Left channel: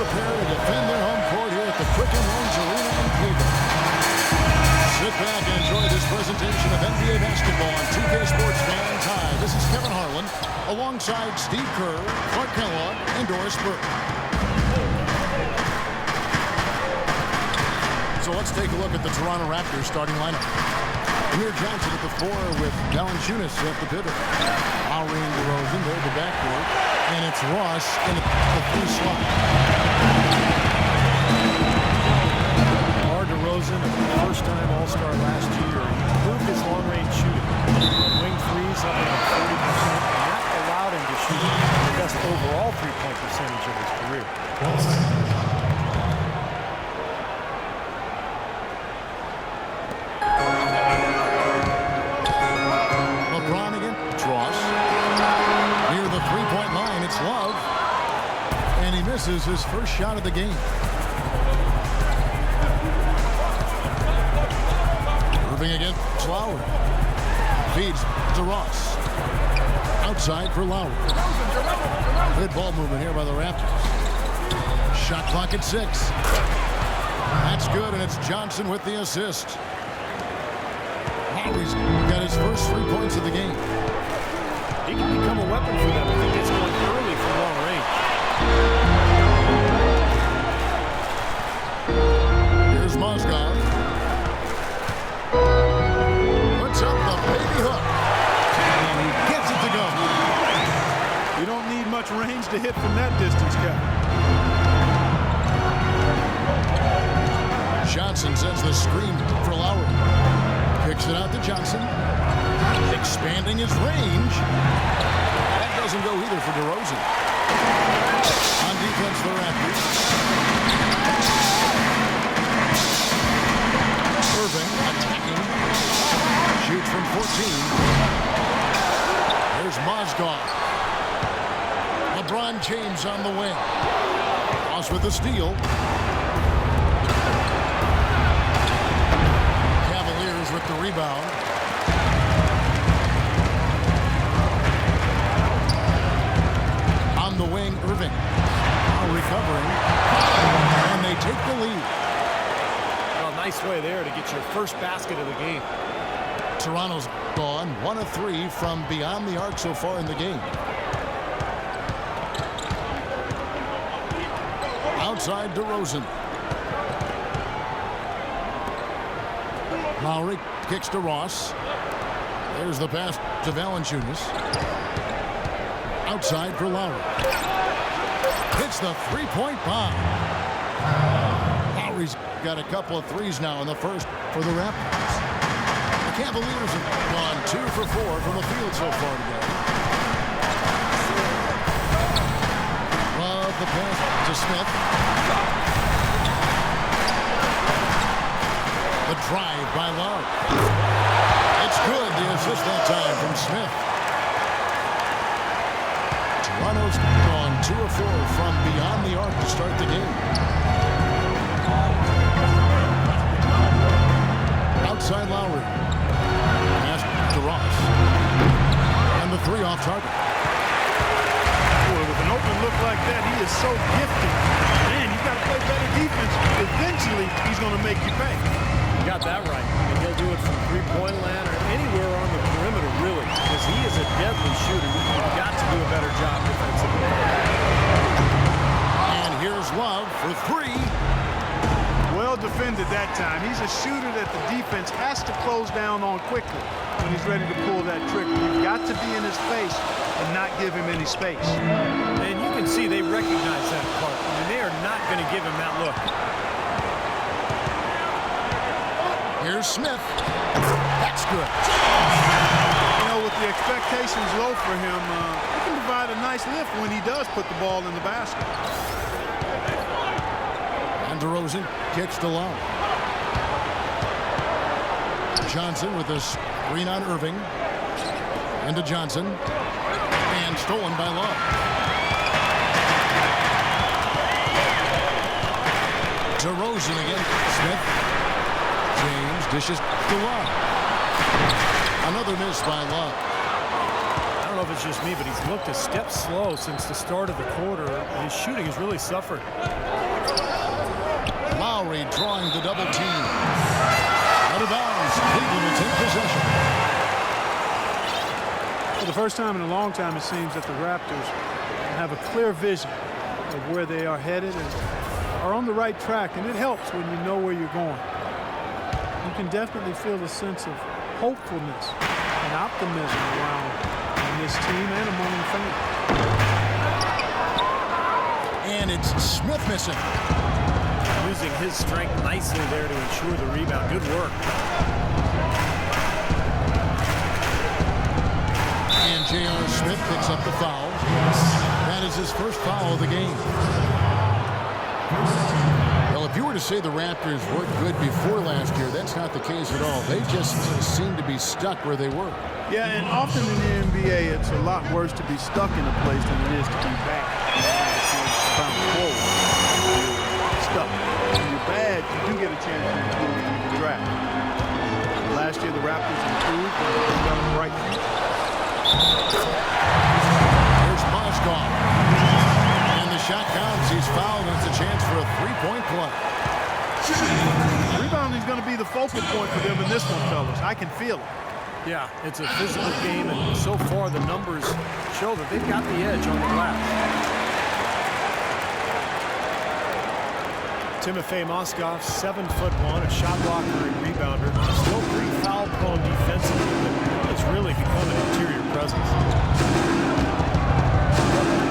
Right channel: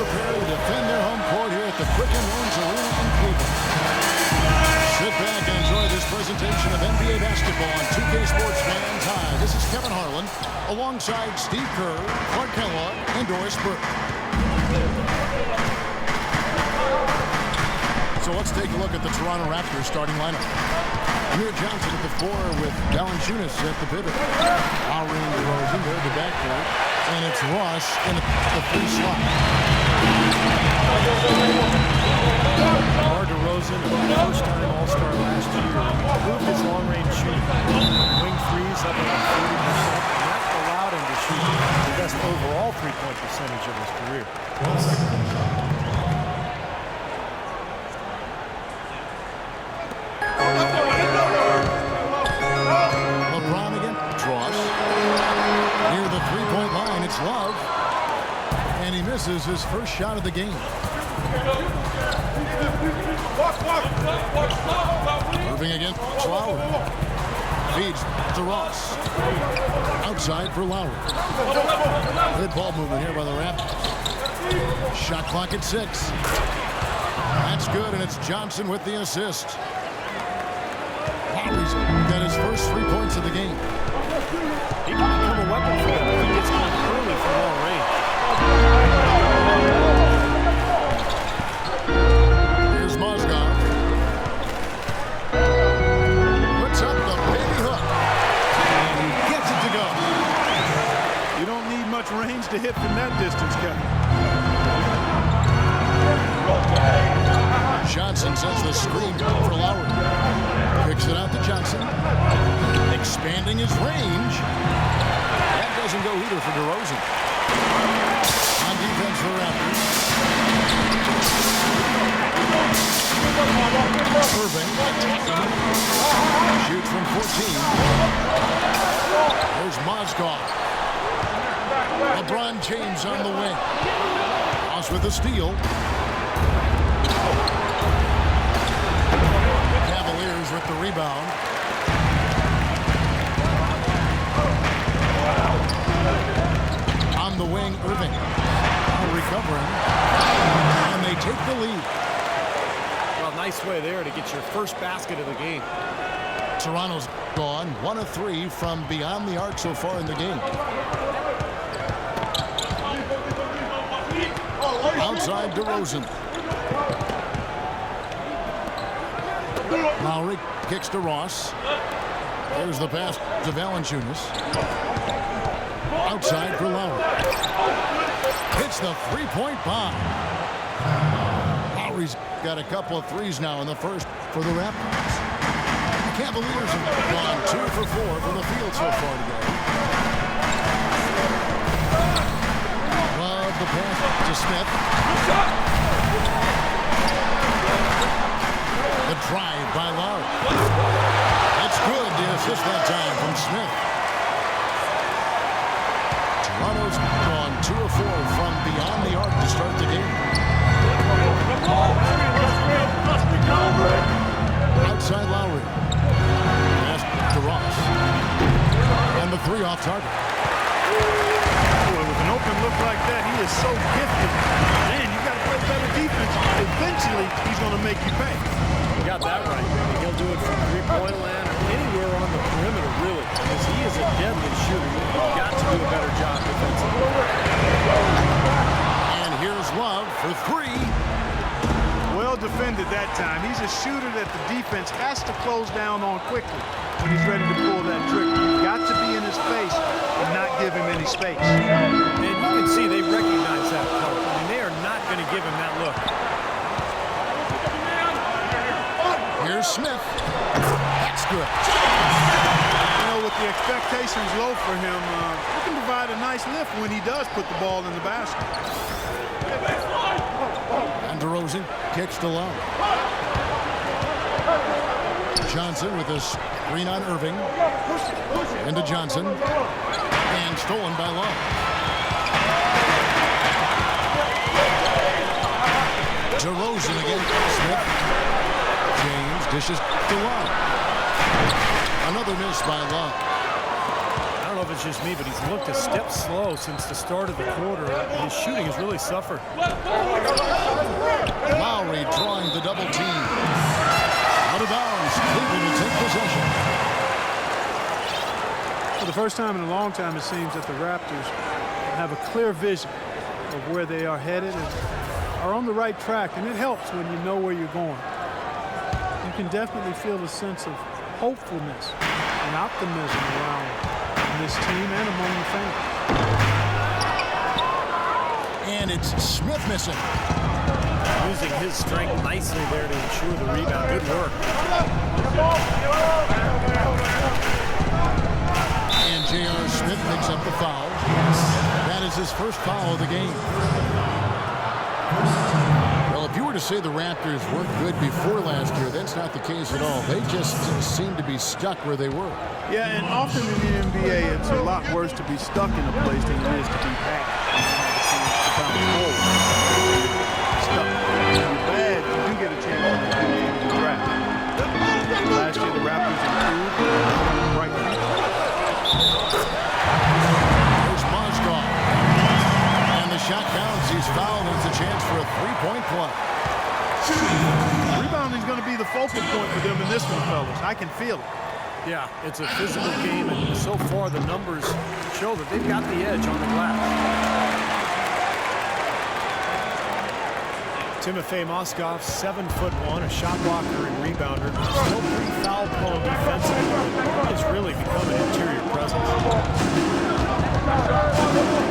prepare to defend their home court here at the Quicken Loans Arena in Cleveland. Sit back and enjoy this presentation of NBA basketball on 2K Sports fans. Hi, this is Kevin Harlan alongside Steve Kerr, Clark Kellogg, and Doris Burke. So let's take a look at the Toronto Raptors starting lineup. Amir Johnson at the 4 with Valanciunas at the pivot. Lowry and DeRozan, they're at the backcourt. And it's Ross in the 3 slot. DeRozan, a first-time All-Star last year, he improved his long-range shooting. Wing threes up around 40%, and that allowed him to shoot the best overall three-point percentage of his career. LeBron again. Ross. Near the three-point line, it's Love. And he misses his first shot of the game. Irving against Lowry. Feeds to Ross. Outside for Lowry. Good ball movement here by the Raptors. Shot clock at 6. That's good, and it's Johnson with the assist. Lowry's got his first 3 points of the game. He can become a weapon for them if he gets going early from long range. Here's Mozgov. Puts up the baby hook. And he gets it to go. You don't need much range to hit from that distance, Kevin. Johnson sends the screen for Lowry. Kicks it out to Johnson. Expanding his range. That doesn't go either for DeRozan. On defense, the Raptors. Irving attacking. Shoots from 14. Here's Mozgov. LeBron James on the wing. Ross with the steal. Cavaliers with the rebound. On the wing, Irving. Now recovering. And they take the lead. Well, nice way there to get your first basket of the game. Toronto's gone 1 of 3 from beyond the arc so far in the game. Outside DeRozan. Lowry kicks to Ross. There's the pass to Valanciunas. Outside for Lowry. Hits the three-point bomb. Lowry's got a couple of threes now in the first for the Raptors. The Cavaliers have gone 2 for 4 from the field so far today. Love the pass to Smith. The drive by Love. It's good. The assist that time from Smith. Toronto's gone 2 of 4 from beyond the arc to start the game. Outside Lowry. Pass to Ross. And the 3 off target. Boy, with an open look like that, he is so gifted. Man, you've got to play better defense. Eventually, he's going to make you pay. You got that right. I mean, he'll do it from three-point land or anywhere on the perimeter, really, because he is a deadly shooter. You've got to do a better job defensively. And here's Love for 3. Well defended that time. He's a shooter that the defense has to close down on quickly when he's ready to pull that trigger. You've got to be in his face and not give him any space. And you can see they recognize that part. I mean, they are not going to give him that look. Here's Smith. That's good. You know, with the expectations low for him, he can provide a nice lift when he does put the ball in the basket. And DeRozan kicks to Lowry. Johnson with a screen on Irving. Into Johnson. And stolen by Love. DeRozan again. Smith. James dishes to Love. Another miss by Love. I don't know if it's just me, but he's looked a step slow since the start of the quarter. His shooting has really suffered. Lowry drawing the double team. Out of bounds. Cleveland will take possession. For the first time in a long time, it seems that the Raptors have a clear vision of where they are headed and are on the right track, and it helps when you know where you're going. You can definitely feel a sense of hopefulness and optimism around this team and among the fans. And it's Smith missing. Using his strength nicely there to ensure the rebound. Good work. And J.R. Smith picks up the foul. That is his first foul of the game. Well, if you were to say the Raptors weren't good before last year, that's not the case at all. They just seem to be stuck where they were. Yeah, and often in the NBA, it's a lot worse to be stuck in a place than it is to be bad. You don't have a chance to bounce forward if you're stuck. When you're bad, you do get a chance to improve through the draft. Last year, the Raptors improved and they've got a bright future. Here's Mozgov. And the shot counts. He's fouled, and it's a chance for a three-point play. Rebounding is going to be the focal point for them in this one, fellas. I can feel it. Yeah, it's a physical game, and so far the numbers show that they've got the edge on the glass. Timofey Mozgov, 7'1", a shot blocker and rebounder. Still pretty foul-prone defensively, but he's really become an interior presence.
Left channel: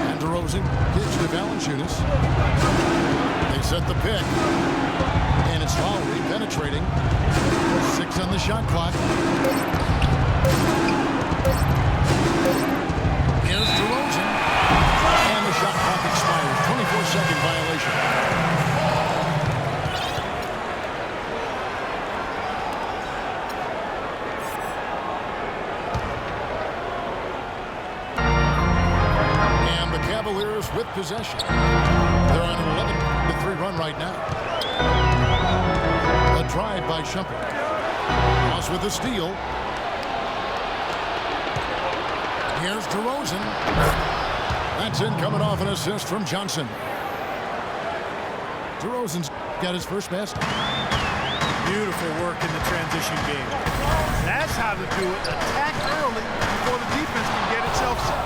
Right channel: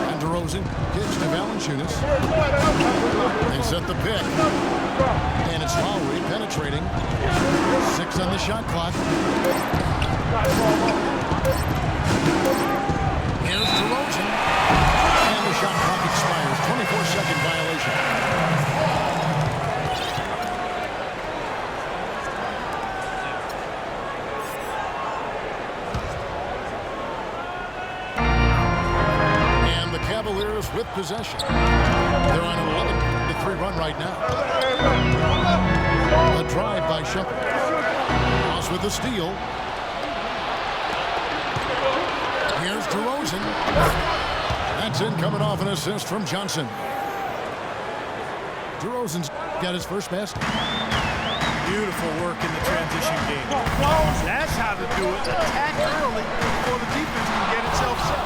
And DeRozan kicks to Valanciunas. They set the pick. And it's Lowry penetrating. 6 on the shot clock. Here's DeRozan. And the shot clock expires. 24-second violation. And the Cavaliers with possession. They're on an 11-3 run right now. A drive by Shumpert. Ross with the steal. Here's DeRozan. That's in, coming off an assist from Johnson. DeRozan's got his first basket. Beautiful work in the transition game. That's how to do it. Attack early before the defense can get itself set.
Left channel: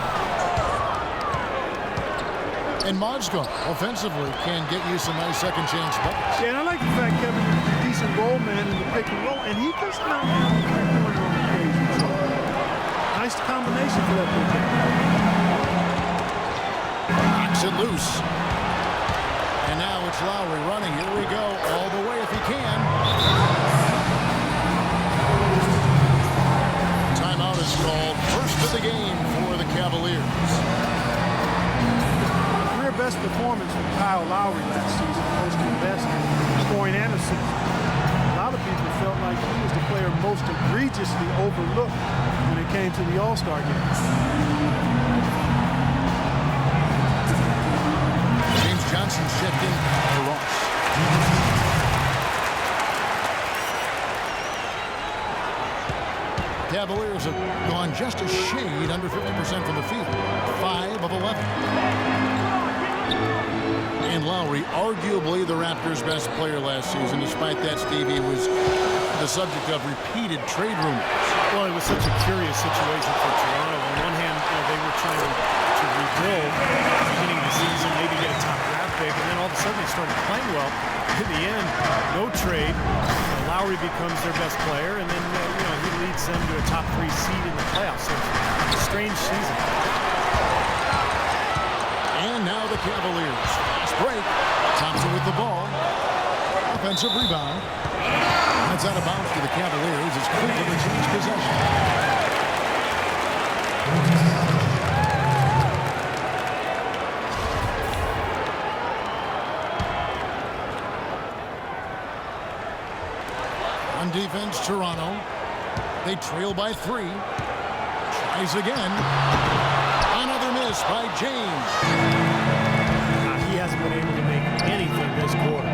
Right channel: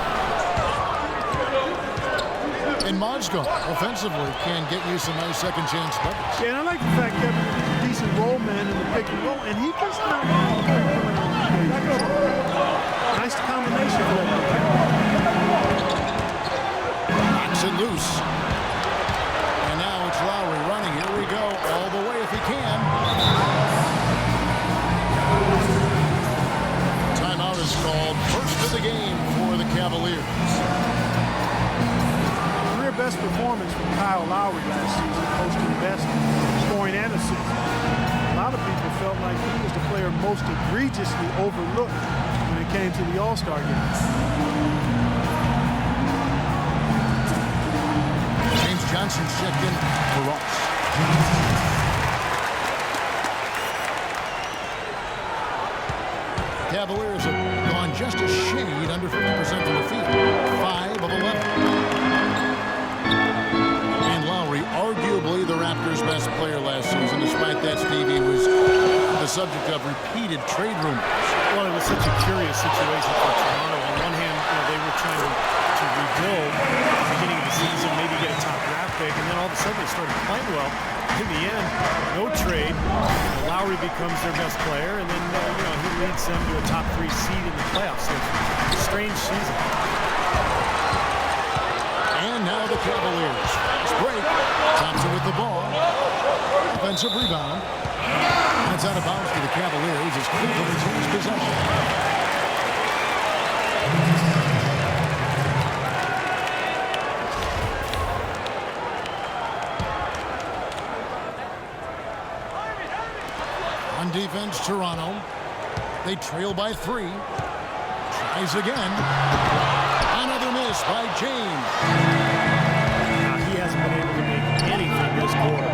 And Mozgov, offensively, can get you some nice second-chance buckets. Yeah, and I like the fact, Kevin, that he's a decent roll man in the pick and roll, and he does not have a three-pointer on occasion. So, nice combination for that big guy. Knocks it loose. And now it's Lowry running. Here we go. All the way if he can. Timeout is called. First of the game for the Cavaliers. Best performance from Kyle Lowry last season, posting best scoring and assists. A lot of people felt like he was the player most egregiously overlooked when it came to the All-Star game. James Johnson checked in for Ross. Cavaliers have gone just a shade under 50% from the field. 5 of 11. And Lowry, arguably the Raptors' best player last season. Despite that, Stevie was the subject of repeated trade rumors. Well, it was such a curious situation for Toronto. On one hand, they were trying to rebuild at the beginning of the season, maybe get a top draft pick, and then all of a sudden they started playing well. In the end, no trade. Lowry becomes their best player, and then he leads them to a top 3 seed in the playoffs. So it's a strange season. And now the Cavaliers. Fast break. Thompson with the ball. Offensive rebound. That's out of bounds to the Cavaliers as Cleveland retains possession. On defense, Toronto. They trail by 3. Tries again. Another miss by James. He hasn't been able to make anything this quarter.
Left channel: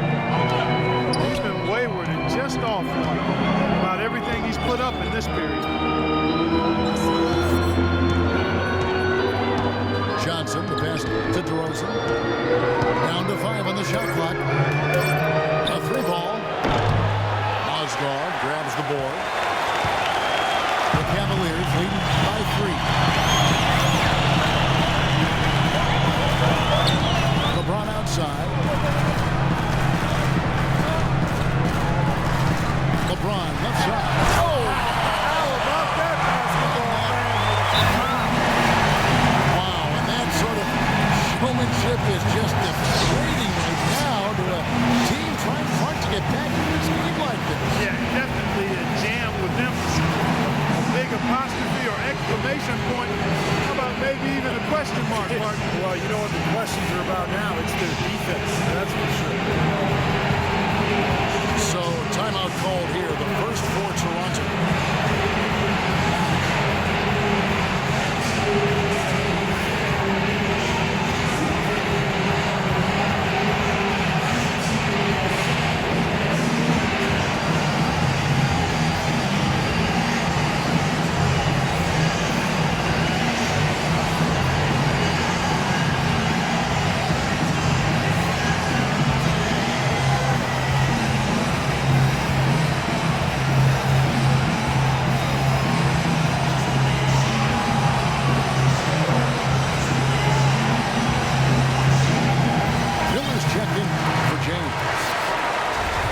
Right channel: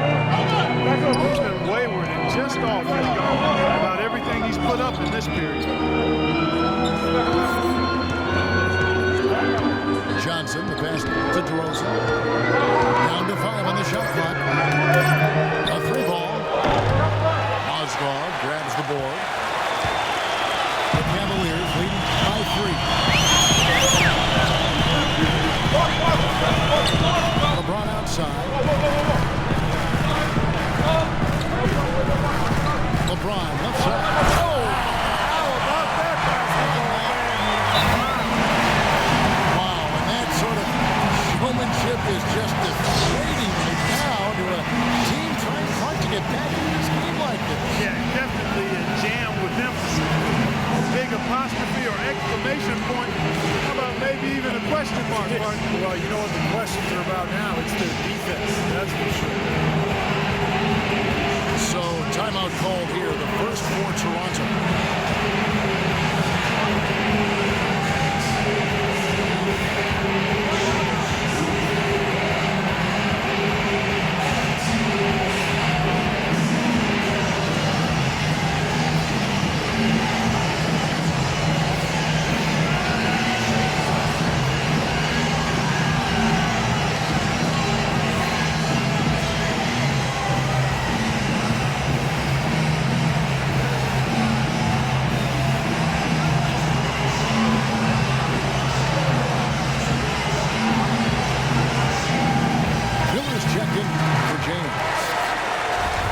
He's been wayward and just off about everything he's put up in this period. Johnson, the pass to DeRozan. Down to 5 on the shot clock. A 3-ball. Mozgov grabs the board. The Cavaliers leading by 3. LeBron outside. LeBron left side. Oh! How about that basketball man? Wow, and that sort of showmanship is just deflating right now to a team trying hard to get back into this game like this. Yeah, definitely a jam with emphasis. A big apostrophe or exclamation point. How about maybe even a question mark, Martin? Well, you know what the questions are about now? It's their defense, that's for sure. So, timeout called here, the first for Toronto.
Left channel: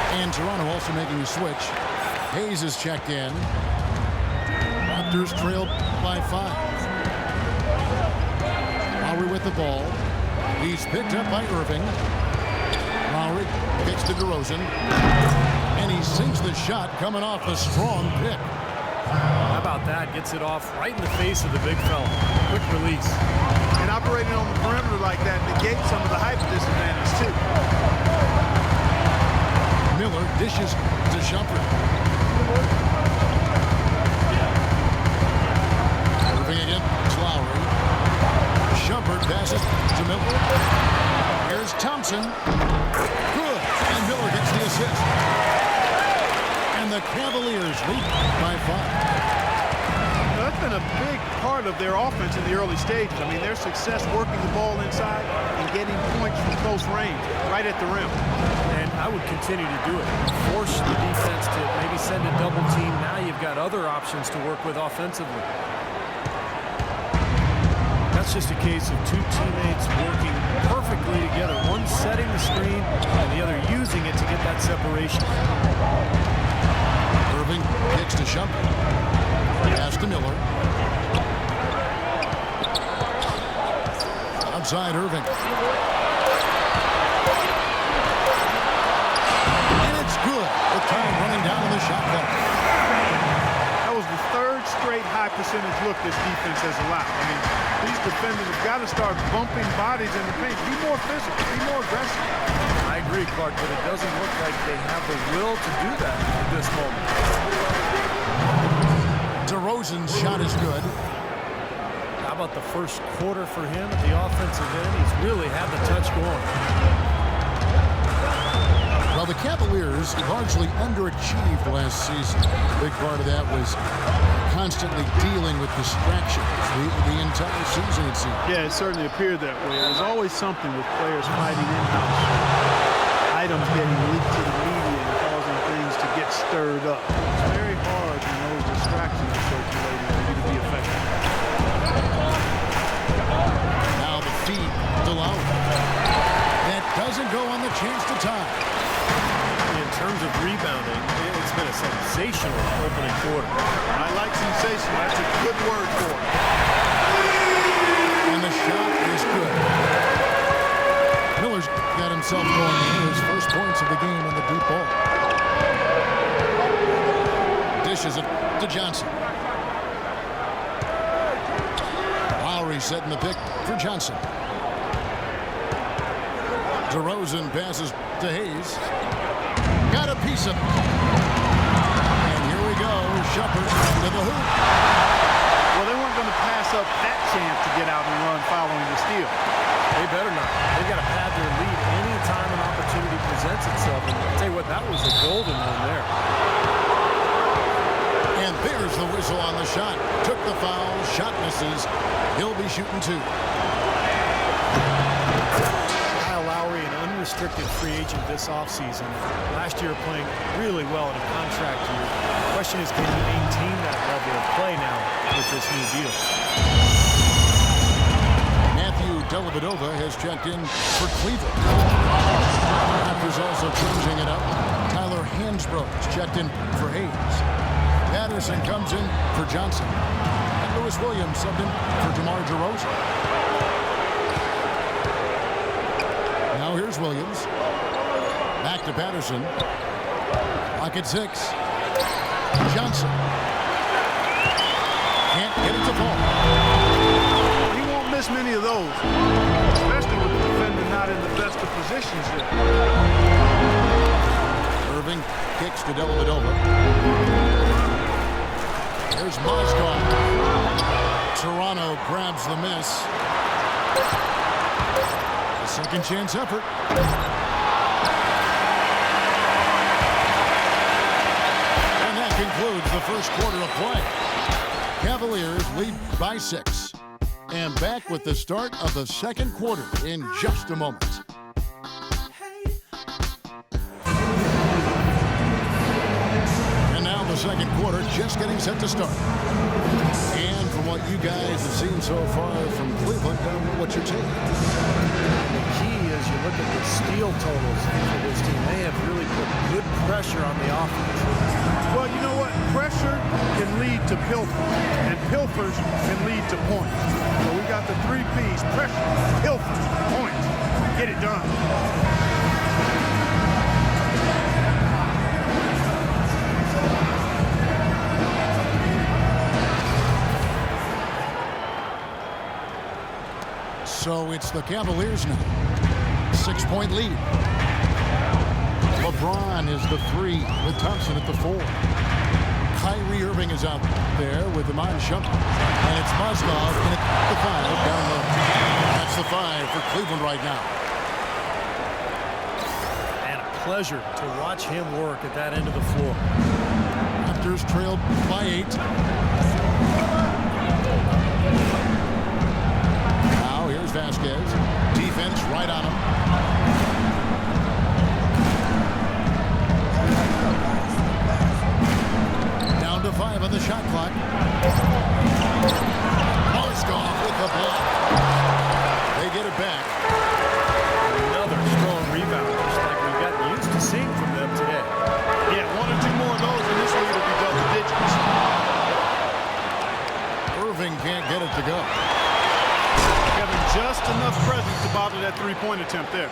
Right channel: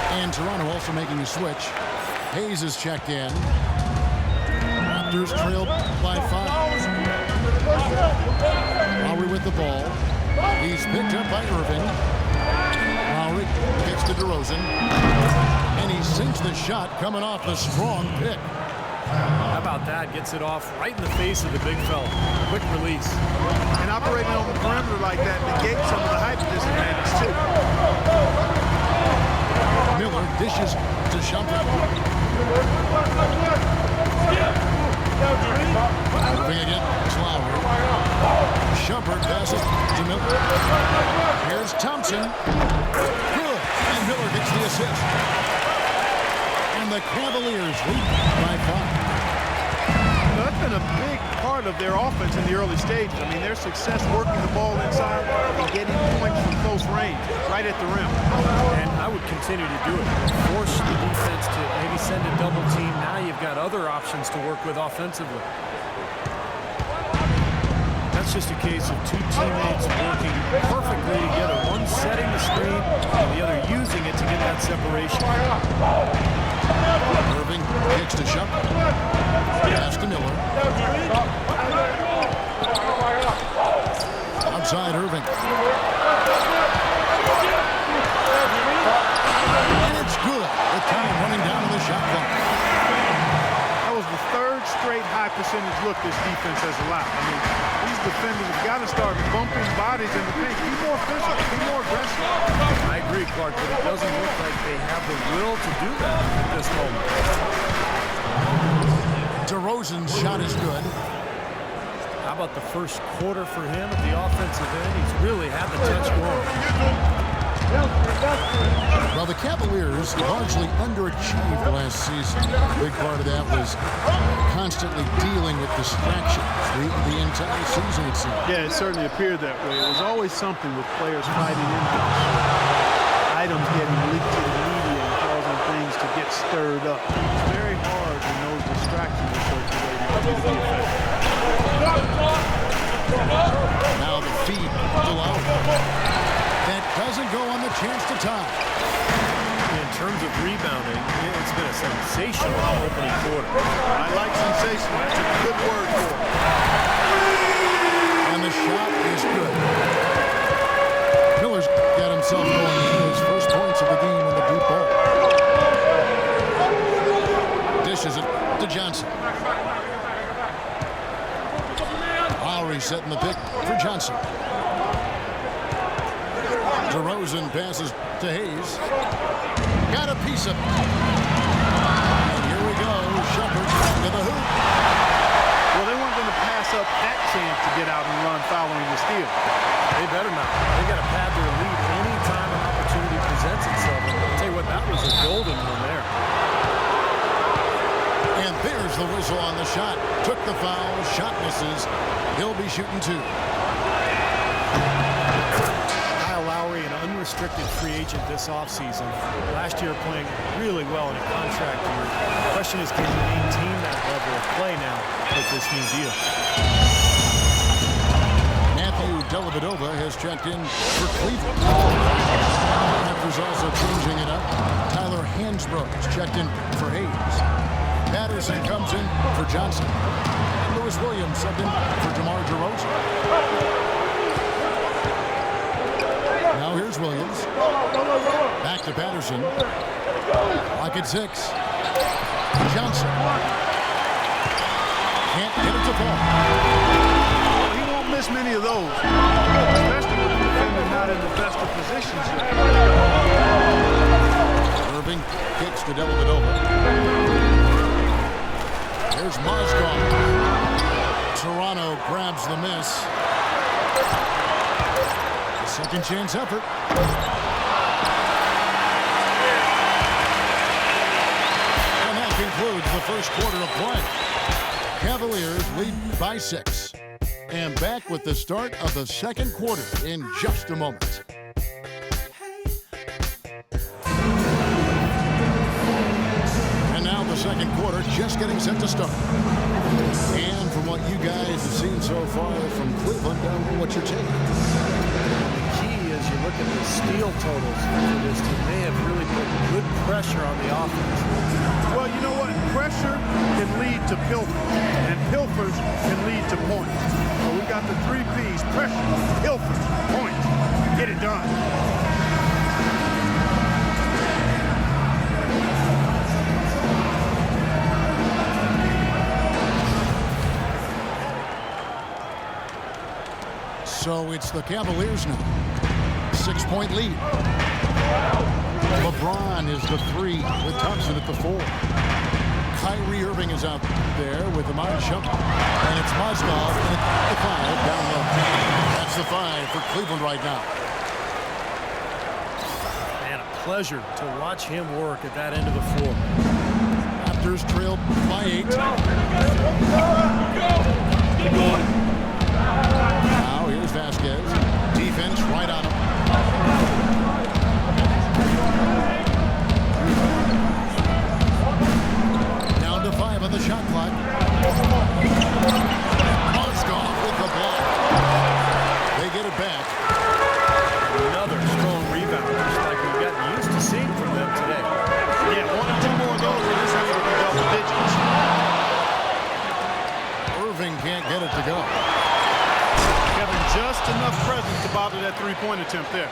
And Toronto also making a switch. Hayes is checked in. Raptors trailed by 5. Lowry with the ball. He's picked up by Irving. Lowry kicks to DeRozan. And he sinks the shot coming off a strong pick. How about that? Gets it off right in the face of the big fella. Quick release. And operating on the perimeter like that negates some of the height disadvantage, too. Miller dishes to Shumpert. Moving against Lowry. Shumpert passes to Miller. Here's Thompson. Good. And Miller gets the assist. And the Cavaliers lead by 5. Now, that's been a big part of their offense in the early stages. I mean, their success working the ball inside and getting points from close range, right at the rim. And I would continue to do it. Force the defense to maybe send a double team. Now you've got other options to work with offensively. That's just a case of two teammates working perfectly together. One setting the screen and the other using it to get that separation. Irving kicks to Shumpert. Pass to Miller. Outside Irving. And it's good with time running down to the shot clock. That was the third straight high percentage look this defense has allowed. I mean, these defenders have got to start bumping bodies in the paint. Be more physical. Be more aggressive. I agree, Clark, but it doesn't look like they have the will to do that at this moment. DeRozan's shot is good. How about the first quarter for him at the offensive end? He's really had the touch going. Well, the Cavaliers largely underachieved last season. A big part of that was constantly dealing with distractions the entire season, it seemed. Yeah, it certainly appeared that way. It was always something with players fighting in-house, or items getting leaked to the media and causing things to get stirred up. It's very hard when those distractions are circulating for you to be effective. Now the feed to Lowry. That doesn't go on the chance to tie. In terms of rebounding, it's been a sensational opening quarter. I like sensational. That's a good word for it. And the shot is good. Miller's got himself going in his first points of the game on the deep ball. Dishes it to Johnson. Lowry setting the pick for Johnson. DeRozan passes to Hayes. Got a piece of it. And here we go. Shumpert to the hoop. Well, they weren't going to pass up that chance to get out and run following the steal. They better not. They've got to pad their lead anytime an opportunity presents itself. And I'll tell you what, that was a golden one there. And there's the whistle on the shot. Took the foul. Shot misses. He'll be shooting 2. Story, an unrestricted free agent this offseason. Last year playing really well in a contract year. The question is, can he maintain that level of play now with this new deal? Matthew Dellavedova has checked in for Cleveland. Raptors also changing it up. Tyler Hansbrough's checked in for Hayes. Patterson comes in for Johnson. And Lewis Williams subbed in for DeMar DeRozan. Now here's Williams. Back to Patterson. Lock at 6. Johnson. Can't get it to fall. Well, he won't miss many of those, especially with the defender not in the best of positions there. Irving kicks to Dellavedova. Here's Mozgov. Toronto grabs the miss. A second chance effort. And that concludes the first quarter of play. Cavaliers lead by 6. And back with the start of the second quarter in just a moment. And now the second quarter just getting set to start. And from what you guys have seen so far from Cleveland, what's your take? And the key is you look at the steal totals for this team. They have really put good pressure on the offense. Well, you know what? Pressure can lead to pilfers, and pilfers can lead to points. So we've got the 3 Ps: pressure, pilfers, points. Get it done. So it's the Cavaliers now. 6-point lead. LeBron is the 3 with Thompson at the 4. Kyrie Irving is out there with Iman Shumpert. And it's Mozgov in at the 5 down low. That's the 5 for Cleveland right now. And a pleasure to watch him work at that end of the floor. Raptors trailed by 8. Now here's Vasquez. Defense right on him. Down to 5 on the shot clock. Mozgov with the block. They get it back. Another strong rebound, just like we've gotten used to seeing from them today. Yeah, 1 or 2 more of those, and this lead will be double digits. Irving can't get it to go. Having just enough presence to bother that 3-point attempt there.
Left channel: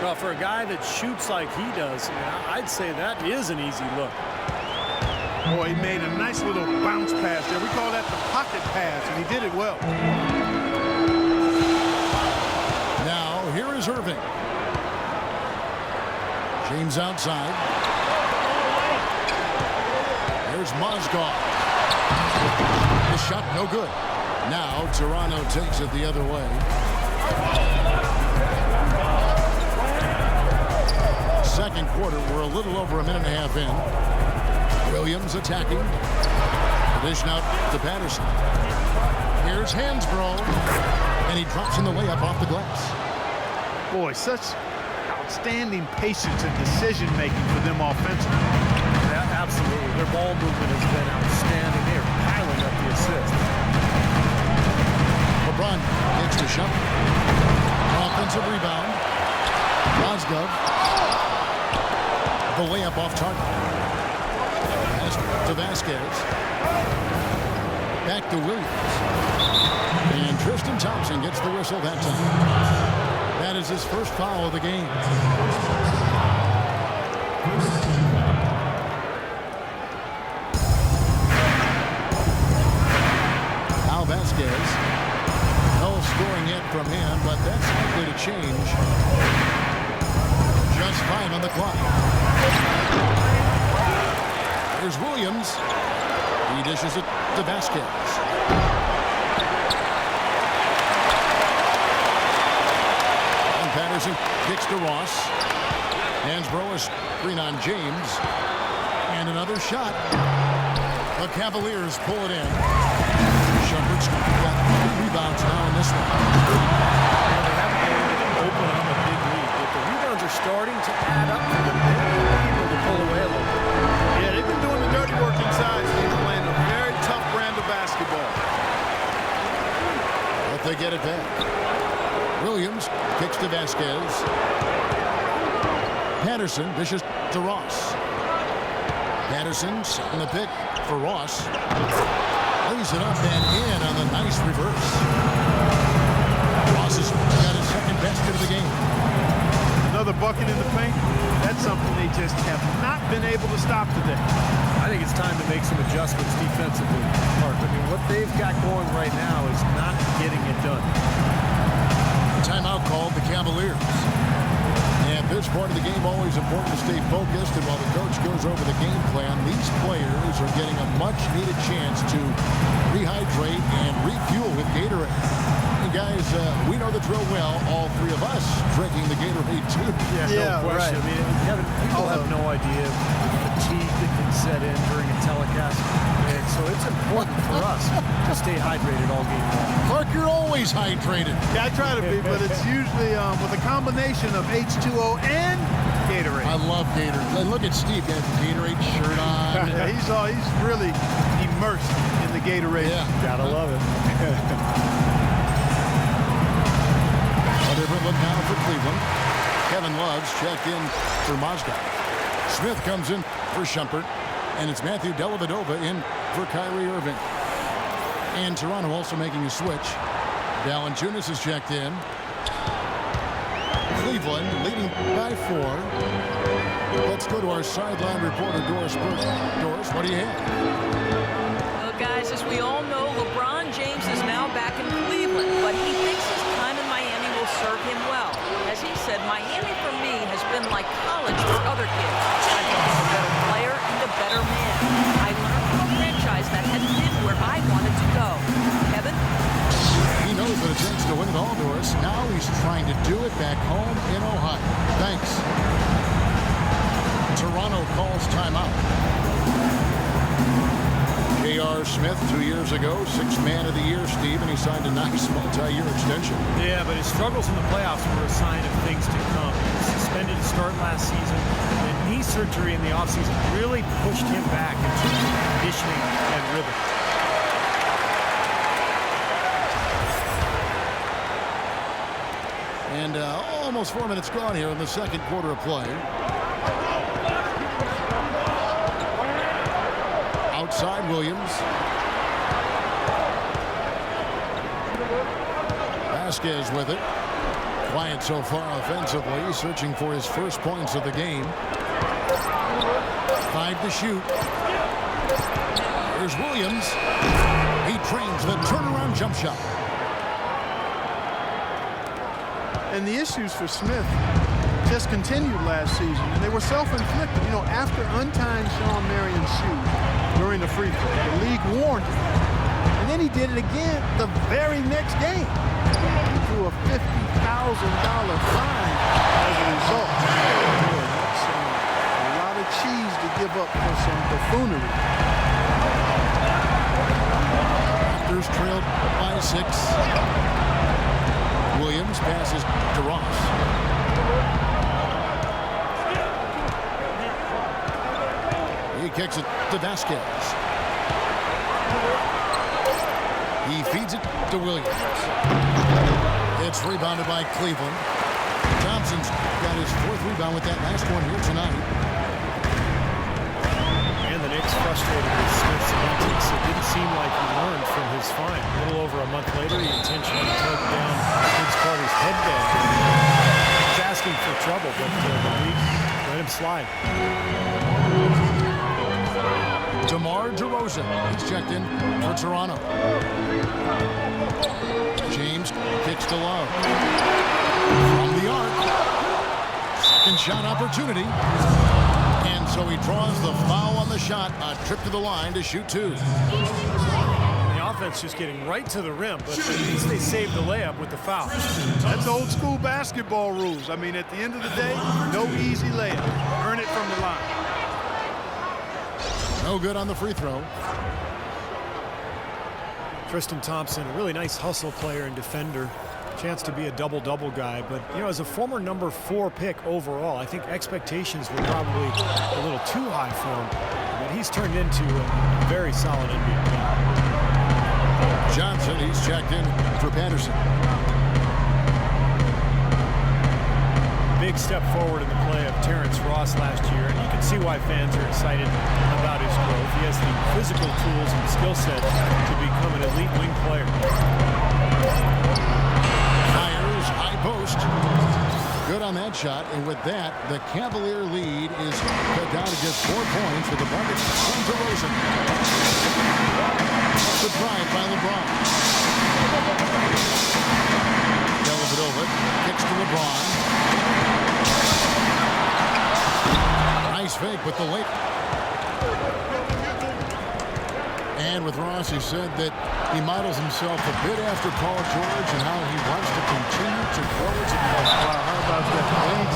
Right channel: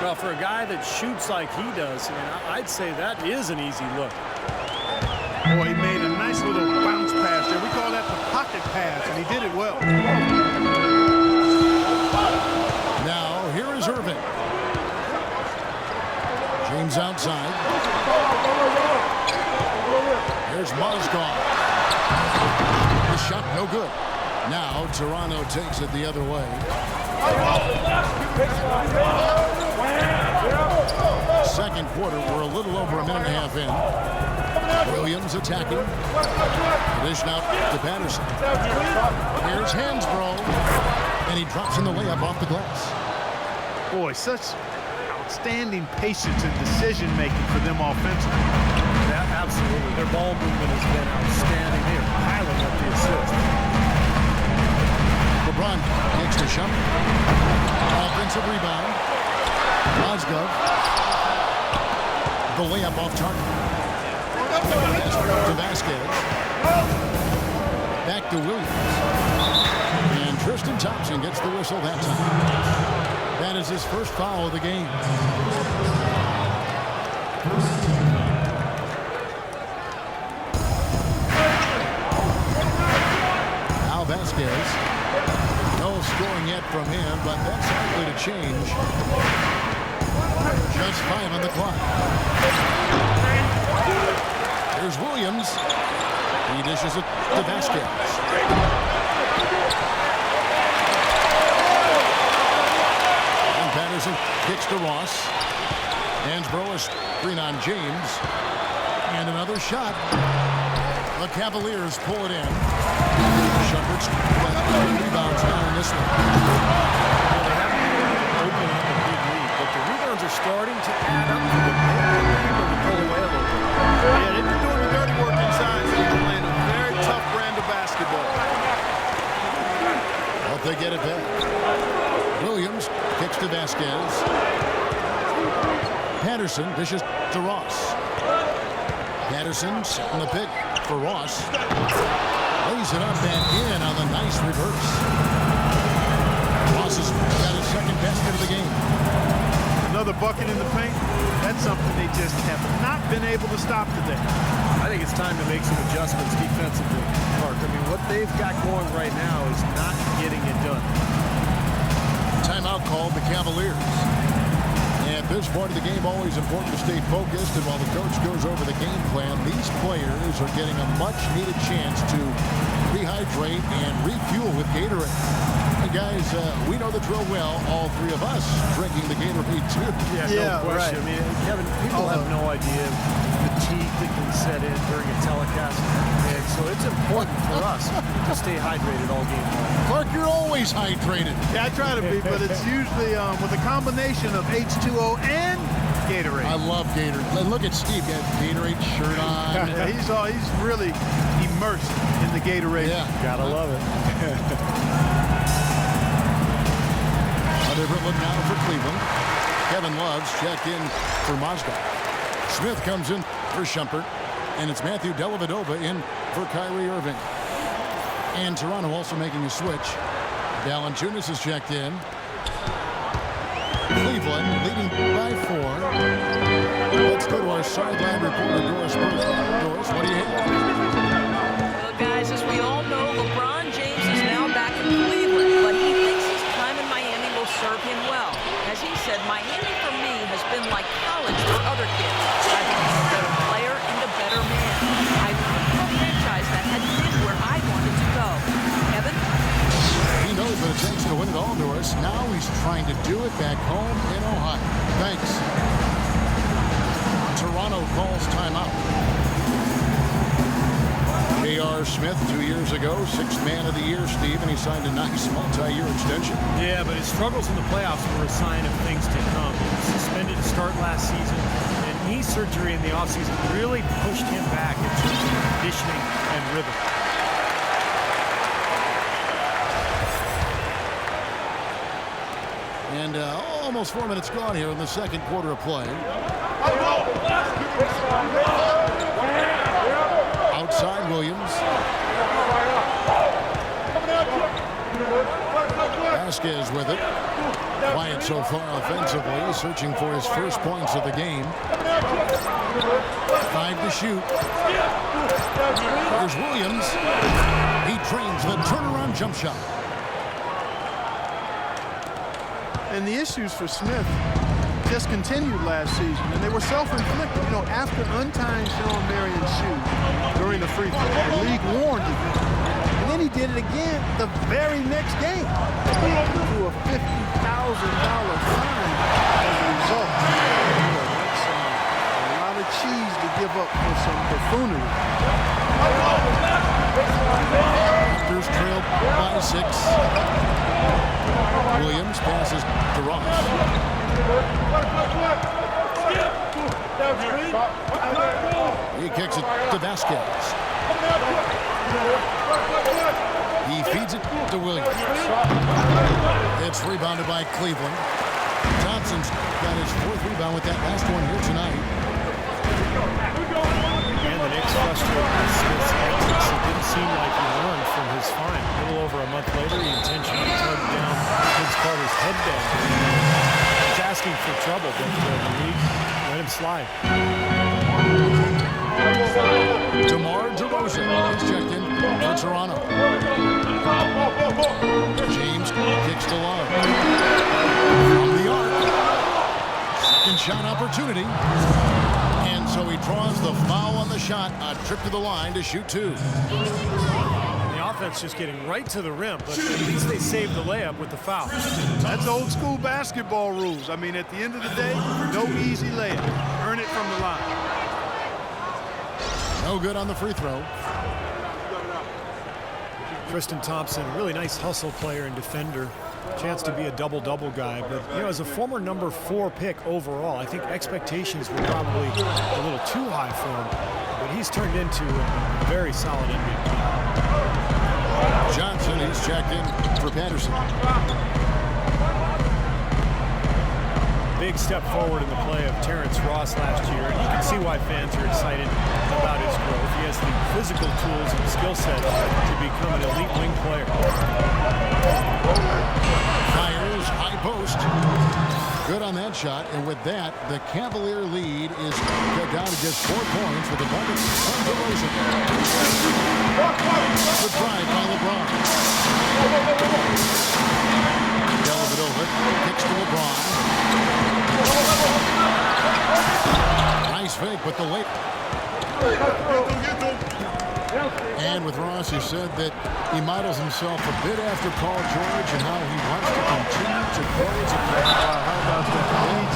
Well, for a guy that shoots like he does, I mean, I'd say that is an easy look. Boy, he made a nice little bounce pass there. We call that the pocket pass, and he did it well. Now, here is Irving. James outside. Here's Mozgov. The shot no good. Now, Toronto takes it the other way. Second quarter, we're a little over a minute and a half in. Williams attacking. The dish out to Patterson. Here's Hansbrough. And he drops in the layup off the glass. Boy, such outstanding patience and decision-making for them offensively. Yeah, absolutely. Their ball movement has been outstanding. They are piling up the assists. LeBron kicks to Shumpert. Offensive rebound. Mozgov. The layup off target. To Vasquez. Back to Williams. And Tristan Thompson gets the whistle that time. That is his first foul of the game. Now Vasquez. No scoring yet from him, but that's likely to change. Just 5 on the clock. Here's Williams. He dishes it to Vasquez. And Patterson kicks to Ross. Hansbrough is screen on James. And another shot. The Cavaliers pull it in. Shumpert's got 3 rebounds now in this one. You know, they haven't been able to open up a big lead. but the rebounds are starting to add up for them. They may be able to pull away a little bit. Yeah, they've been doing the dirty work inside, so he's playing a very tough brand of basketball. But they get it back. Williams kicks to Vasquez. Patterson dishes to Ross. Patterson setting the pick for Ross. Lays it up and in on the nice reverse. Ross has got his second basket of the game. Another bucket in the paint. That's something they just have not been able to stop today. I think it's time to make some adjustments defensively, Clark. I mean, what they've got going right now is not getting it done. Timeout called the Cavaliers. At this point of the game, always important to stay focused, and while the coach goes over the game plan, these players are getting a much-needed chance to rehydrate and refuel with Gatorade. And guys, we know the drill well, all three of us drinking the Gatorade too. Yeah, no question. Right. I mean, Kevin, people have no idea the fatigue that can set in during a telecast. And so it's important for us to stay hydrated all game long. Clark, you're always hydrated. Yeah, I try to be, but it's usually with a combination of H2O and Gatorade. I love Gatorade. And look at Steve, got the Gatorade shirt on. Yeah, he's really immersed in the Gatorade. Yeah. Gotta love it. A different look now for Cleveland. Kevin Love's checked in for Mozgov. Smith comes in for Shumpert. And it's Matthew Dellavedova in for Kyrie Irving. And Toronto also making a switch. Valanciunas is checked in. Cleveland leading by 4. Let's go to our sideline reporter, Doris Burke. Doris, what do you have? Well, guys, as we all know, LeBron James is now back in Cleveland, but he thinks his time in Miami will serve him well. As he said, Miami for me has been like college for other kids. I became a better player and a better man. I learned from a franchise that had been where I wanted to go. Kevin? He knows what it takes to win it all, Doris. Now he's trying to do it back home in Ohio. Thanks. Toronto calls timeout. J.R. Smith, 2 years ago, 6th man of the year, Steve, and he signed a nice multi-year extension. Yeah, but his struggles in the playoffs were a sign of things to come. He was suspended to start last season, and knee surgery in the offseason really pushed him back in terms of conditioning and rhythm. And almost 4 minutes gone here in the second quarter of play. Outside Williams. Vasquez with it. Quiet so far offensively, searching for his first points of the game. 5 to shoot. Here's Williams. He trains the turnaround jump shot. And the issues for Smith just continued last season, and they were self-inflicted. You know, after untying Sean Marion's shoes during the free throw, the league warned him. And then he did it again the very next game. He drew a $50,000 fine as a result. Boy, that's a lot of cheese to give up for some buffoonery. Raptors trailed by 6. Williams passes to Ross. He kicks it to Vasquez. He feeds it to Williams. It's rebounded by Cleveland. Thompson's got his 4th rebound with that last one here tonight. And the Knicks frustrated with Smith's antics. It didn't seem like he learned from his fine. A little over a month later, he intentionally tugged down Vince Carter's headband. He's asking for trouble, but the league let him slide. DeMar DeRozan, he's checked in for Toronto. James kicks to Love. From the arc. Second shot opportunity. And so he draws the foul on the shot. A trip to the line to shoot 2. And the offense just getting right to the rim, but at least they saved the layup with the foul. That's old school basketball rules. I mean, at the end of the day, no easy layup. Earn it from the line. No good on the free throw. Tristan Thompson, a really nice hustle player and defender. chance to be a double-double guy, but as a former number 4 pick overall, I think expectations were probably a little too high for him, but he's turned into a very solid NBA player. Johnson, he's checked in for Patterson. Big step forward in the play of Terrence Ross last year, and you can see why fans are excited about his growth. He has the physical tools and skill set to become an elite wing player. Fires, high post. Good on that shot, and with that, the Cavalier lead is cut down to just 4 points with the bucket from DeRozan. Good drive by LeBron. Dellavedova kicks to LeBron. Nice fake, but the late. And with Ross, he said that he models himself a bit after Paul George and how he wants to continue to grow as a player. Wow, how about that?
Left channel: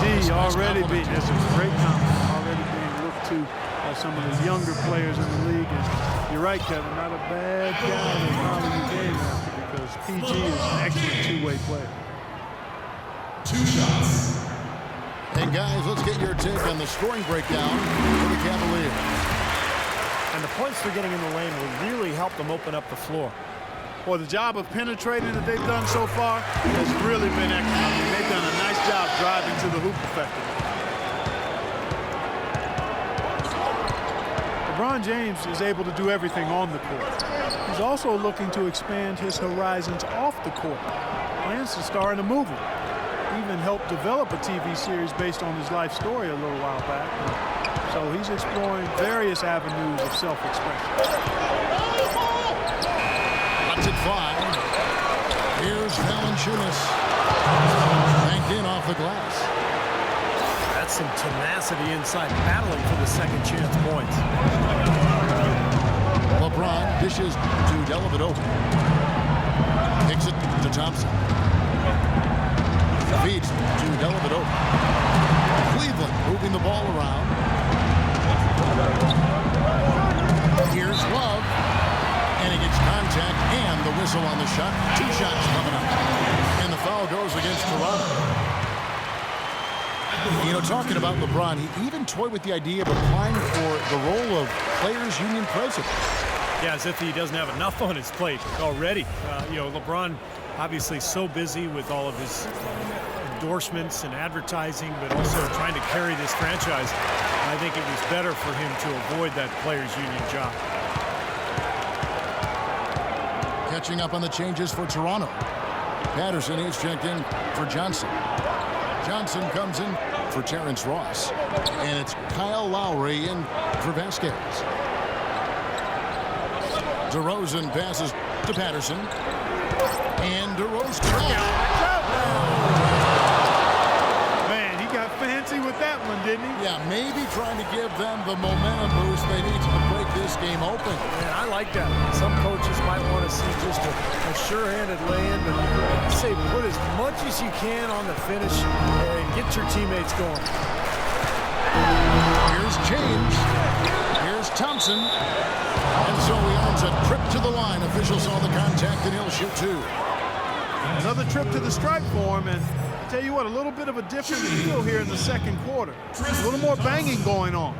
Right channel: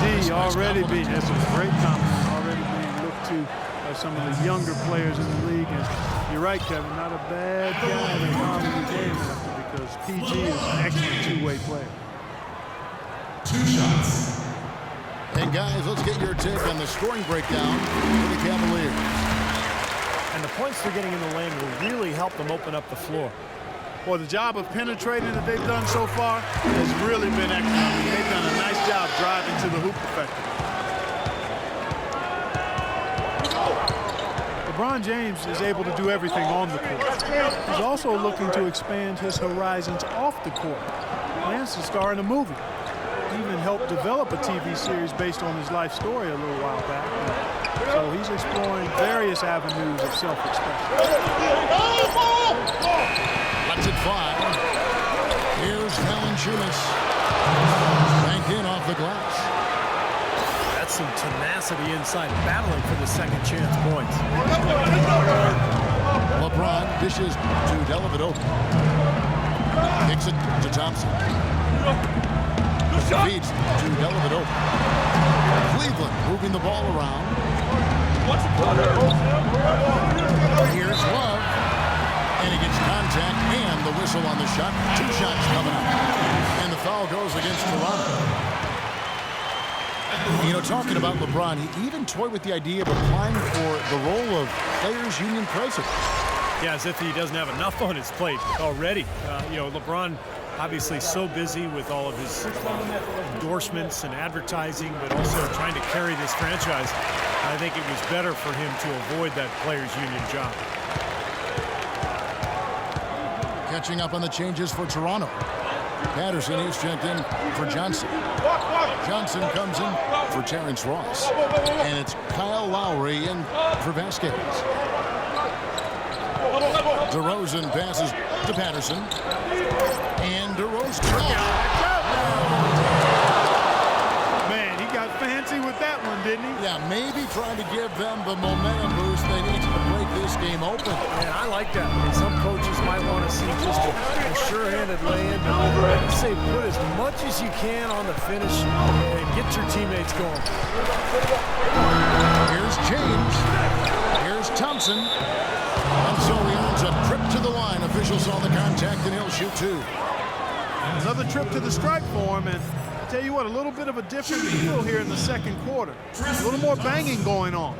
PG already being, that's a great compliment, already being looked to by some of the younger players in the league. And you're right, Kevin, not a bad guy to model your game after, because PG is an excellent two-way player. 2 shots. And guys, let's get your take on the scoring breakdown for the Cavaliers. And the points they're getting in the lane will really help them open up the floor. Well, the job of penetrating that they've done so far has really been excellent. I mean, they've done a nice job driving to the hoop effectively. LeBron James is able to do everything on the court. He's also looking to expand his horizons off the court. Plans to star in a movie. He even helped develop a TV series based on his life story a little while back. So he's exploring various avenues of self-expression. Lets it fly. Here's Valanciunas. Banked in off the glass. That's some tenacity inside, battling for the second chance points. LeBron dishes to Dellavedova. Kicks it to Thompson. Feeds to Dellavedova. Cleveland moving the ball around. Here's Love. And he gets contact and the whistle on the shot. 2 shots coming up. And the foul goes against Toronto. Talking about LeBron, he even toyed with the idea of applying for the role of Players Union president. Yeah, as if he doesn't have enough on his plate already. LeBron obviously so busy with all of his endorsements and advertising, but also trying to carry this franchise. I think it was better for him to avoid that Players Union job. Catching up on the changes for Toronto. Patterson is checked in for Johnson. Johnson comes in for Terrence Ross. And it's Kyle Lowry in for Vasquez. DeRozan passes to Patterson. And DeRozan. Man, he got fancy with that one, didn't he? Yeah, maybe trying to give them the momentum boost they need to break this game open. And I like that. Some coaches might want to see just a sure-handed lay-in, but I say put as much as you can on the finish and get your teammates going. Here's James. Here's Thompson. And so he earns a trip to the line. Officials saw the contact, and he'll shoot 2. Another trip to the stripe for him, and I tell you what, a little bit of a different feel here in the second quarter. A little more banging going on.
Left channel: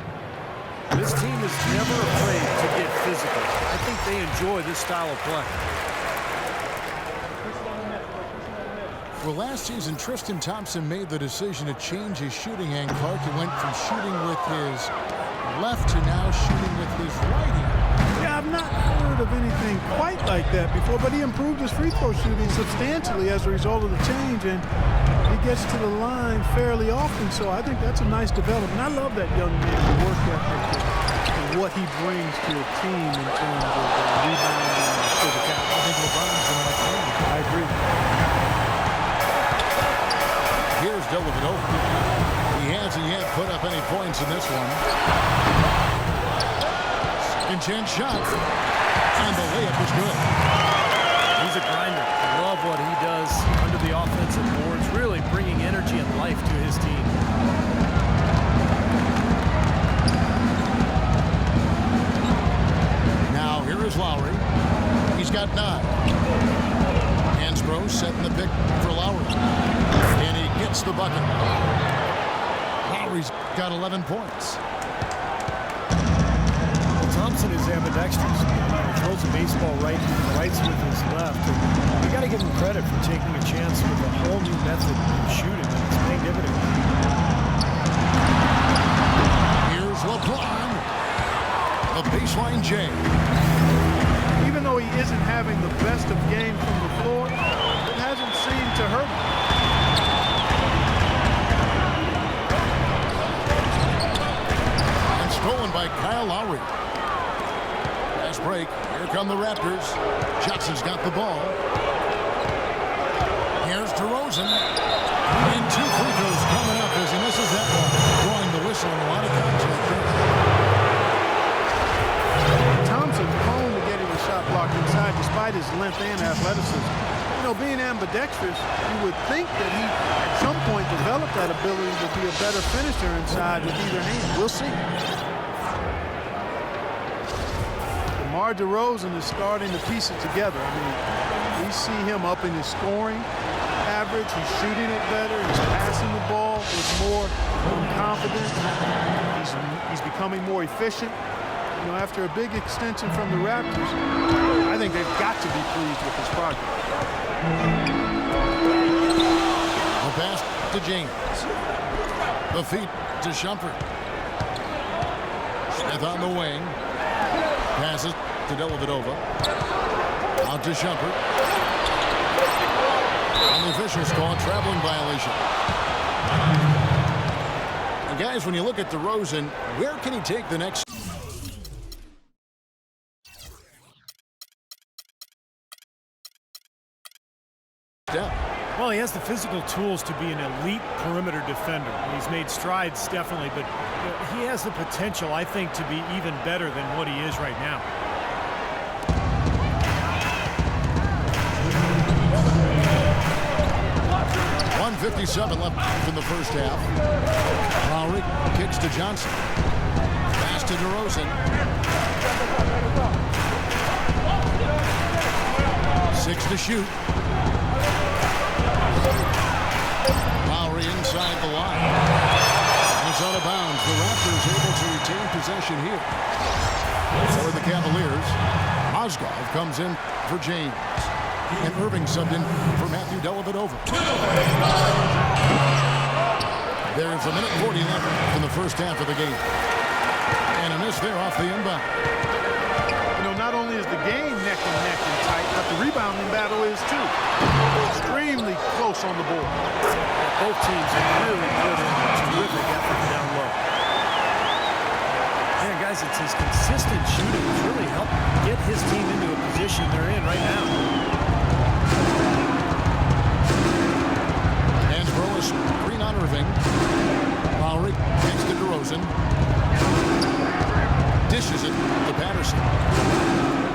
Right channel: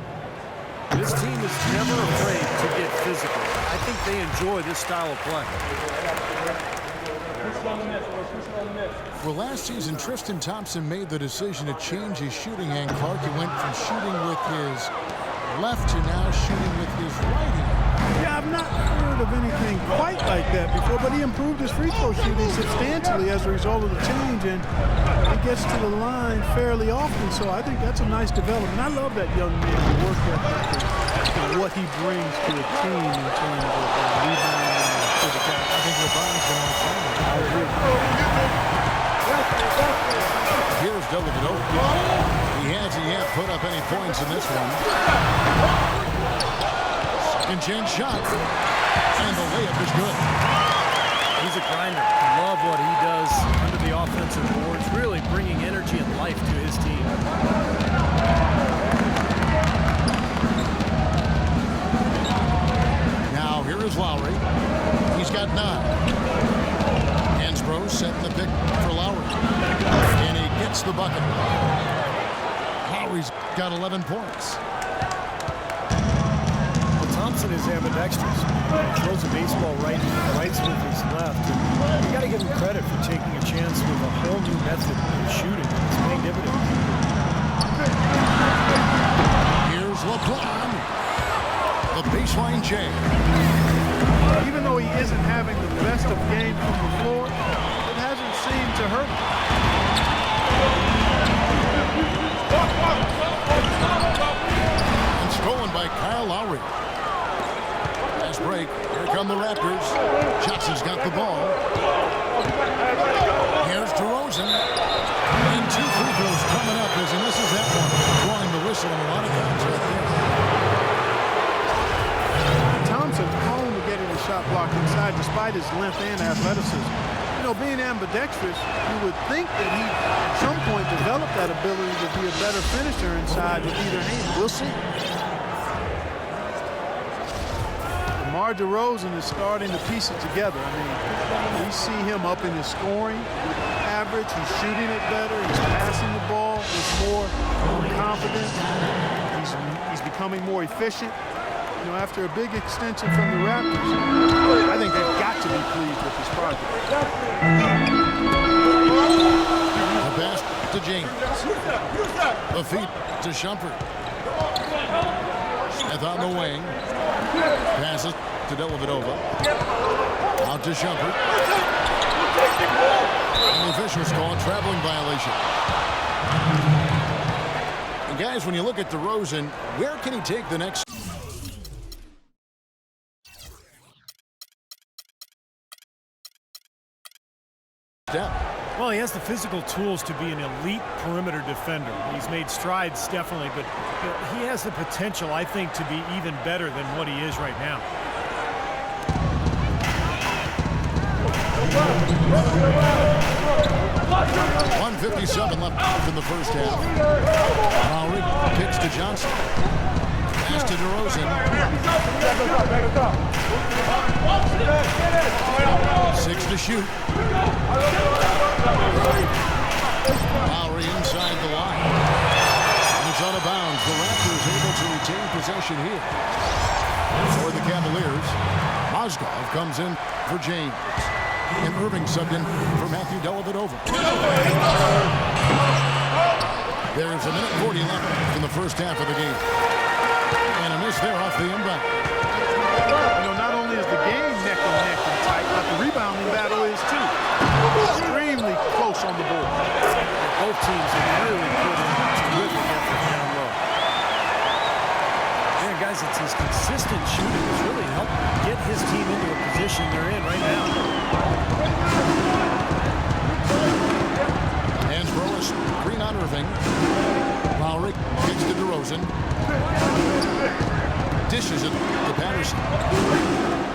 This team is never afraid to get physical. I think they enjoy this style of play. Well, last season, Tristan Thompson made the decision to change his shooting hand. Clark, he went from shooting with his left to now shooting with his right hand. Yeah, I've not heard of anything quite like that before, but he improved his free throw shooting substantially as a result of the change, and he gets to the line fairly often, so I think that's a nice development. I love that young man's work ethic and what he brings to a team in terms of rebounding and physicality. I think LeBron's going to like playing. I agree. Here's Dellavedova. He hasn't yet put up any points in this one. Second chance shot. And the layup is good. He's a grinder. I love what he does under the offensive boards, really bringing energy and life to his team. Now Here is Lowry. He's got 9. Hansbrough setting the pick for Lowry. And he gets the bucket. Lowry's got 11 points. Well, Thompson is ambidextrous. He throws a baseball rights with his left. And you got to give him credit for taking a chance with a whole new method of shooting, and it's paying dividends. Here's LeBron. The baseline J. Even though he isn't having the best of games from the floor, it hasn't seemed to hurt him. And stolen by Kyle Lowry. Fast break. Here come the Raptors. Johnson's got the ball. Here's DeRozan. And 2 free throws coming up as he misses that one. Drawing the whistle and a lot of contact there. Thompson's prone to getting the shot blocked inside despite his length and athleticism. You know, being ambidextrous, you would think that he at some point developed that ability to be a better finisher inside with either hand. We'll see. DeMar DeRozan is starting to piece it together. I mean, we see him up in his scoring average. He's shooting it better. He's passing the ball with more confidence. He's becoming more efficient. You know, after a big extension from the Raptors, I think they've got to be pleased with his progress. The pass to James. The feed to Shumpert. Smith on the wing. Passes to Dellavedova. Out to Shumpert. And the officials call a traveling violation. And guys, when you look at DeRozan, where can he take the next step? Well, he has the physical tools to be an elite perimeter defender. He's made strides, definitely, but you know, he has the potential, I think, to be even better than what he is right now. .157 left in the first half. Lowry kicks to Johnson. Pass to DeRozan. 6 to shoot. Lowry inside the line. And it's out of bounds. The Raptors able to retain possession here. For the Cavaliers, Mozgov comes in for James. And Irving subbed in for Matthew Dellavedova. There's 1:40 left in the first half of the game. And a miss there off the inbound. You know, not only is the game neck and neck and tight, but the rebounding battle is too. Extremely close on the board. Both teams have really put in a terrific effort down low. Man, guys, it's his consistent shooting that's really helped get his team into a position they're in right now. Hansbrough is screen on Irving. Lowry kicks to DeRozan. Dishes it to Patterson.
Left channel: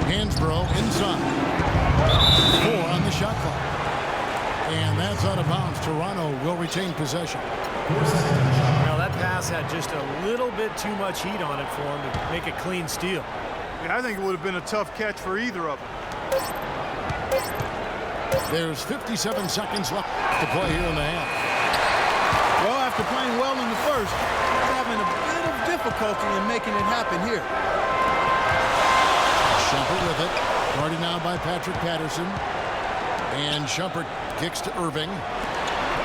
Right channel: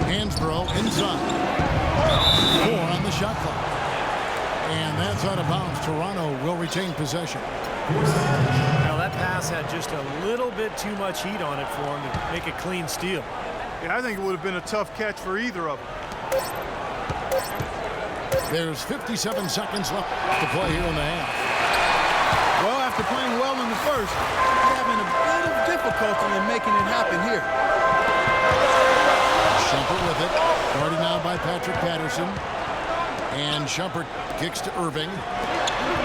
Hansbrough inside. 4 on the shot clock. And that's out of bounds. Toronto will retain possession. Well, that pass had just a little bit too much heat on it for him to make a clean steal. Yeah, I think it would have been a tough catch for either of them. There's 57 seconds left to play here in the half. Well, after playing well in the first, he's having a bit of difficulty in making it happen here. Shumpert with it. Guarded now by Patrick Patterson. And Shumpert kicks to Irving.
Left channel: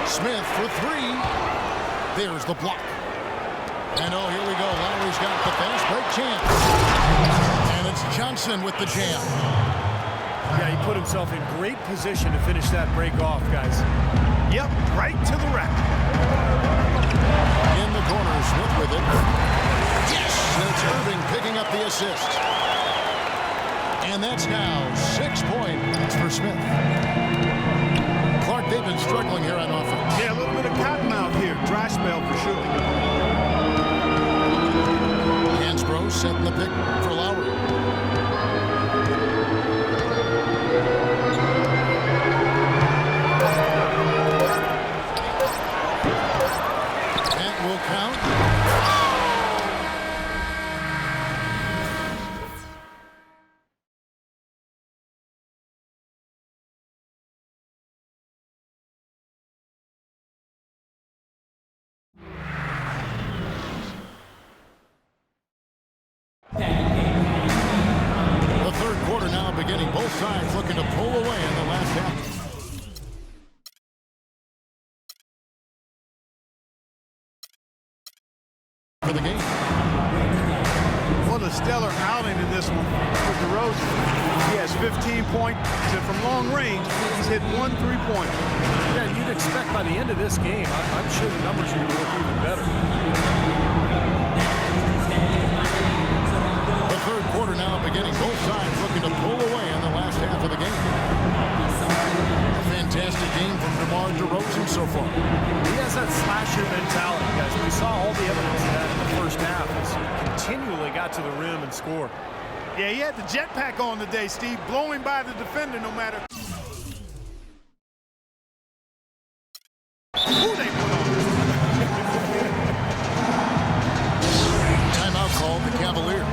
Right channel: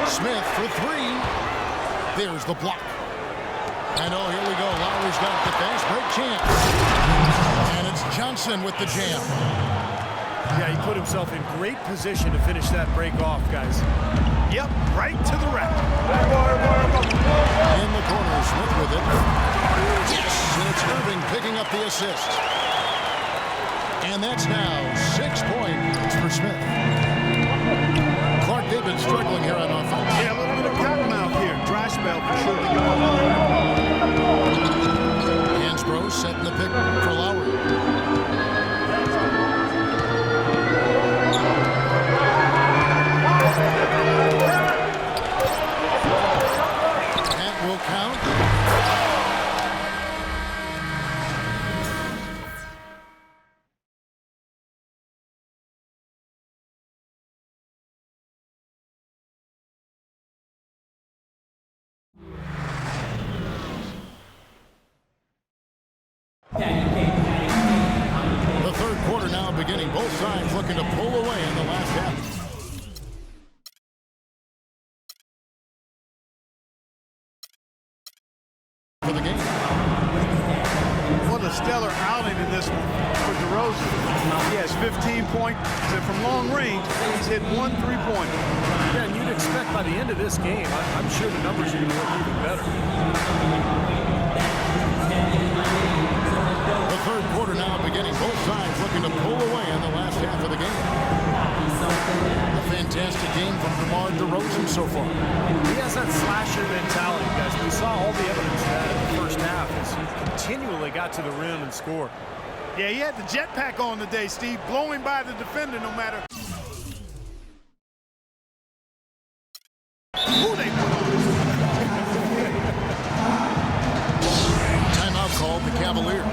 Smith for 3. There's the block. And oh, here we go. Lowry's got the fast break chance. And it's Johnson with the jam. Yeah, he put himself in great position to finish that break off, guys. Yep, right to the rack. In the corner, Smith with it. Yes, and it's Irving picking up the assist. And that's now 6 points for Smith. Clark, they've been struggling here on offense. Yeah, a little bit of cottonmouth here. Dry spell for sure. Hansbrough setting the pick for Lowry. That will count. The third quarter now beginning. Both sides looking to pull away in the last half. For the game. What a stellar outing in this one for DeRozan. He has 15 points, and from long range, he's hit 1 3-pointer. Yeah, and you'd expect by the end of this game, I'm sure the numbers are going to look even better. The third quarter now beginning. Both sides looking to pull away in the last half of the game. A fantastic game from DeMar DeRozan so far. He has that slasher mentality, guys. We saw all the evidence of that in the first half as he continually got to the rim and scored. Yeah, he had the jetpack on today, Steve, blowing by the defender no matter who they put on. Timeout called the Cavaliers.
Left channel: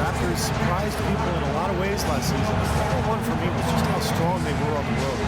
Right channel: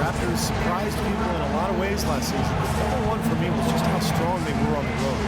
Raptors surprised people in a lot of ways last season. Number one for me was just how strong they were on the road.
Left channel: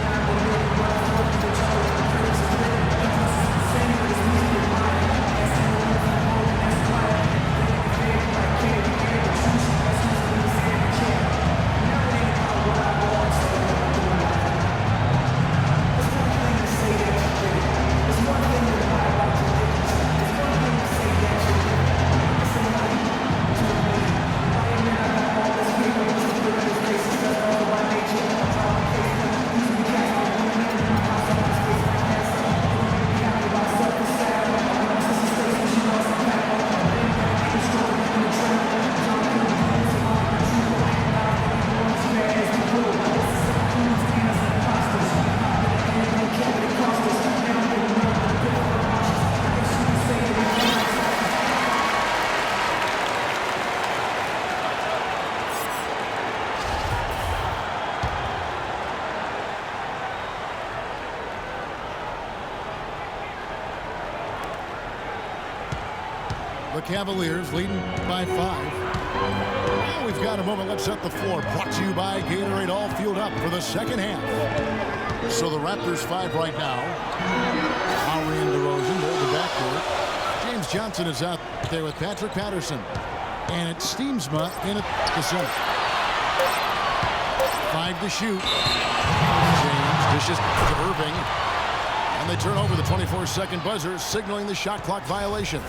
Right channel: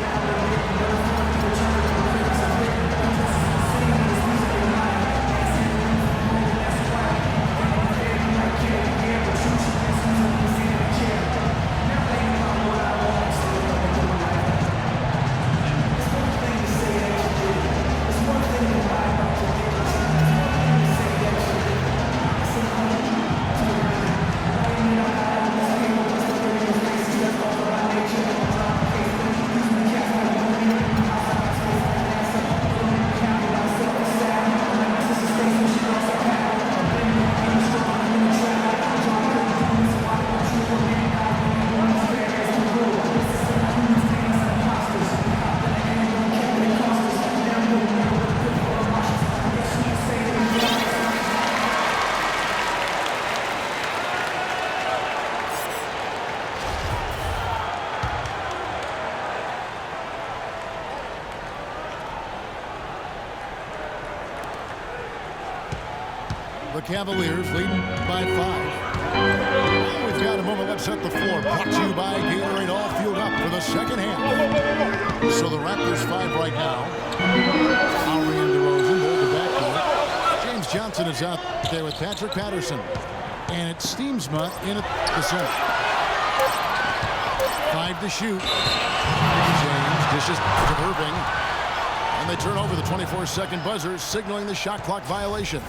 The Cavaliers leading by 5. Now we've got a moment. Let's set the floor. Brought to you by Gatorade. All fueled up for the second half. So the Raptors 5 right now. Lowry and DeRozan hold the backcourt. James Johnson is out there with Patrick Patterson. And it's Steamsma in at the center. 5 to shoot. James dishes to Irving. And they turn over the 24-second buzzer, signaling the shot clock violation.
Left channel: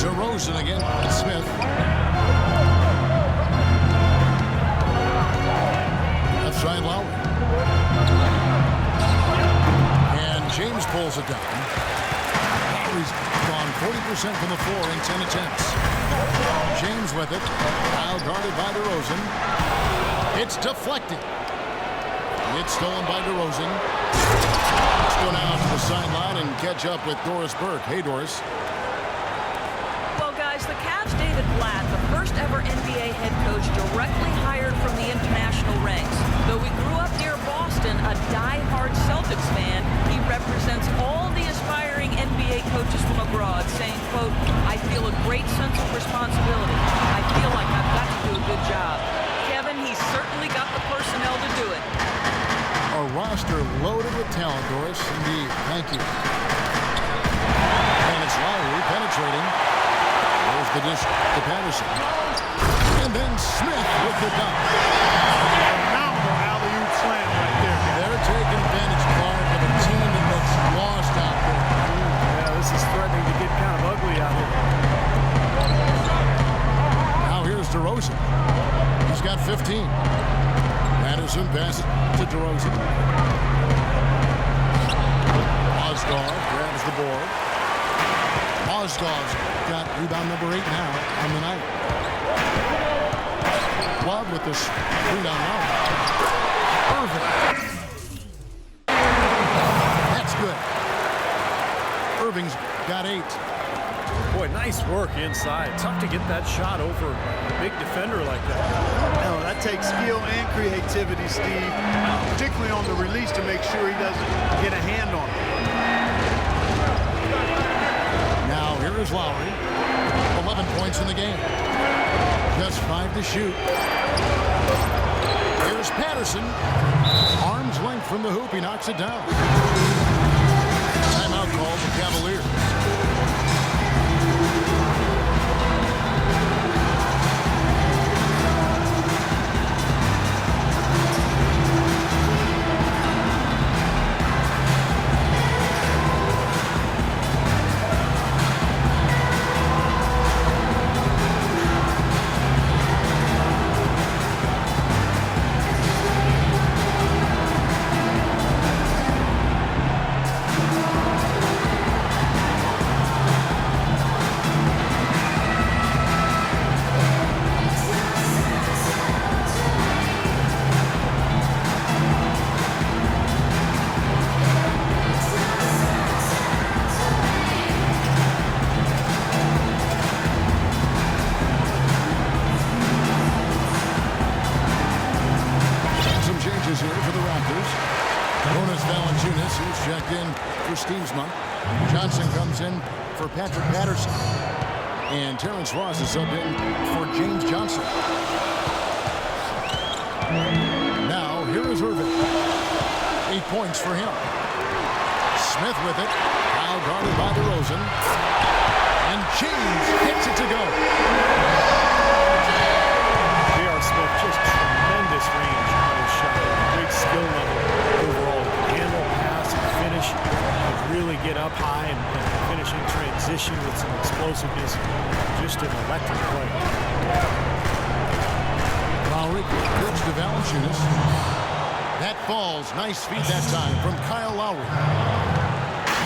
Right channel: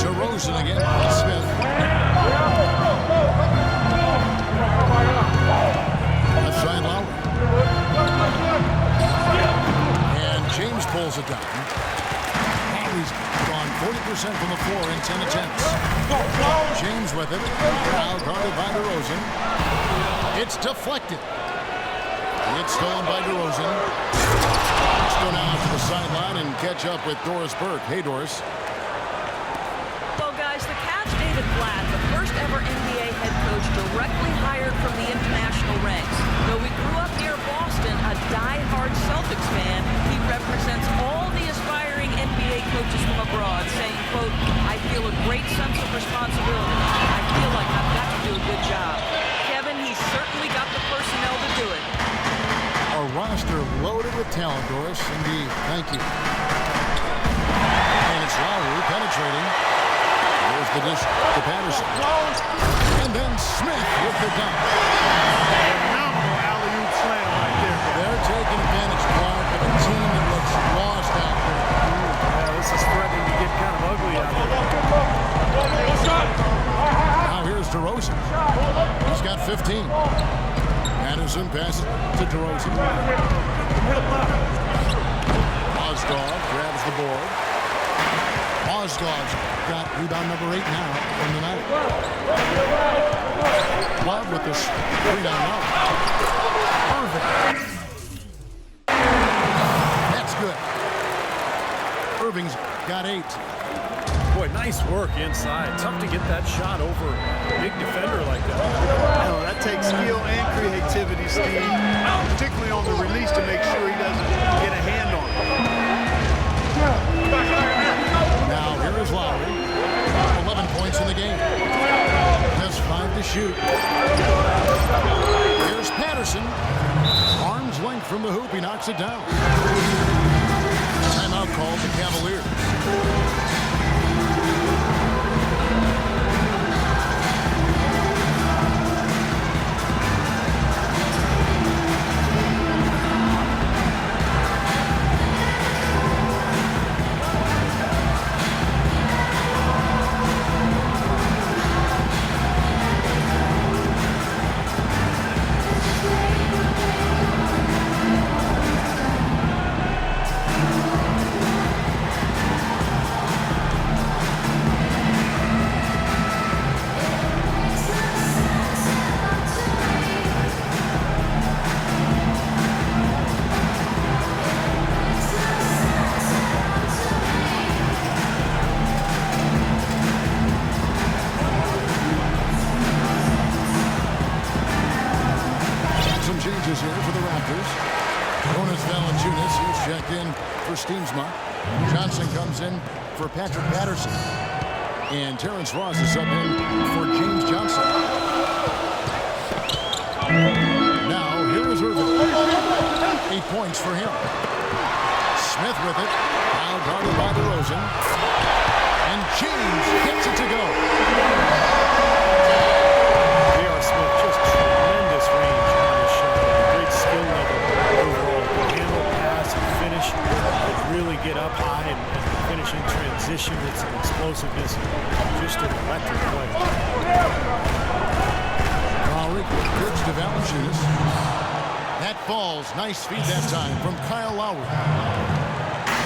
DeRozan again. Smith. Left side Lowry. And James pulls it down. Lowry's gone 40% from the floor in 10 attempts. James with it. Now guarded by DeRozan. It's deflected. It's stolen by DeRozan. Let's go now to the sideline and catch up with Doris Burke. Hey, Doris. Well, guys, the Cavs' David Blatt, the first ever NBA head coach directly hired from the international ranks. Though he grew up near Boston, a die-hard Celtics fan, he represents all the aspiring NBA coaches from abroad, saying, quote, "I feel a great sense of responsibility. I feel like I've got to do a good job." Kevin, he's certainly got the personnel to do it. A roster loaded with talent, Doris. Indeed. Thank you. And it's Lowry penetrating. There's the dish to Patterson. And then Smith with the dunk. Phenomenal alley-oop slam right there, guys. They're taking advantage, Clark, of a team that looks lost out there. Yeah, this is threatening to get kind of ugly out here. Now here's DeRozan. He's got 15. Patterson passes to DeRozan. Mozgov grabs the board. Mozgov's got rebound number 8 now on the night. Love with the screen on Love. Irving. That's good. Irving's got 8. Boy, nice work inside. Tough to get that shot over a big defender like that. Oh, that takes skill and creativity, Steve, particularly on the release to make sure he doesn't get a hand on it. Now here is Lowry. 11 points in the game. Just 5 to shoot. Here's Patterson. Arm's length from the hoop. He knocks it down. Timeout Cavaliers. Changes here for the Raptors. Jonas Valanciunas, he's checked in for Steamsma. Johnson comes in for Patrick Patterson. And Terrence Ross is subbed in for James Johnson. Now, here is Irving. 8 points for him. Smith with it. Now guarded by DeRozan. And James gets it to go. J.R. Smith, just tremendous range on his shot. A great skill level overall. He can handle, pass, and finish. He can really get up high and finish in transition with some explosiveness. Just an electric play. Lowry gives to Valanciunas. That falls. Nice feed that time from Kyle Lowry.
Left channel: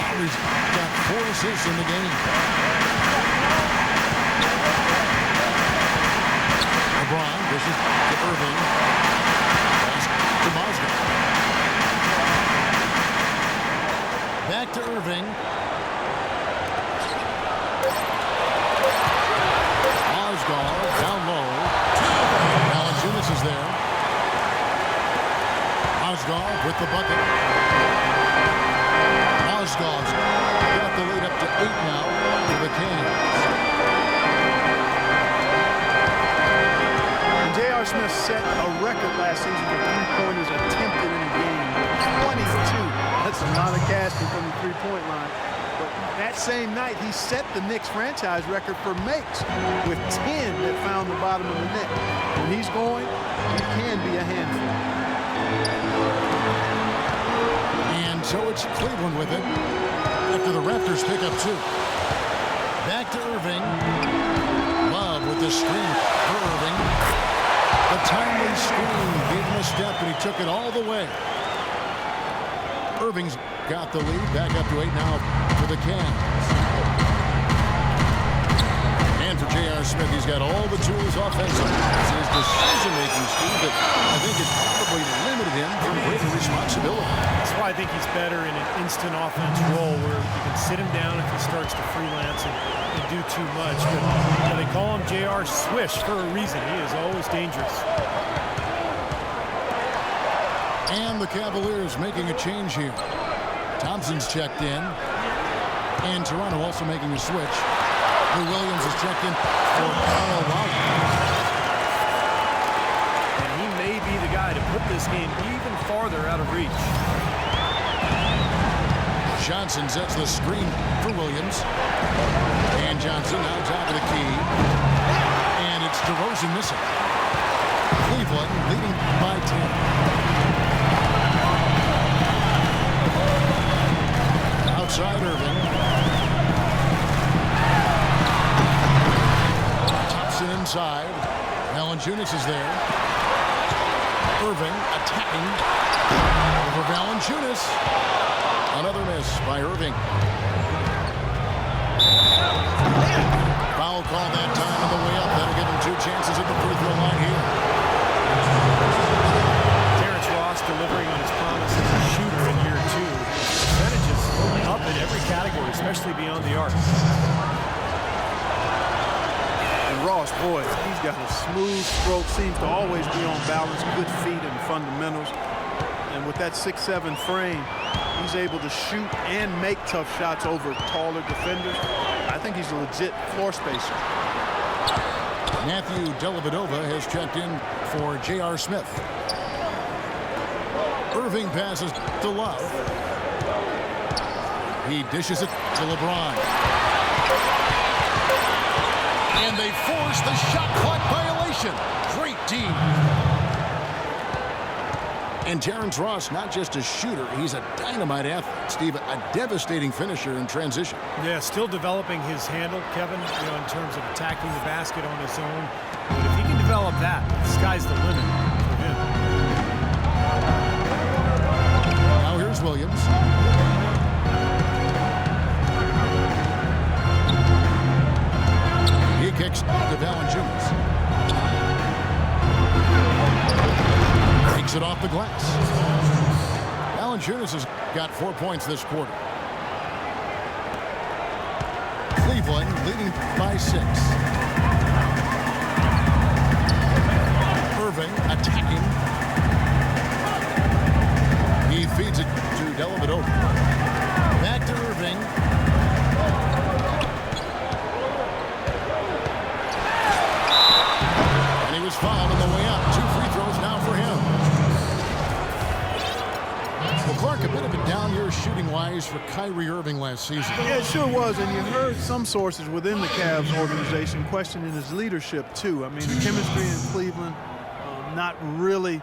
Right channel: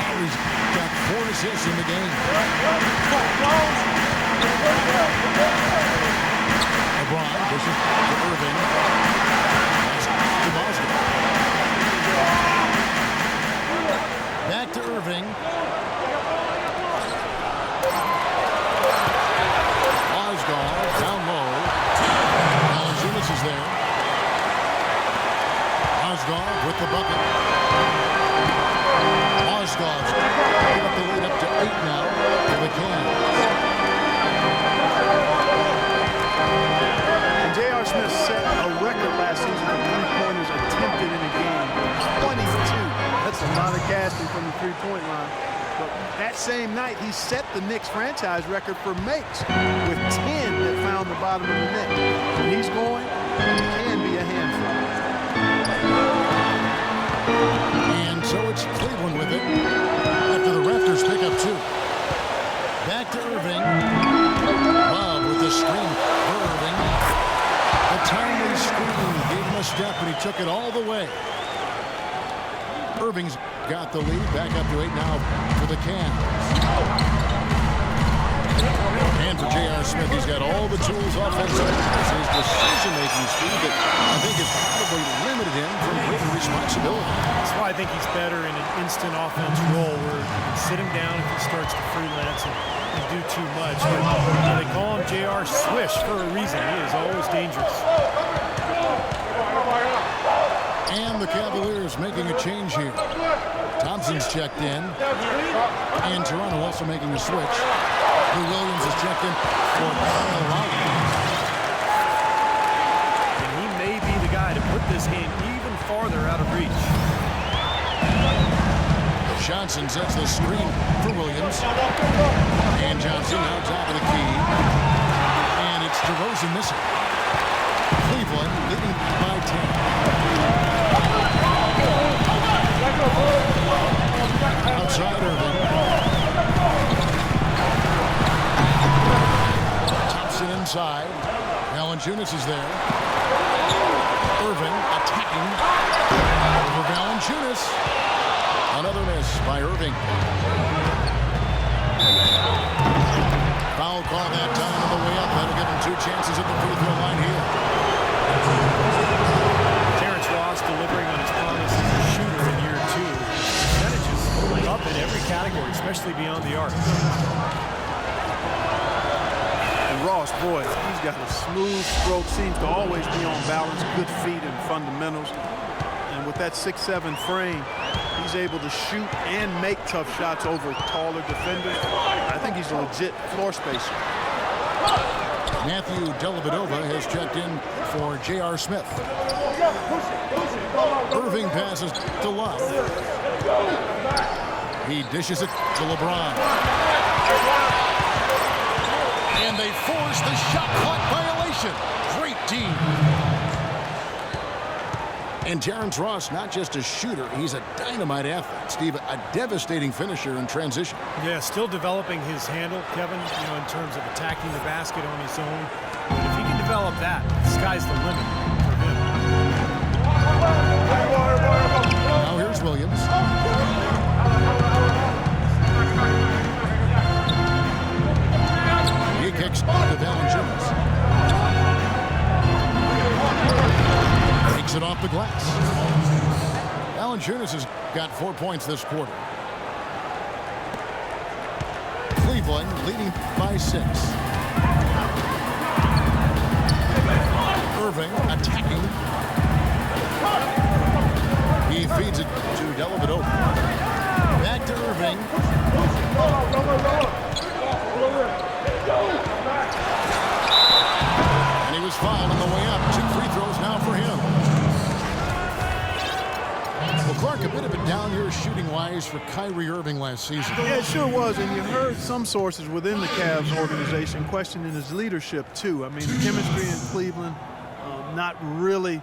Lowry's got 4 assists in the game. LeBron dishes to Irving. Pass to Mozgov. Back to Irving. Mozgov down low. Valanciunas is there. Mozgov with the bucket. Mozgov's got the lead up to 8 now for the Cavs. J.R. Smith set a record last season for three-pointers attempted in a game. 22. That's a lot of casting from the three-point line. But that same night, he set the Knicks franchise record for makes with 10 that found the bottom of the net. When he's going, he can be a handful. And so it's Cleveland with it after the Raptors pick up 2. Back to Irving. Love with the screen for Irving. The timely screen gave him a step, and he took it all the way. Irving's got the lead. Back up to 8 now for the Cavs. And for J.R. Smith, he's got all the tools offensively. It's his decision-making, Steve, that I think has probably limited him from greater responsibility. That's why I think he's better in an instant offense role where you can sit him down if he starts to freelance and do too much. But they call him J.R. Swish for a reason. He is always dangerous. And the Cavaliers making a change here. Thompson's checked in. And Toronto also making a switch. Lou Williams is checked in for Kyle Lowry. And he may be the guy to put this game even farther out of reach. Johnson sets the screen for Williams. And Johnson now top of the key. And it's DeRozan missing. Cleveland leading by 10. Outside Irving. Thompson inside. Valanciunas is there. Irving attacking over Valanciunas. Another miss by Irving. Foul call that time on the way up. That'll give him 2 chances at the free throw line here. Terrence Ross delivering on his promise as a shooter in year 2. His percentages up in every category, especially beyond the arc. And Ross, boy, he's got a smooth stroke, seems to always be on balance, good feet and fundamentals. And with that 6'7" frame, he's able to shoot and make tough shots over taller defenders. I think he's a legit floor spacer. Matthew Dellavedova has checked in for J.R. Smith. Irving passes to Love. He dishes it to LeBron. And they force the shot clock violation. Great D. And Terrence Ross, not just a shooter, he's a dynamite athlete. Steve, a devastating finisher in transition. Yeah, still developing his handle, Kevin, in terms of attacking the basket on his own. But if he can develop that, the sky's the limit for him. Now here's Williams. He kicks to Valanciunas. Takes it off the glass. Valanciunas has got 4 points this quarter. Cleveland leading by 6. Irving attacking. He feeds it to Dellavedova. Back to Irving. And he was fouled on the way up. 2 free throws now for him. Well, Clark, a bit of a down year shooting-wise for Kyrie Irving last season. Yeah, it sure was, and you heard some sources within the Cavs organization questioning his leadership, too. I mean, the chemistry in Cleveland, not really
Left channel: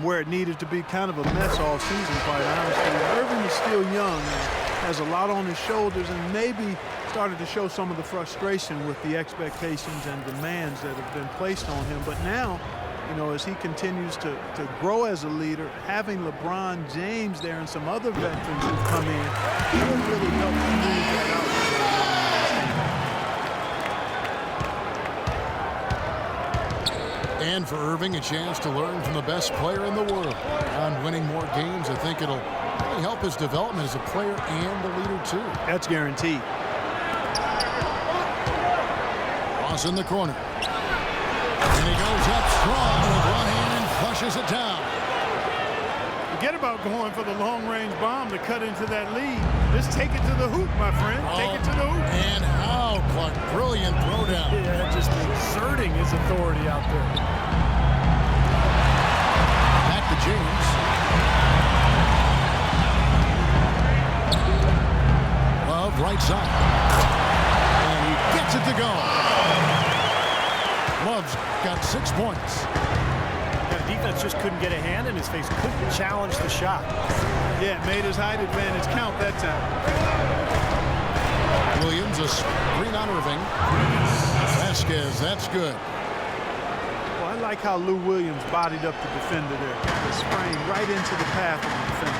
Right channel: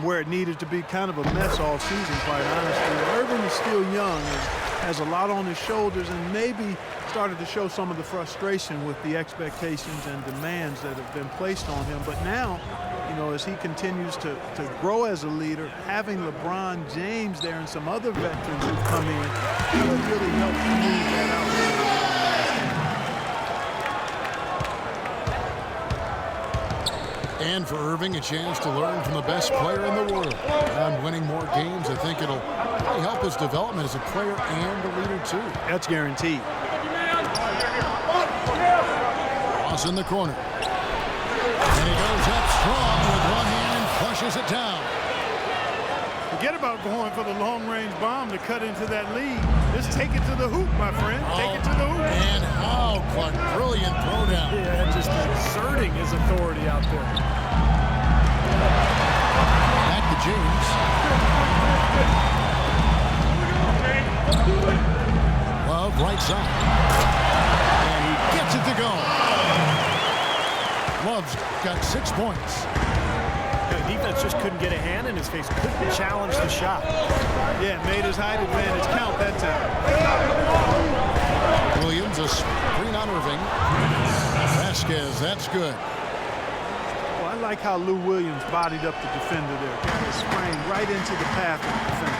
where it needed to be, kind of a mess all season, quite honestly. Irving is still young and has a lot on his shoulders and maybe started to show some of the frustration with the expectations and demands that have been placed on him. But now, as he continues to grow as a leader, having LeBron James there and some other veterans who've come in, it really helps smooth that out for the young man. And for Irving, a chance to learn from the best player in the world. On winning more games, I think it'll really help his development as a player and a leader, too. That's guaranteed. Ross in the corner. And he goes up strong with one hand and flushes it down. Forget about going for the long-range bomb to cut into that lead. Just take it to the hoop, my friend. Take it to the hoop. And how, Clark. Brilliant throwdown. Yeah, just exerting his authority out there. Back to James. Love right side. And he gets it to go. Love's got 6 points. The defense just couldn't get a hand in his face, couldn't challenge the shot. Yeah, made his height advantage count that time. Williams, a screen on Irving. Vasquez, that's good. Well, I like how Lou Williams bodied up the defender there. Got his frame right into the path of the defender.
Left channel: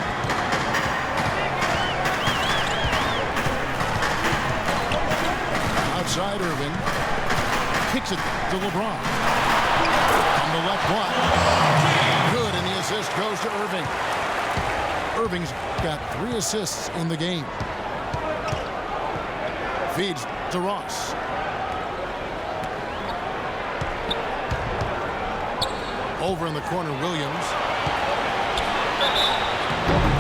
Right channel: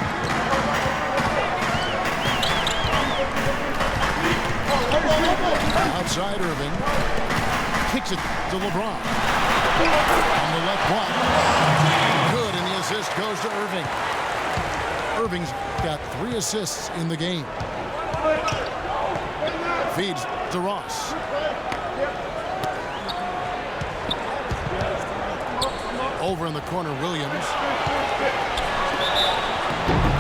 Outside Irving. Kicks it to LeBron. On the left block. Good, and the assist goes to Irving. Irving's got 3 assists in the game. Feeds to Ross. Over in the corner, Williams.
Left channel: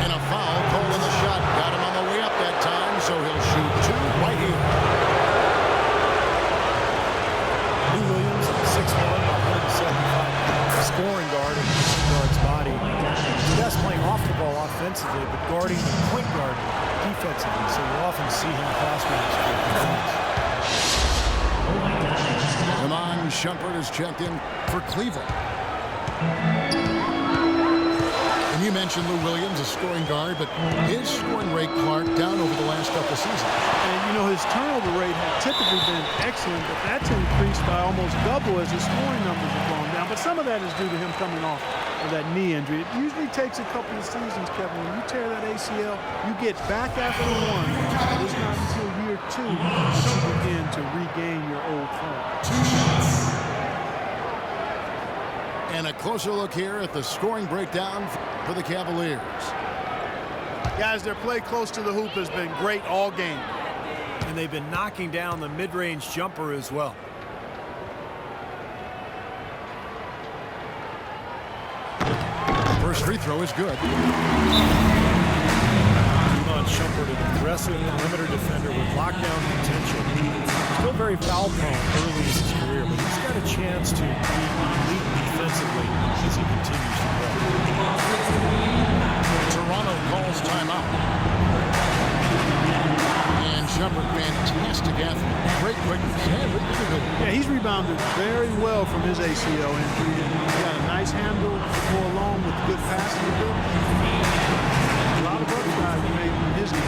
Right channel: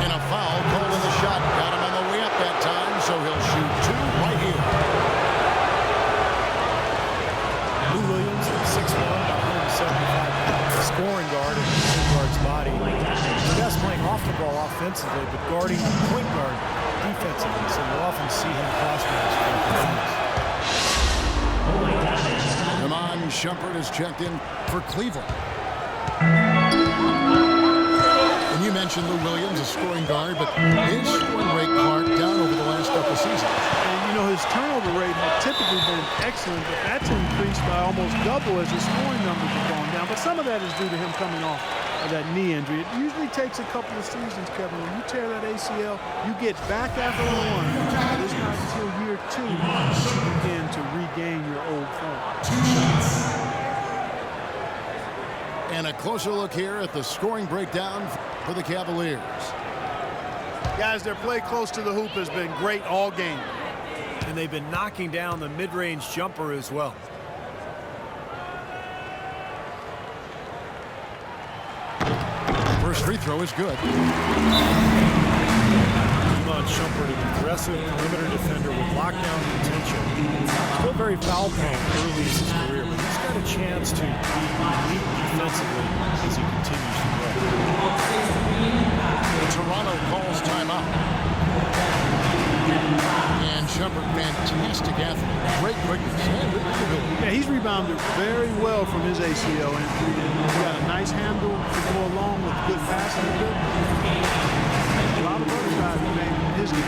And a foul called on the shot. Got him on the way up that time, so he'll shoot 2 right here. Lou Williams, 6'1", about 175 pounds, scoring guard in the point guard's body. The best playing off the ball offensively, but guarding the point guard defensively, so you often see him cross-match for the Iman Shumpert is checked in for Cleveland. And you mentioned Lou Williams, a scoring guard, but his scoring rate, Clark, down over the last couple seasons. And, his turnover rate had typically been excellent, but that's increased by almost double as his scoring numbers have gone down. But some of that is due to him coming off of that knee injury. It usually takes a couple of seasons, Kevin. When you tear that ACL, you get back after 1. But it's not until year 2 that you begin to regain your old form. And a closer look here at the scoring breakdown for the Cavaliers. Guys, their play close to the hoop has been great all game. And they've been knocking down the mid-range jumper as well. First free throw is good. Iman Shumpert, an aggressive perimeter defender with lockdown potential. Still very foul-prone early in his career, but he's got a chance to be elite defensively as he continues to grow. Toronto calls timeout. Shumpert, fantastic athlete. Great quickness and ability. Yeah, he's rebounded very well from his ACL injury, and he got a nice handle to go along with good passing ability. A lot of upside remains in his game.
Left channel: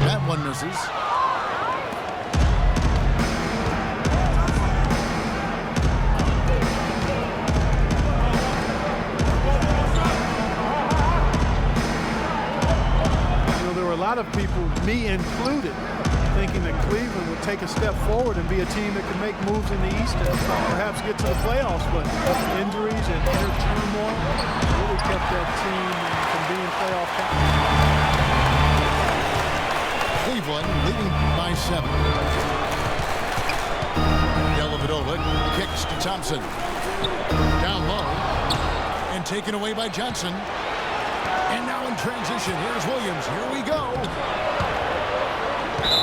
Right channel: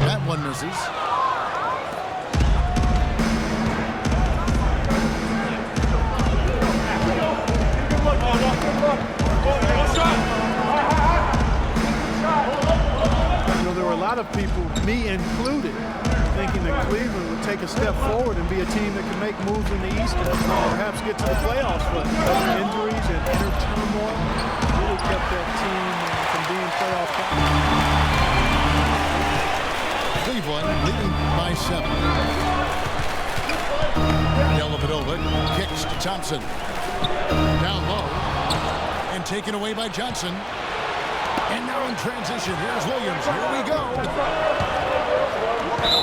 That one misses. You know, there were a lot of people, me included, thinking that Cleveland would take a step forward and be a team that could make moves in the East and perhaps get to the playoffs, but injuries and inner turmoil really kept that team from being playoff captains. Cleveland leading by 7. Dellavedova kicks to Thompson. Down low and taken away by Johnson. And now in transition, here's Williams. Here we go.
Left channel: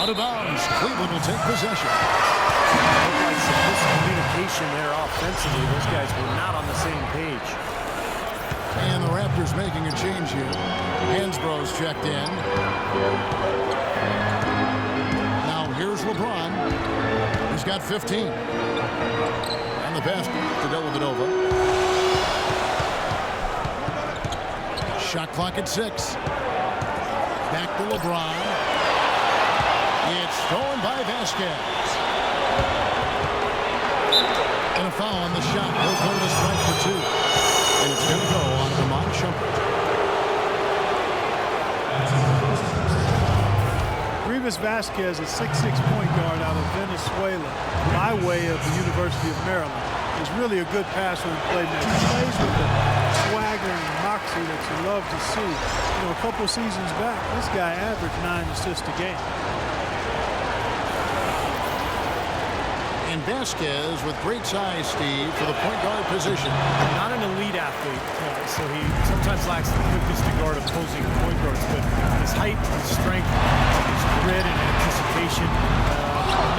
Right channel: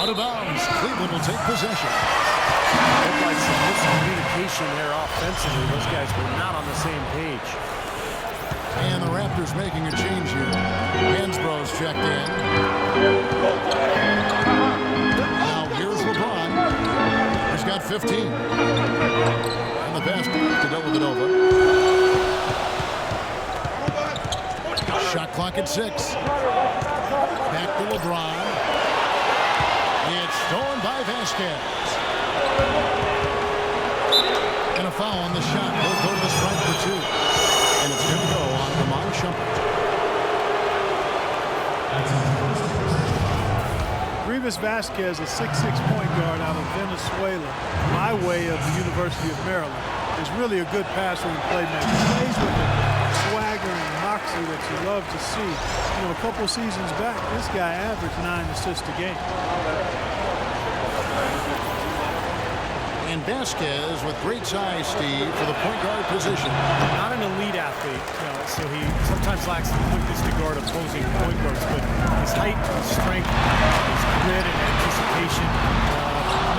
Out of bounds. Cleveland will take possession. Looked like some miscommunication there offensively. Those guys were not on the same page. And the Raptors making a change here. Hansbrough's checked in. Now here's LeBron. He's got 15. And the pass to Dellavedova. Shot clock at 6. Back to LeBron. It's stolen by Vasquez. And a foul on the shot. He'll go to the strike for 2. And it's going to go on Ramon Shumpert. Rivas Vasquez, a 6'6" point guard out of Venezuela, by way of the University of Maryland, is really a good passer and playmaker. He plays with the swagger and moxie that you love to see. You know, a couple seasons back, this guy averaged 9 assists a game. And Vasquez with great size, Steve, for the point guard position. Not an elite athlete, so he sometimes lacks the quickness to guard opposing point guards, but his height, his strength, his grit and anticipation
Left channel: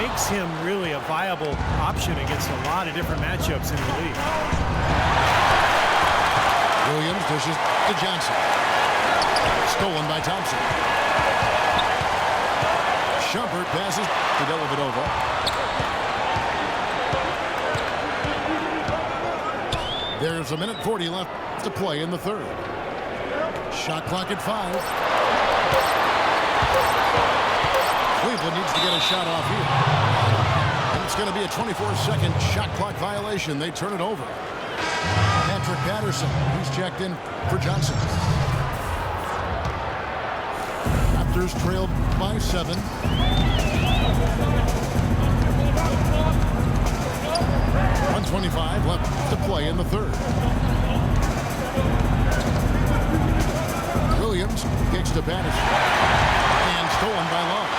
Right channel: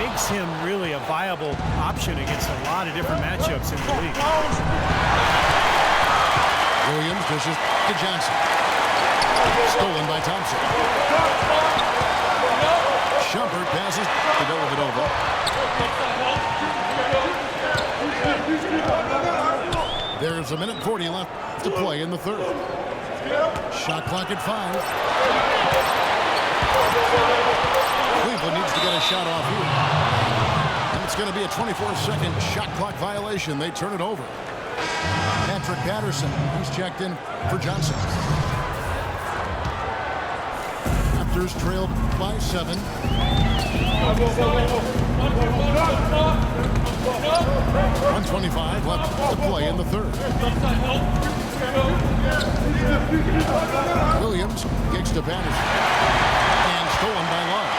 makes him really a viable option against a lot of different matchups in the league. Williams dishes to Johnson. Stolen by Thompson. Shumpert passes to Dellavedova. There's 1:40 left to play in the third. Shot clock at 5. Cleveland needs to get a shot off here. And it's going to be a 24-second shot clock violation. They turn it over. Patrick Patterson, he's checked in for Johnson. Raptors trailed by 7. 1:25 left to play in the third. Williams kicks to Patterson. And stolen by Love.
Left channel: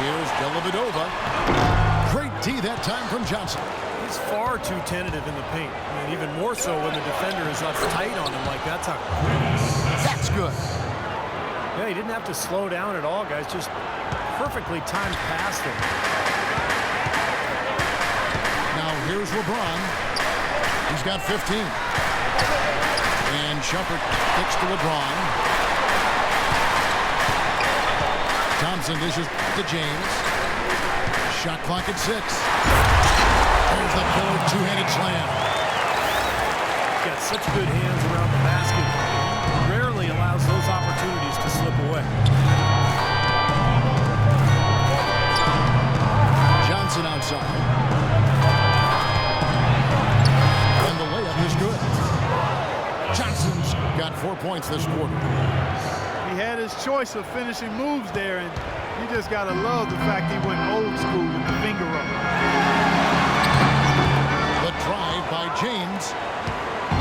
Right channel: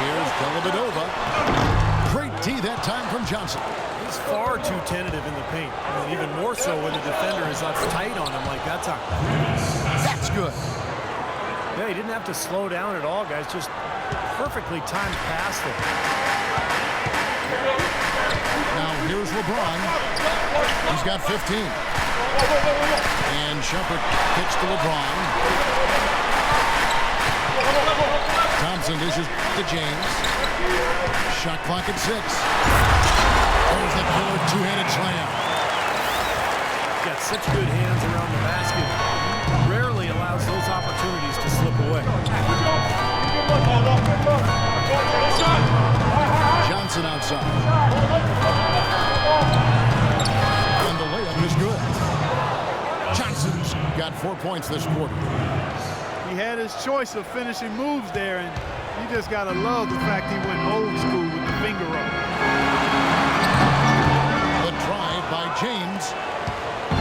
Here's Dellavedova. Great D that time from Johnson. He's far too tentative in the paint. I mean, even more so when the defender is uptight on him like that time. That's good. Yeah, he didn't have to slow down at all, guys. Just perfectly timed pass there. Now here's LeBron. He's got 15. And Shumpert kicks to LeBron. Thompson dishes to James. Shot clock at 6. There's the killer two-handed slam. He's got such good hands around the basket. He rarely allows those opportunities to slip away. Johnson outside. got 4 points this quarter. He had his choice of finishing moves there, and you just got to love the fact he went old school with the finger roll. The drive by James.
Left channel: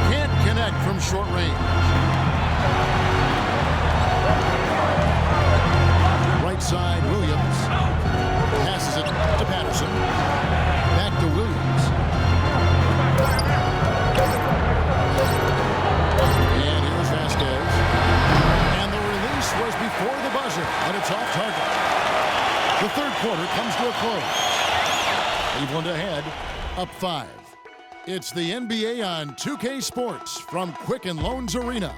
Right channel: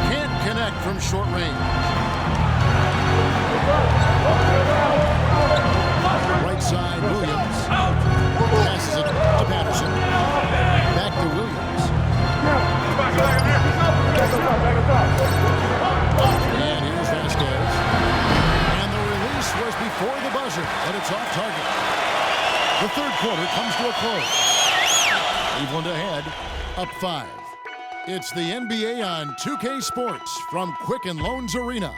Can't connect from short range. Right side, Williams. Passes it to Patterson. Back to Williams. And here's Vasquez. And the release was before the buzzer, but it's off target. The third quarter comes to a close. Cleveland ahead, up 5. It's the NBA on 2K Sports from Quicken Loans Arena.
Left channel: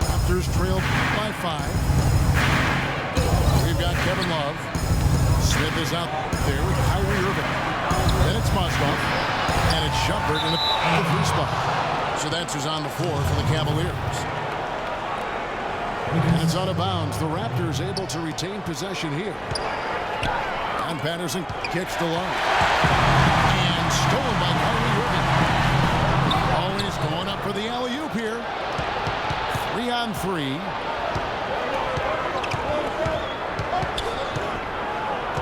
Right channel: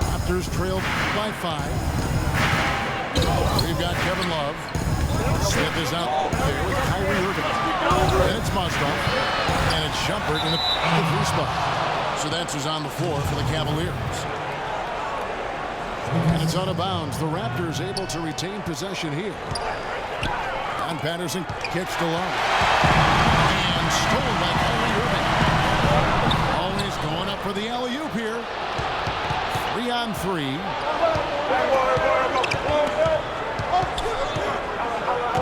Raptors trailed by 5. We've got Kevin Love. Smith is out there with Kyrie Irving. Then it's Mozgov. And it's Shumpert in the 3 spot. So that's who's on the floor for the Cavaliers. And it's out of bounds. The Raptors able to retain possession here. And Patterson kicks to Love. And stolen by Kyrie Irving. Always going up for the alley-oop here. 3-on-3.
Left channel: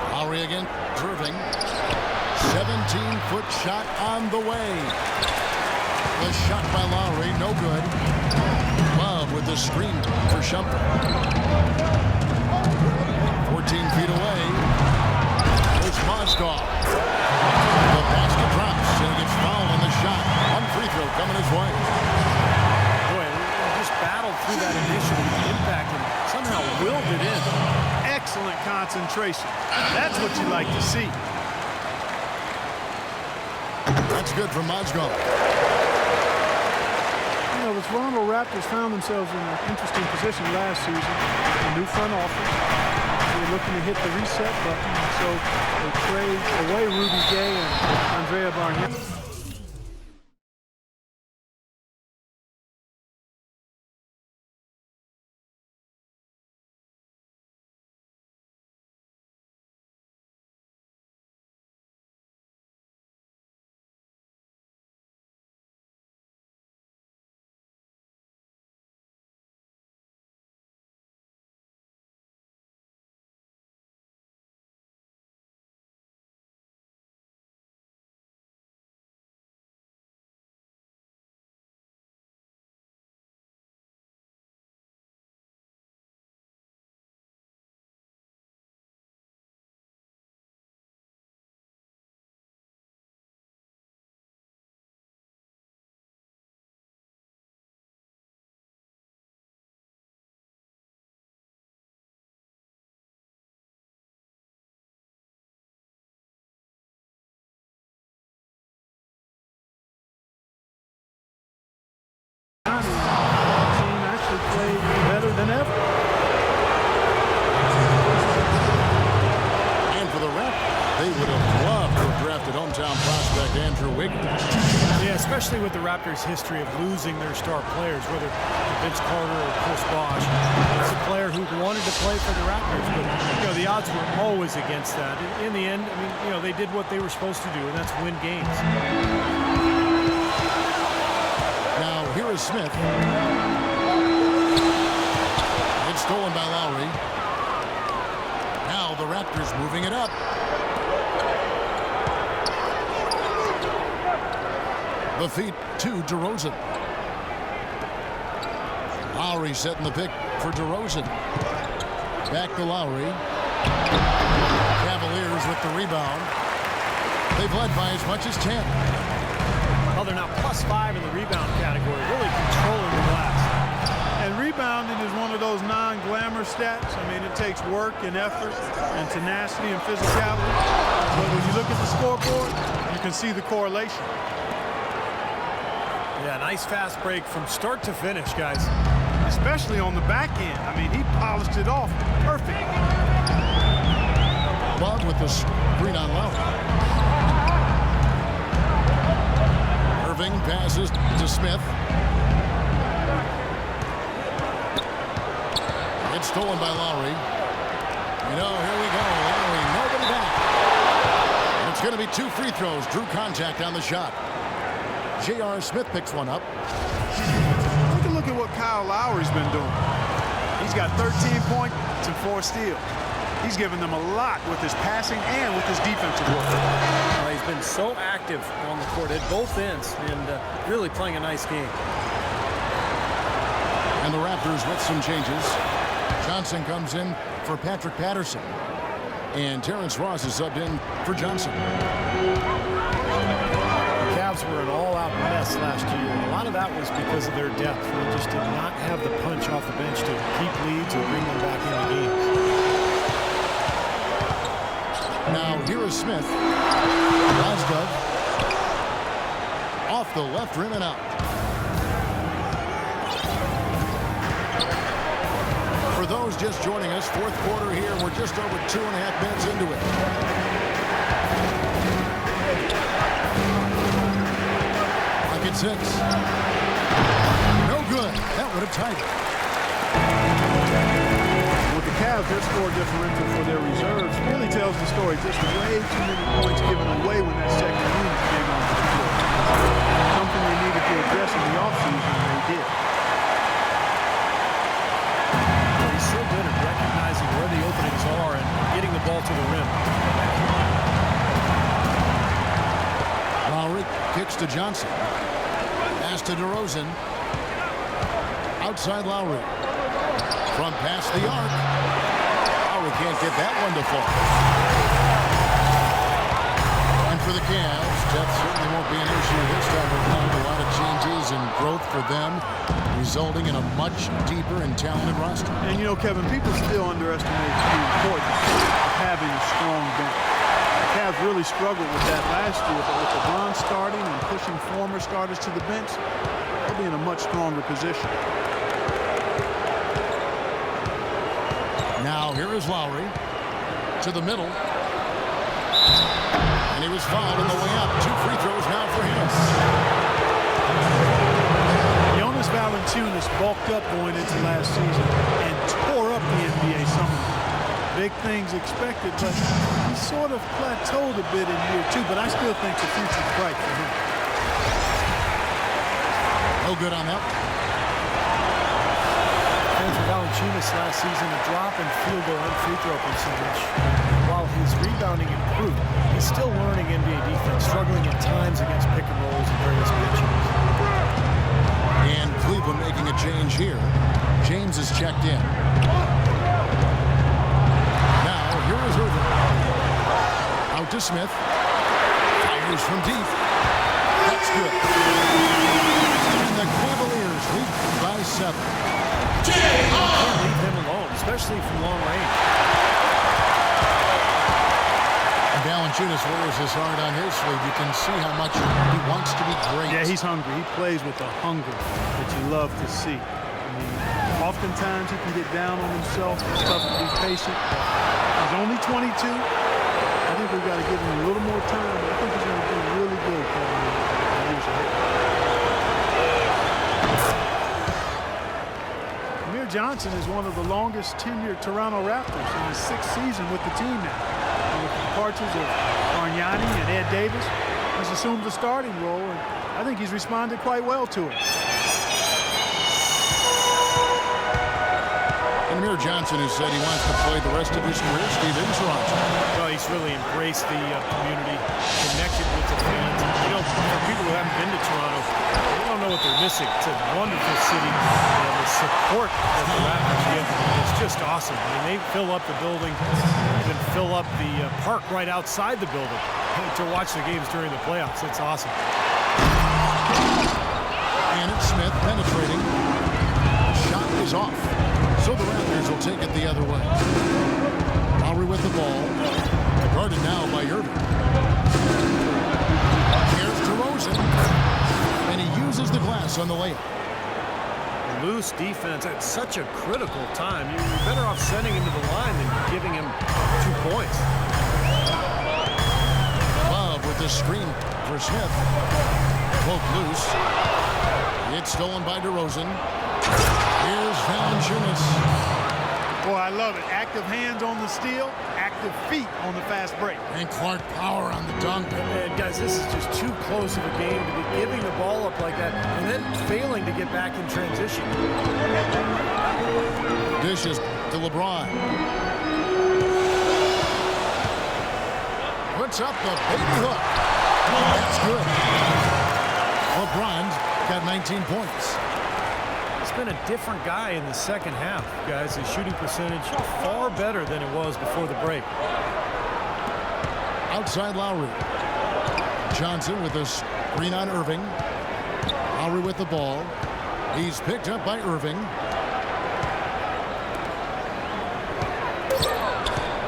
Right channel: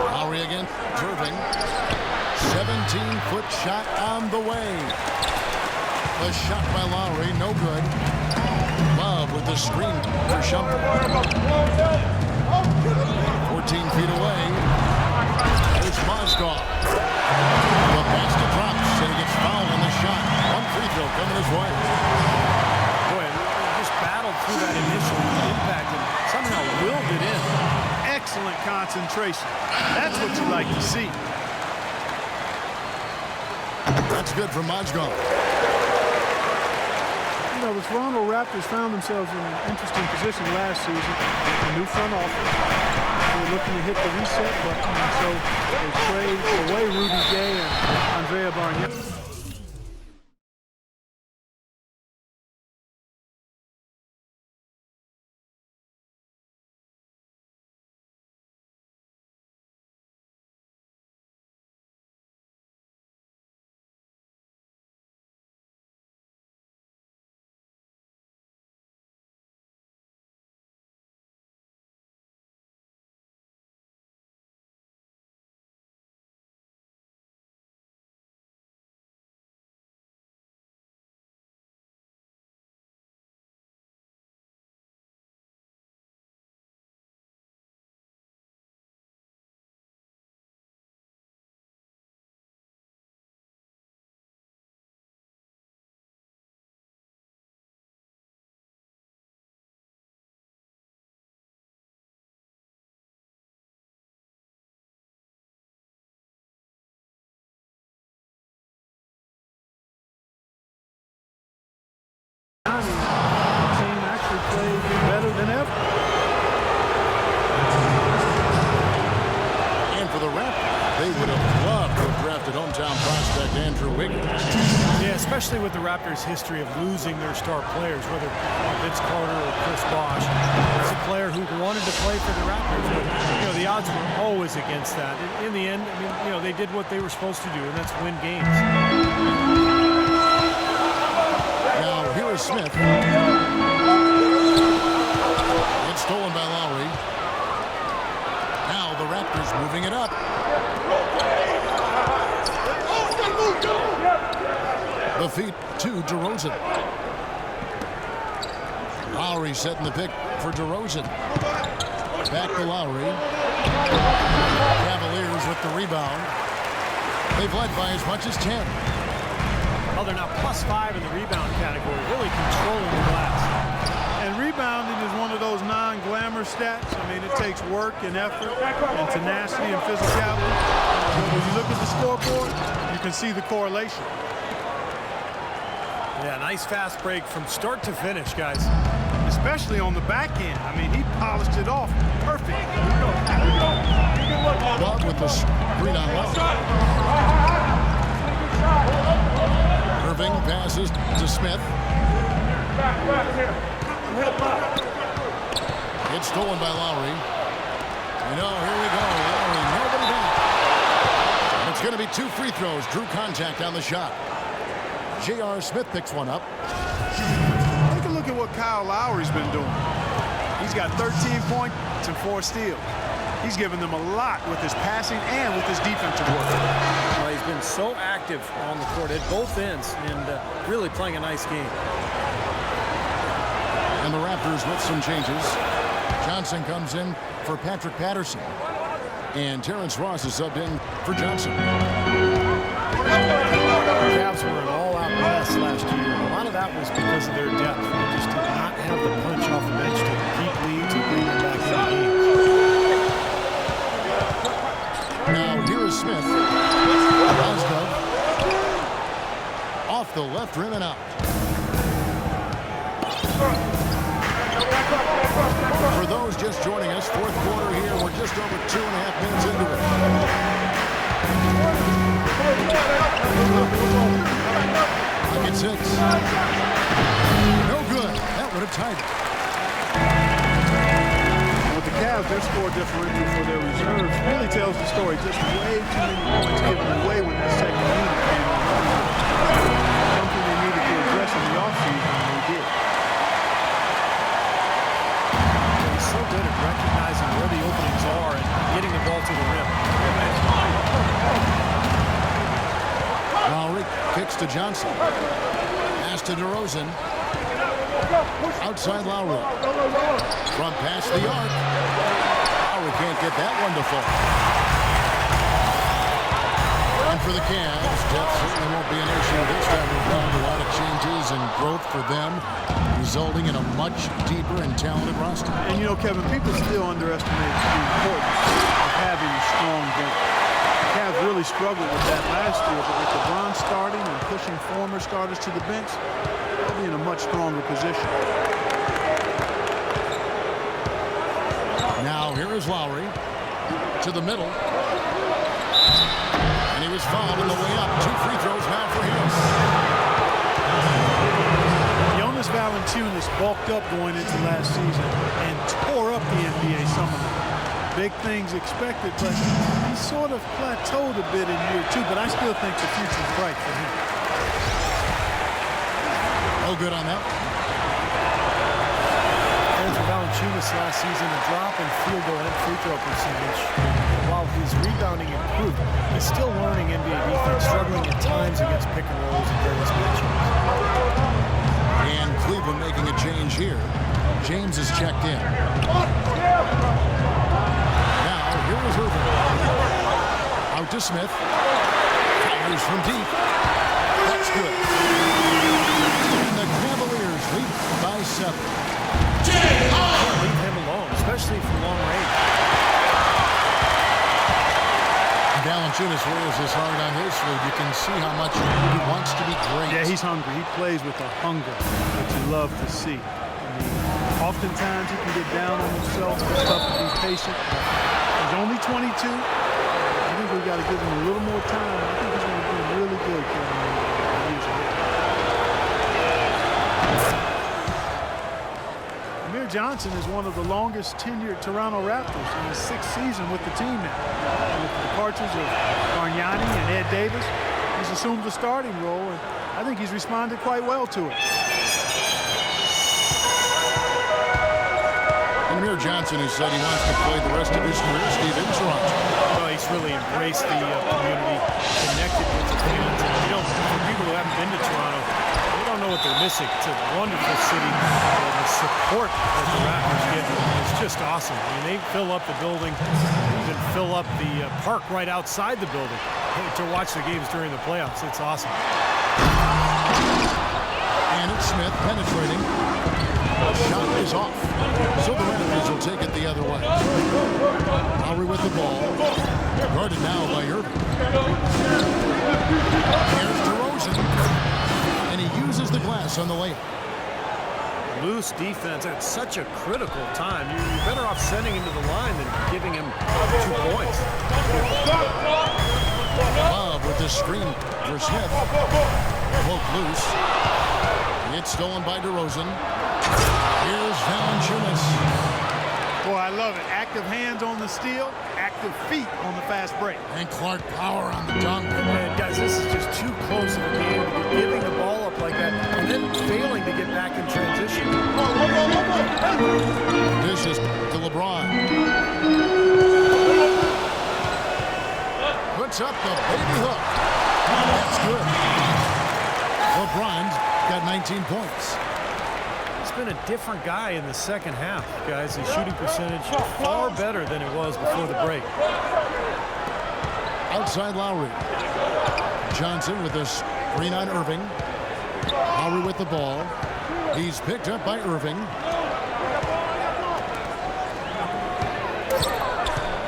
Lowry again, Irving. 17-foot shot on the way. The shot by Lowry, no good. Love with the screen for Shumpert. 14 feet away. There's Mozgov. The basket drops, and he gets fouled on the shot. 1 free throw coming his way. Boy, he just battled through that initial impact and somehow willed it in. Excellent concentration. That's what you like to see. That's good for Mozgov. You know, the Toronto Raptors found themselves in an interesting position last season. A new front office. They were looking to hit the reset button, and so they trade away Rudy Gay and Andrea Bargnani. The team actually played better than ever. And for the Raptors, they would have loved to have drafted hometown prospect Andrew Wiggins. Yeah, especially with the Raptors' history of losing their star players, whether Vince Carter or Chris Bosh. It's a player who wanted to play for the Raptors, but you know the odds were always against that. In the end, I mean, you know, they did what they were supposed to do, and that's win games. Now here is Smith. It's stolen by Lowry. Now the Raptors moving it up. The feed to DeRozan. Lowry setting the pick for DeRozan. Back to Lowry. Cavaliers with the rebound. They've led by as much as 10. Well, they're now +5 in the rebound category, really controlling the glass. And rebounding is one of those non-glamour stats. I mean, it takes work and effort and tenacity and physicality. But when you look at the scoreboard, you can see the correlation. Yeah, nice fast break from start to finish, guys. Especially on the back end. I mean, he polished it off perfect. Love with the screen on Lowry. Irving passes to Smith. It's stolen by Lowry. You know, here we go. Lowry, nobody back. And it's going to be 2 free throws. Drew contact on the shot. J.R. Smith picks one up. Take a look at what Kyle Lowry's been doing. He's got 13 points and 4 steals. He's given them a lot with his passing and with his defensive work. Well, he's been so active on the court at both ends and really playing a nice game. And the Raptors with some changes. Johnson comes in for Patrick Patterson. And Terrence Ross is subbed in for Johnson. The Cavs were an all-out mess last year, and a lot of that was because of their depth. They just did not have the punch off the bench to keep leads or bring them back into games. Now here is Smith. Rozdov off the left rim and out. For those just joining us, 4th quarter here. We're just over 2.5 minutes into it. Clock at 6. No good. That would have tied it. With the Cavs, their score differential for their reserves really tells the story. Just way too many points given away when that second unit came on the floor. Something they needed to address in the offseason, and they did. He's so good at recognizing where the openings are and getting the ball to the rim. Lowry kicks to Johnson. Pass to DeRozan. Outside Lowry. From past the arc. Lowry can't get that one to fall. And for the Cavs, depth certainly won't be an issue this time around. A lot of changes and growth for them, resulting in a much deeper and talented roster. And you know, Kevin, people still underestimate the importance of having a strong bench. The Cavs really struggled with that last year, but with LeBron starting and pushing former starters to the bench, they'll be in a much stronger position. Now here is Lowry to the middle. And he was fouled on the way up. 2 free throws now for him. Jonas Valanciunas bulked up going into last season and tore up the NBA summer. Big things expected, but he sort of plateaued a bit in year 2, but I still think the future's bright for him. No good on that one. And for Valanciunas last season, a drop in field goal and free throw percentage. While his rebounding improved, he's still learning NBA defense, struggling at times against pick and rolls and various matchups. And Cleveland making a change here. James is checked in. Now here is Irving. Out to Smith. Fires from deep. That's good. And the Cavaliers lead by 7. Can't leave him alone, especially from long range. Valanciunas wears his heart on his sleeve. You can see how much he wants to be great. Yeah, he's hungry. He plays with a hunger that you love to see. I mean, oftentimes he can get down on himself. It's tough to be patient, but he's only 22. I think we've got to give him a little more time. I think he's going to do really good, Kevin, in the years ahead. Amir Johnson is one of the longest tenured Toronto Raptors in his 6th season with the team now. And with the departures of Bargnani and Ed Davis, he's assumed the starting role, and I think he's responded quite well to it. And Amir Johnson, who said he wants to play the rest of his career, Steve, in Toronto. Well, he's really embraced the community, connected with the fans. You know, for people who haven't been to Toronto, they don't know what they're missing. It's a wonderful city, and the support that the Raptors get is just awesome. I mean, they fill up the building, they even fill up the park right outside the building to watch the games during the playoffs. It's awesome. And it's Smith penetrating. The shot is off. So the Raptors will take it the other way. Lowry with the ball. Guarded now by Irving. Here's DeRozan. And he uses the glass on the layup. Loose defense at such a critical time. You're better off sending him to the line than giving him 2 points. Love with the screen for Smith. Poke loose. It's stolen by DeRozan. Here's Valanciunas. Boy, I love it. Active hands on the steal, active feet on the fast break. And Clark Power on the dunk. And guys, this is just too close of a game to be giving the ball up like that and then failing to get back in transition. Dishes to LeBron. Puts up the baby hook. That's good. LeBron's got 19 points. It's been a different guy in the second half, guys. His shooting percentage far better than it was before the break. Outside Lowry. Johnson with a screen on Irving. Lowry with the ball. He's picked up by Irving.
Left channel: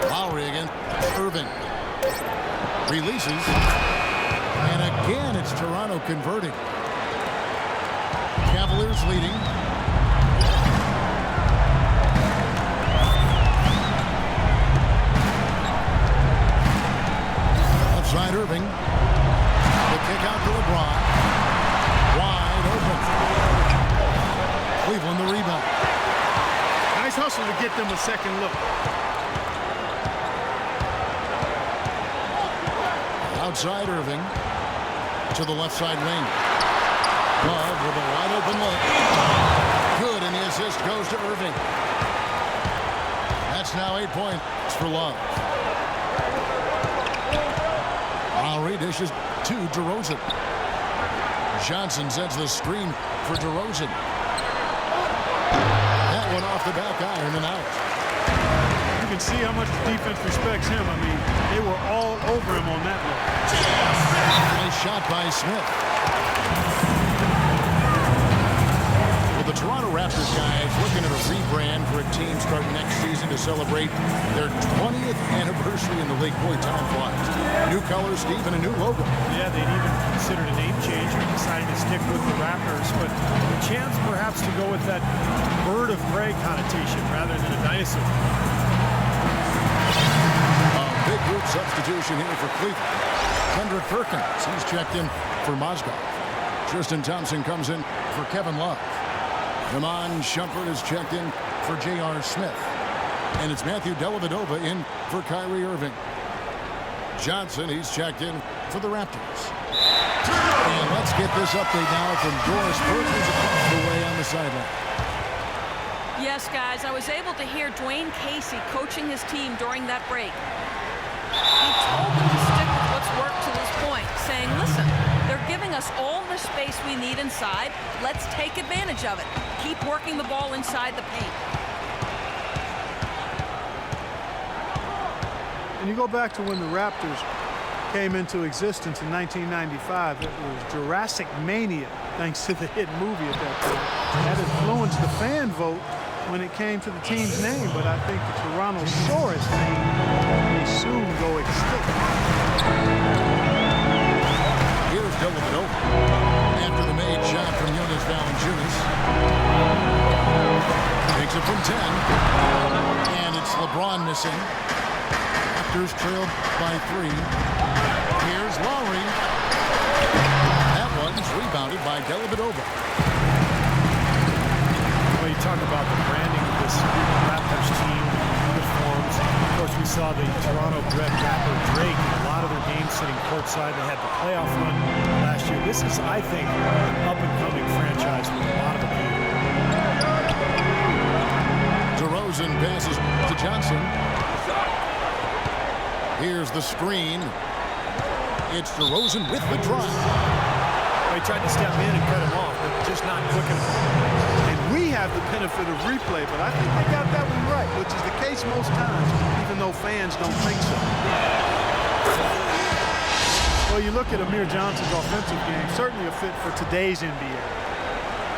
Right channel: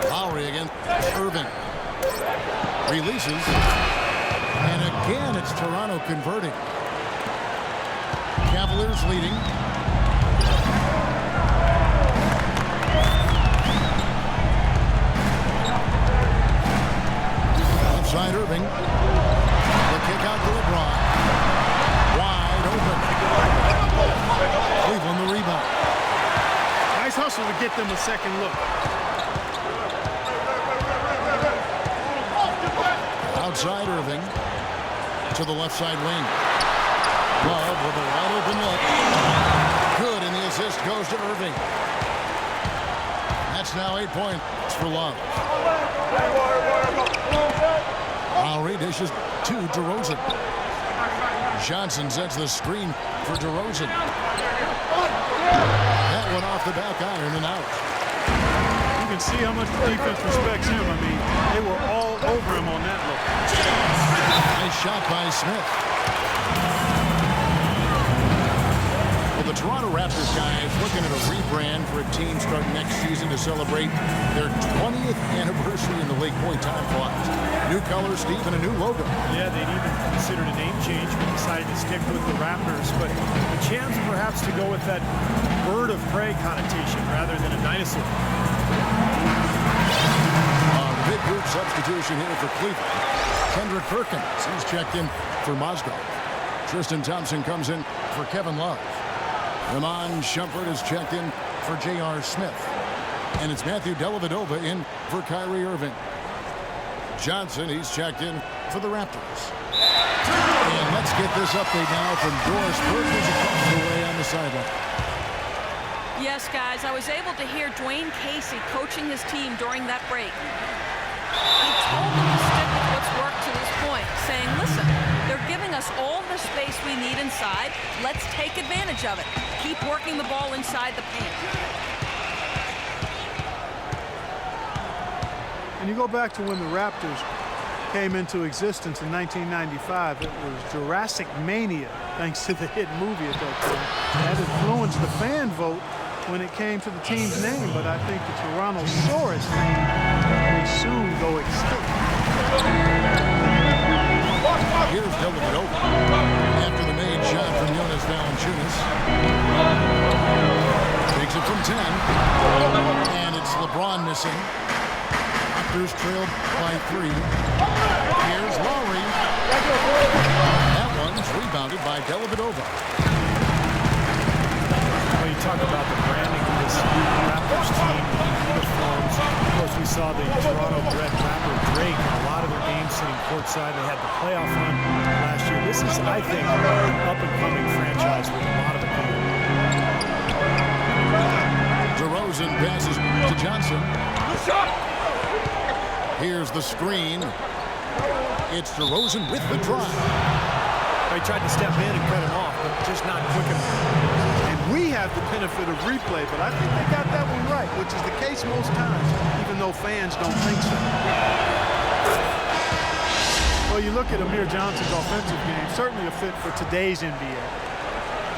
Lowry against Irving. Releases. And again, it's Toronto converting. Cavaliers leading. Outside Irving. The kick out to LeBron. Wide open. Cleveland the rebound. Nice hustle to get them a second look. Outside Irving. To the left side wing. Love with a wide open look. Good, and the assist goes to Irving. That's now 8 points for Love. Lowry dishes to DeRozan. Johnson sets the screen for DeRozan. That one off the back iron and out. You can see how much the defense respects him. I mean, they were all over him on that look. Nice shot by Smith. Well, the Toronto Raptors guys looking at a rebrand for a team starting next season to celebrate their 20th anniversary in the league. Boy, time flies. New colors, Steve, and a new logo. Yeah, they'd even considered a name change, but decided to stick with the Raptors. But the chance perhaps to go with that bird of prey connotation rather than a dinosaur. A big group substitution here for Cleveland. Kendrick Perkins, he's checked in for Mozgov. Tristan Thompson comes in for Kevin Love. Iman Shumpert is checked in for J.R. Smith. And it's Matthew Dellavedova in for Kyrie Irving. Johnson, he's checked in for the Raptors. And let's get this update now from Doris Perkins across the way on the sideline. Yes, guys, I was able to hear Dwayne Casey coaching his team during that break. He told them to stick with what's worked to this point, saying, listen, they're giving us all the space we need inside. Let's take advantage of it. Keep working the ball inside the paint. And you go back to when the Raptors came into existence in 1995, it was Jurassic Mania, thanks to the hit movie at that time. That influenced the fan vote when it came to the team's name, but I think the Torontosaurus name may soon go extinct. Here's Dellavedova after the made shot from Jonas Valanciunas. Takes it from 10. And it's LeBron missing. Raptors trailed by 3. Here's Lowry. That one's rebounded by Dellavedova. Well, you talk about the branding of this Raptors team, the new uniforms. Of course, we saw the Toronto-bred rapper Drake in a lot of their games sitting courtside. They had the playoff run last year. This is, I think, an up-and-coming franchise with a lot of appeal. DeRozan passes to Johnson. Here's the screen. It's DeRozan with the drive. He tried to step in and cut him off, but just not quick enough. And we have the benefit of replay, but I think they got that one right, which is the case most times, even though fans don't think so. Well, you look at Amir Johnson's offensive game, certainly a fit for today's NBA.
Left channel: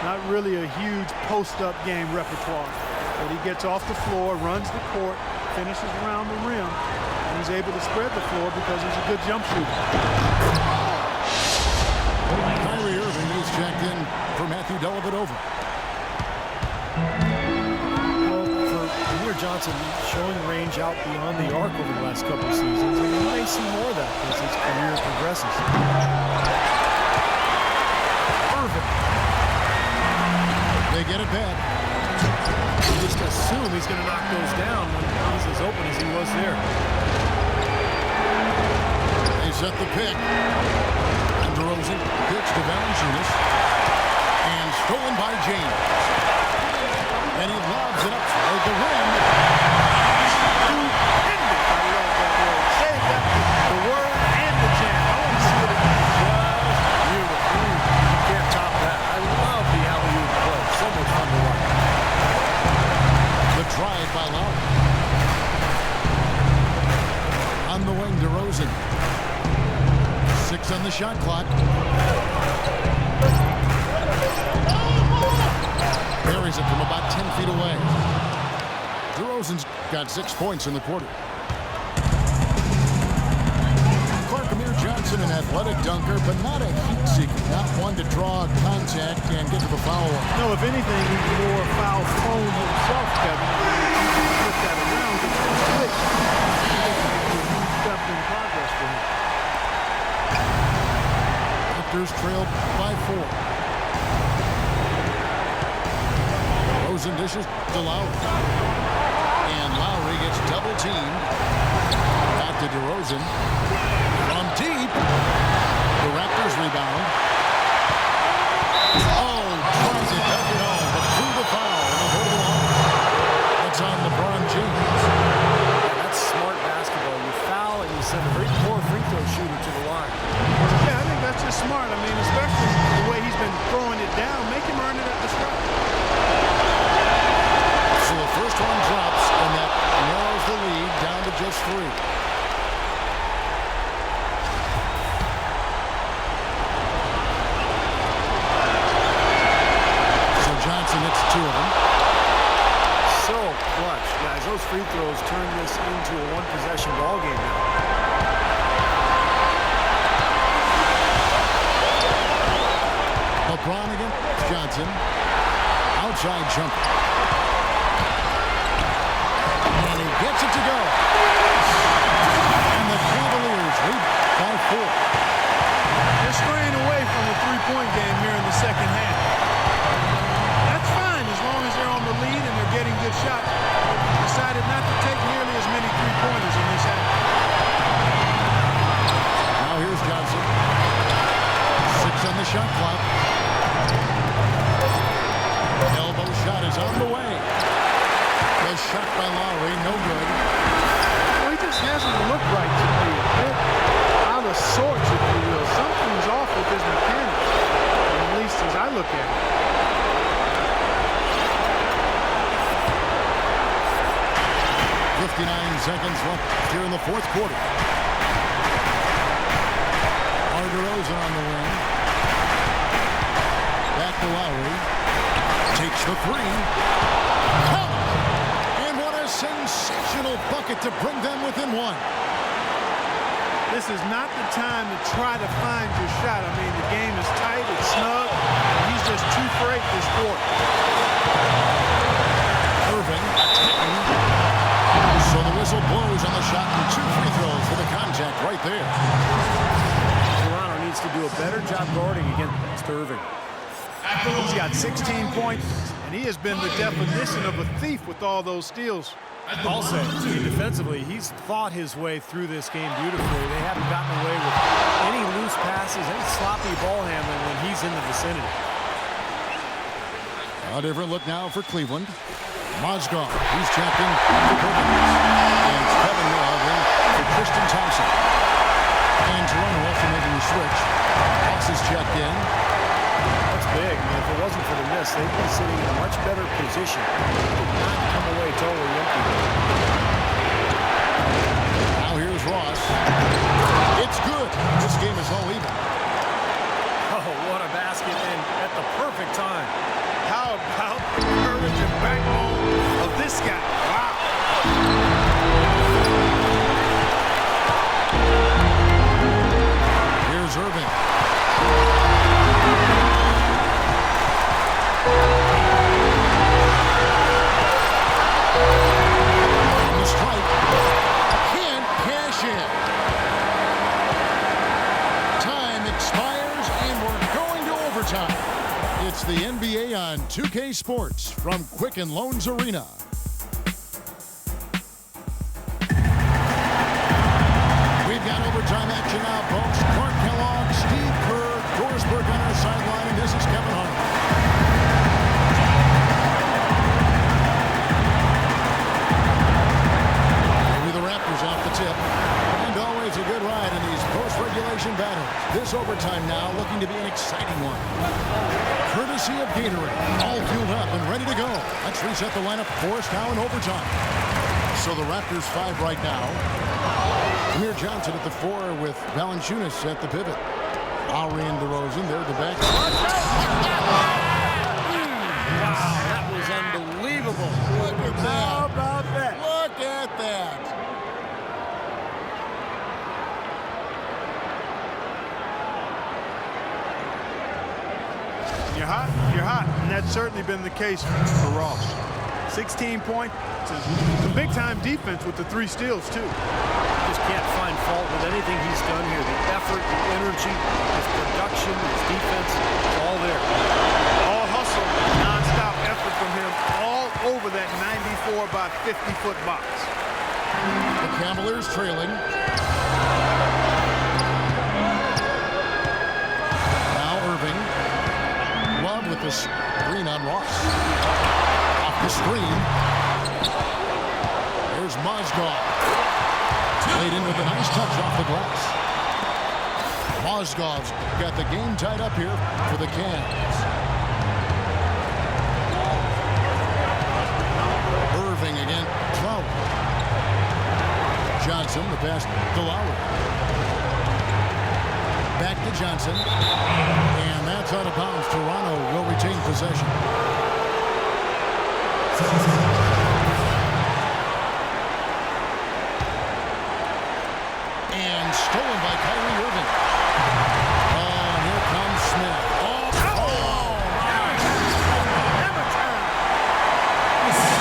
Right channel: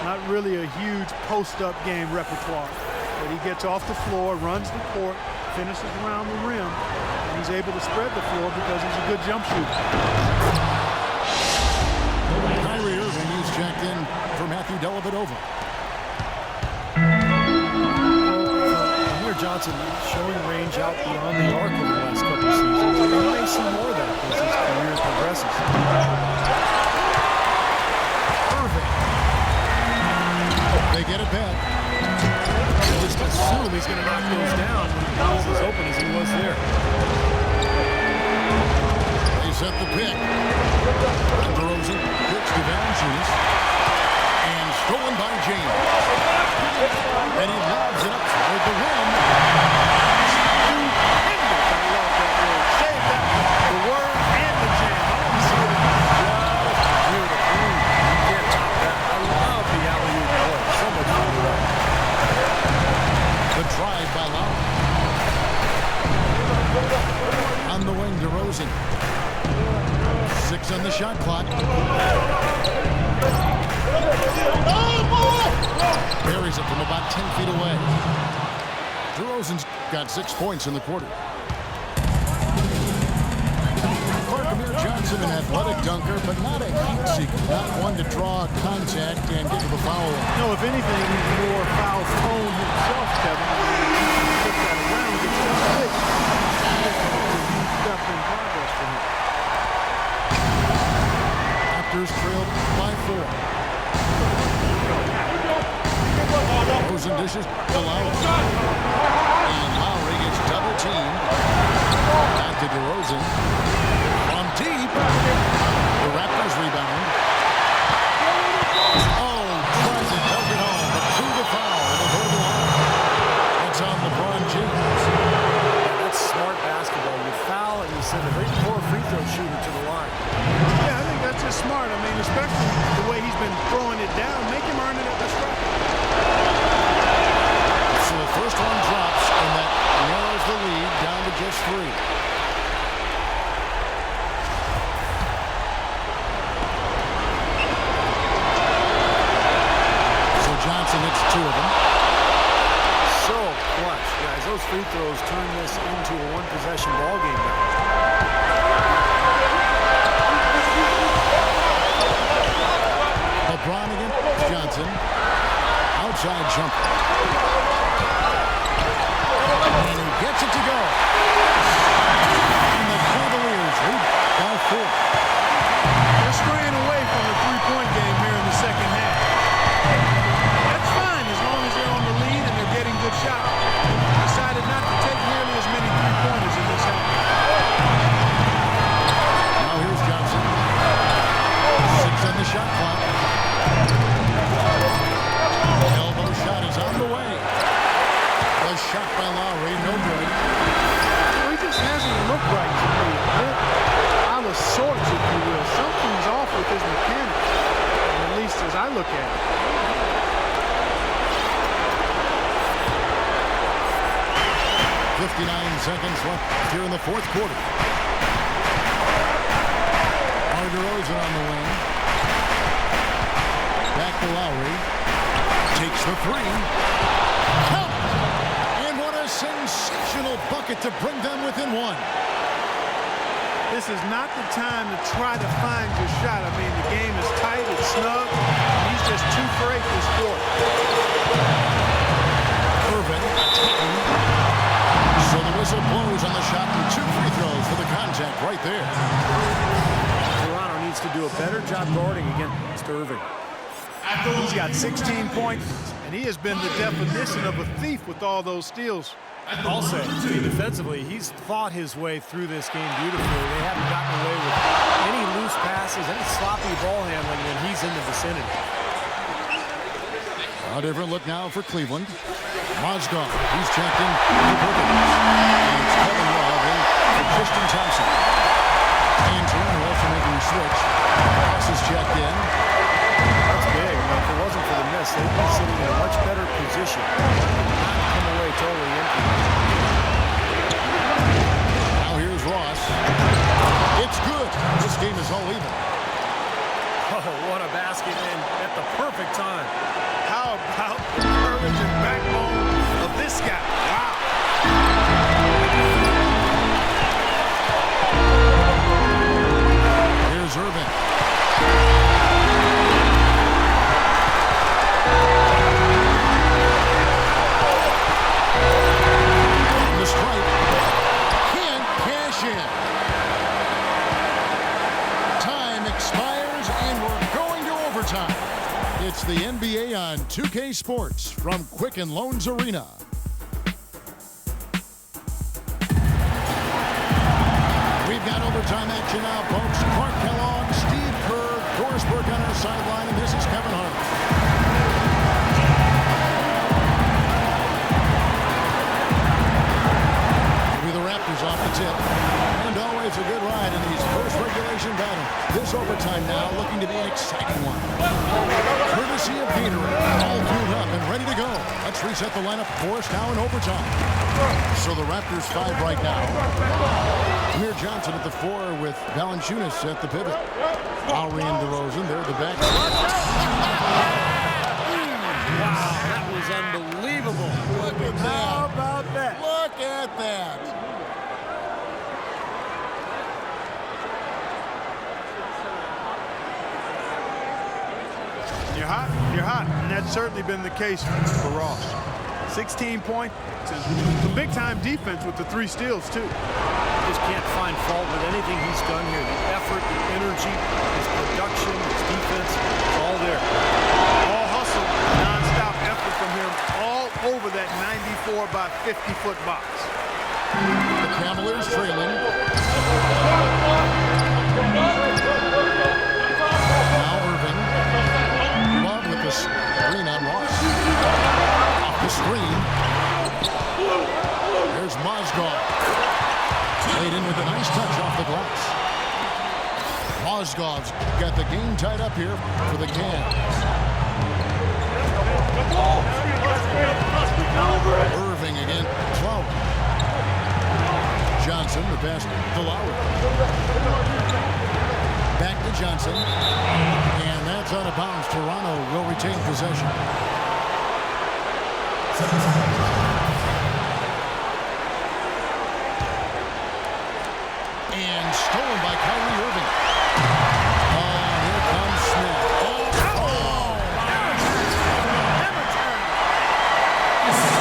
Not really a huge post-up game repertoire, but he gets off the floor, runs the court, finishes around the rim, and he's able to spread the floor because he's a good jump shooter. Kyrie Irving, he's checked in for Matthew Dellavedova. Amir Johnson showing range out beyond the arc over the last couple of seasons, and we may see more of that as his career progresses. Irving They get it back. You just assume he's going to knock those down when he's as open as he was there. They set the pick. And DeRozan pitch to Valanciunas. And stolen by James. And he lobs it up toward the rim. Stupendous. I love that word. Save that the word and the jam. I want to see it again. Just beautiful. You can't top that. I love the alley-oop play. So much fun to watch. The drive by Lowry. On the wing, DeRozan. 6 on the shot clock. Buries it from about 10 feet away. DeRozan's got 6 points in the quarter. Amir Johnson, an athletic dunker, but not a heat seeker. Not one to draw contact and get to the foul line. No, if anything, he's more foul prone himself, Kevin. I mean, if he can flip that around, get that switch, I think it would be a huge step in progress for him. Raptors trailed by 4. Rosen dishes to Lowry. And Lowry gets double teamed. Back to DeRozan. From deep. The Raptors rebound. Oh, tries to dunk it home, but through the foul, and they'll go to the line. That's on LeBron James. Yeah, that's smart basketball. You foul and you send a very poor free throw shooter to the line. Yeah, I think that's just smart. I mean, especially the way he's been throwing it down. Make him earn it at the stripe. So the first one drops, and that narrows the lead down to just 3. So Johnson hits 2 of them. So clutch. Guys, those free throws turn this into a one-possession ball game now. LeBron against Johnson. Outside jumper. And he gets it to go. And the Cavaliers lead by 4. They're straying away from the three-point game here in the second half. That's fine as long as they're on the lead and they're getting good shots. They decided not to take nearly as many three-pointers in this half. Now here's Johnson. 6 on the shot clock. Elbow shot is on the way. The shot by Lowry, no good. Well, he just hasn't looked right to me. A bit out of sorts, if you will. Something's off with his mechanics, at least as I look at it. .59 seconds left here in the fourth quarter. DeRozan on the wing. Back to Lowry. Takes the 3. Count! And what a sensational bucket to bring them within 1. This is not the time to try to find your shot. I mean, the game is tight, it's snug, and he's just 2 for 8 this quarter. Irving attacking. So the whistle blows on the shot and 2 free throws for the contact right there. Toronto needs to do a better job guarding against Irving. He's got 16 points, and he has been the definition of a thief with all those steals. I'll say, I mean, defensively, he's fought his way through this game beautifully. They haven't gotten away with any loose passes, any sloppy ball handling when he's in the vicinity. A different look now for Cleveland. Mozgov, he's checked in for Perkins. And it's Kevin Love in for Tristan Thompson. And Toronto also making a switch. Ross is checked in. That's big. I mean, if it wasn't for the miss, they'd be sitting in a much better position. They did not come away totally empty. Now here's Ross. It's good. This game is all even. Oh, what a basket, and at the perfect time. How about the courage and backbone of this guy? Wow. Here's Irving. On the strike. Can't cash in. Time expires, and we're going to overtime. It's the NBA on 2K Sports from Quicken Loans Arena. We've got overtime action now, folks. Clark Kellogg, Steve Kerr, Doris Burke on our sideline, and this is Kevin Harlan. The Raptors off the tip, and always a good ride in these post-regulation battles. This overtime now looking to be an exciting one. Courtesy of Gatorade, all fueled up and ready to go. Let's reset the lineup for us now in overtime. So the Raptors 5 right now. Amir Johnson at the 4 with Valanciunas at the pivot. Lowry and DeRozan, they're the back. Wow, that was unbelievable. Look at that. How about that? Look at that. You're hot, and that's certainly been the case for Ross. 16 points, some big-time defense with the 3 steals, too. You just can't find fault with anything he's done here. The effort, the energy, his production, his defense, it's all there. All hustle, non-stop effort from him all over that 94 by 50-foot box. The Cavaliers trailing. Now Irving. Love with the screen on Ross. Off the screen. Here's Mozgov. Played in with a nice touch off the glass. Mozgov's got the game tied up here for the Cavs. Irving again. Lowry. Johnson, the pass to Lowry. Back to Johnson. And that's out of bounds. Toronto will retain possession. And stolen by Kyrie Irving. Oh, and here comes Smith.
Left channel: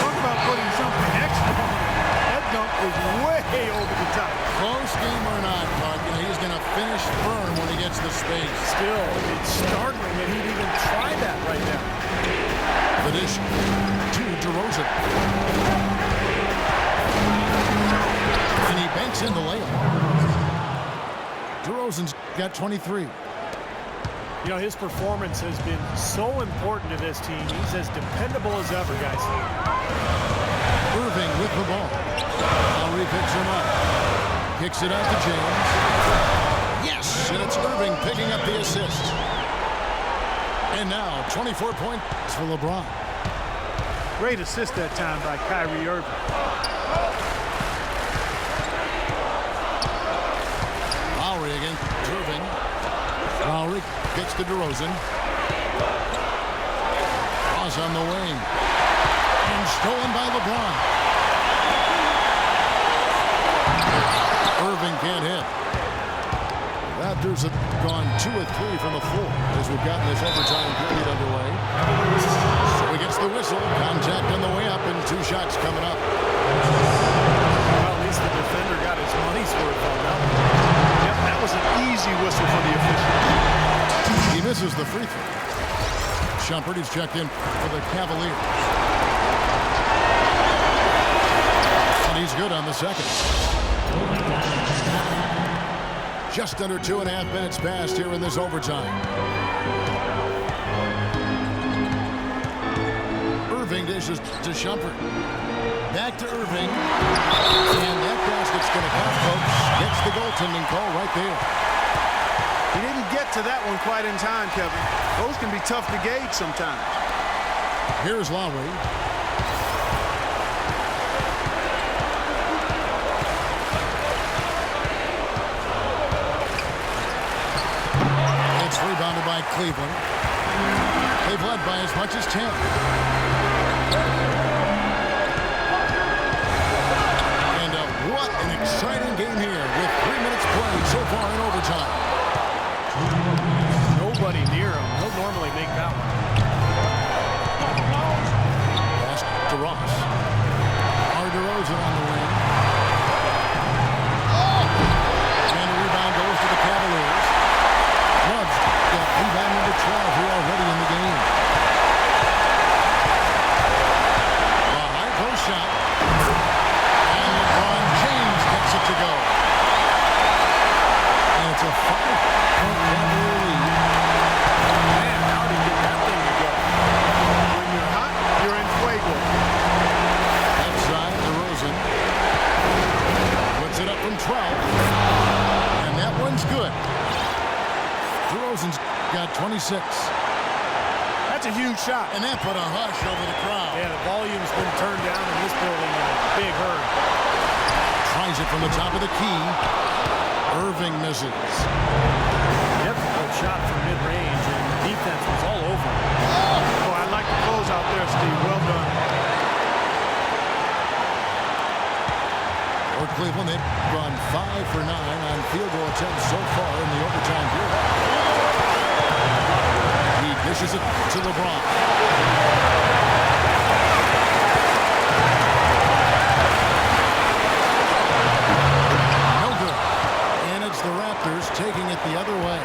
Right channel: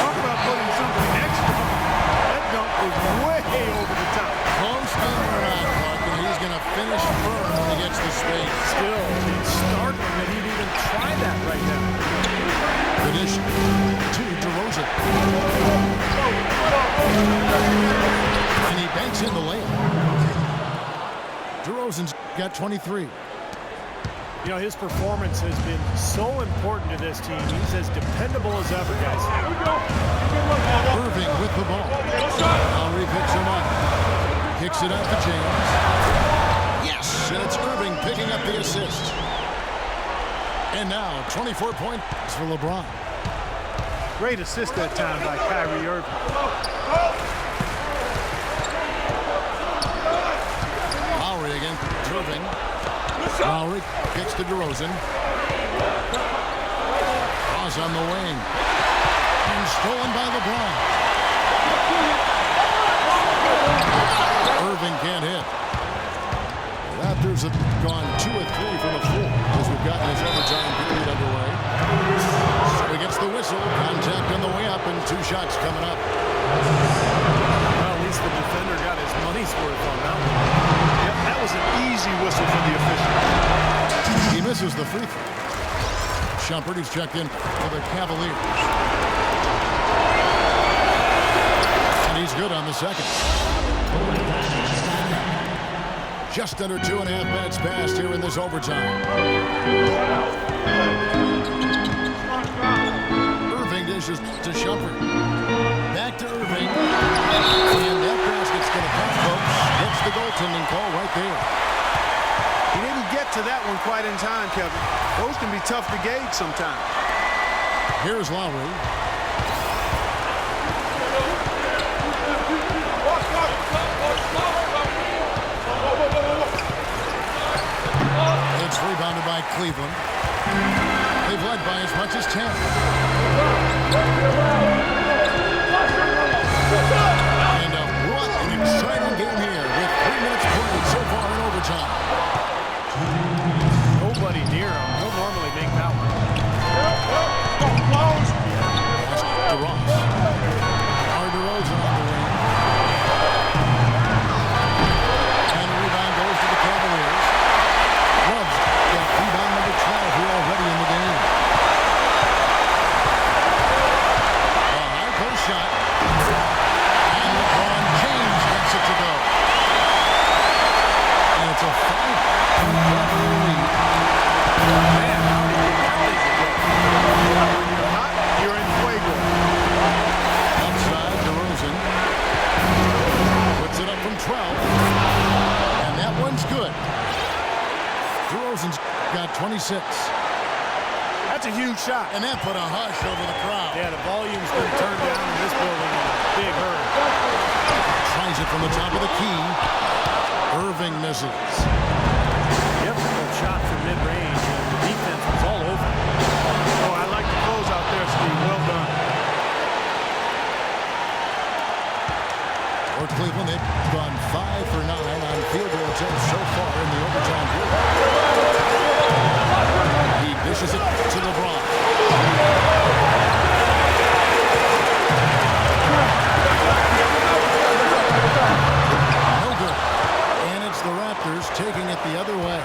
Talk about putting something extra on it. That dunk was way over the top. Close game or not, Clark, and he's going to finish firm when he gets the space. Still, it's startling that he'd even try that right now. The dish to DeRozan. And he banks in the layup. DeRozan's got 23. You know, his performance has been so important to this team. He's as dependable as ever, guys. Irving with the ball. Lowry picks him up. Kicks it out to James. Yes, and it's Irving picking up the assist. And now 24 points for LeBron. Great assist that time by Kyrie Irving. Lowry again. Irving. Lowry gets to DeRozan. Cross on the wing. And stolen by LeBron. Irving can't hit. The Raptors have gone 2 of 3 from the floor as we've gotten this overtime period underway. So he gets the whistle. Contact on the way up and 2 shots coming up. Well, at least the defender got his money's worth on that one. Yep, that was an easy whistle for the official. He misses the free throw. Shumpert, he's checked in for the Cavaliers. And he's good on the second. Just under 2.5 minutes passed here in this overtime. Irving dishes to Shumpert. Back to Irving. And that basket's going to count, folks. Gets the goaltending call right there. He didn't get to that one quite in time, Kevin. Those can be tough to gauge sometimes. Here's Lowry. It's rebounded by Cleveland. They've led by as much as 10. And what an exciting game here with 3 minutes played so far in overtime. Nobody near him. He'll normally make that one. Pass to Ross. DeRozan on the wing. And the rebound goes to the Cavaliers. Love's got rebound number here already in the game. The high post shot. And LeBron James gets it to go. And it's a 5-point Cavalier lead. Man, how did he get that thing to go? When you're hot, you're in fuego. Left side, DeRozan. Puts it up from 12. And that one's good. DeRozan's got 26. That's a huge shot. And that put a hush over the crowd. Yeah, the volume's been turned down in this building in a big hurry. Tries it from the top of the key. Irving misses. Difficult shot from mid-range, and the defense was all over him. Oh, I like the close out there, Steve. Well done. For Cleveland, they've gone 5 for 9 on field goal attempts so far in the overtime period. He dishes it to LeBron. No good. And it's the Raptors taking it the other way.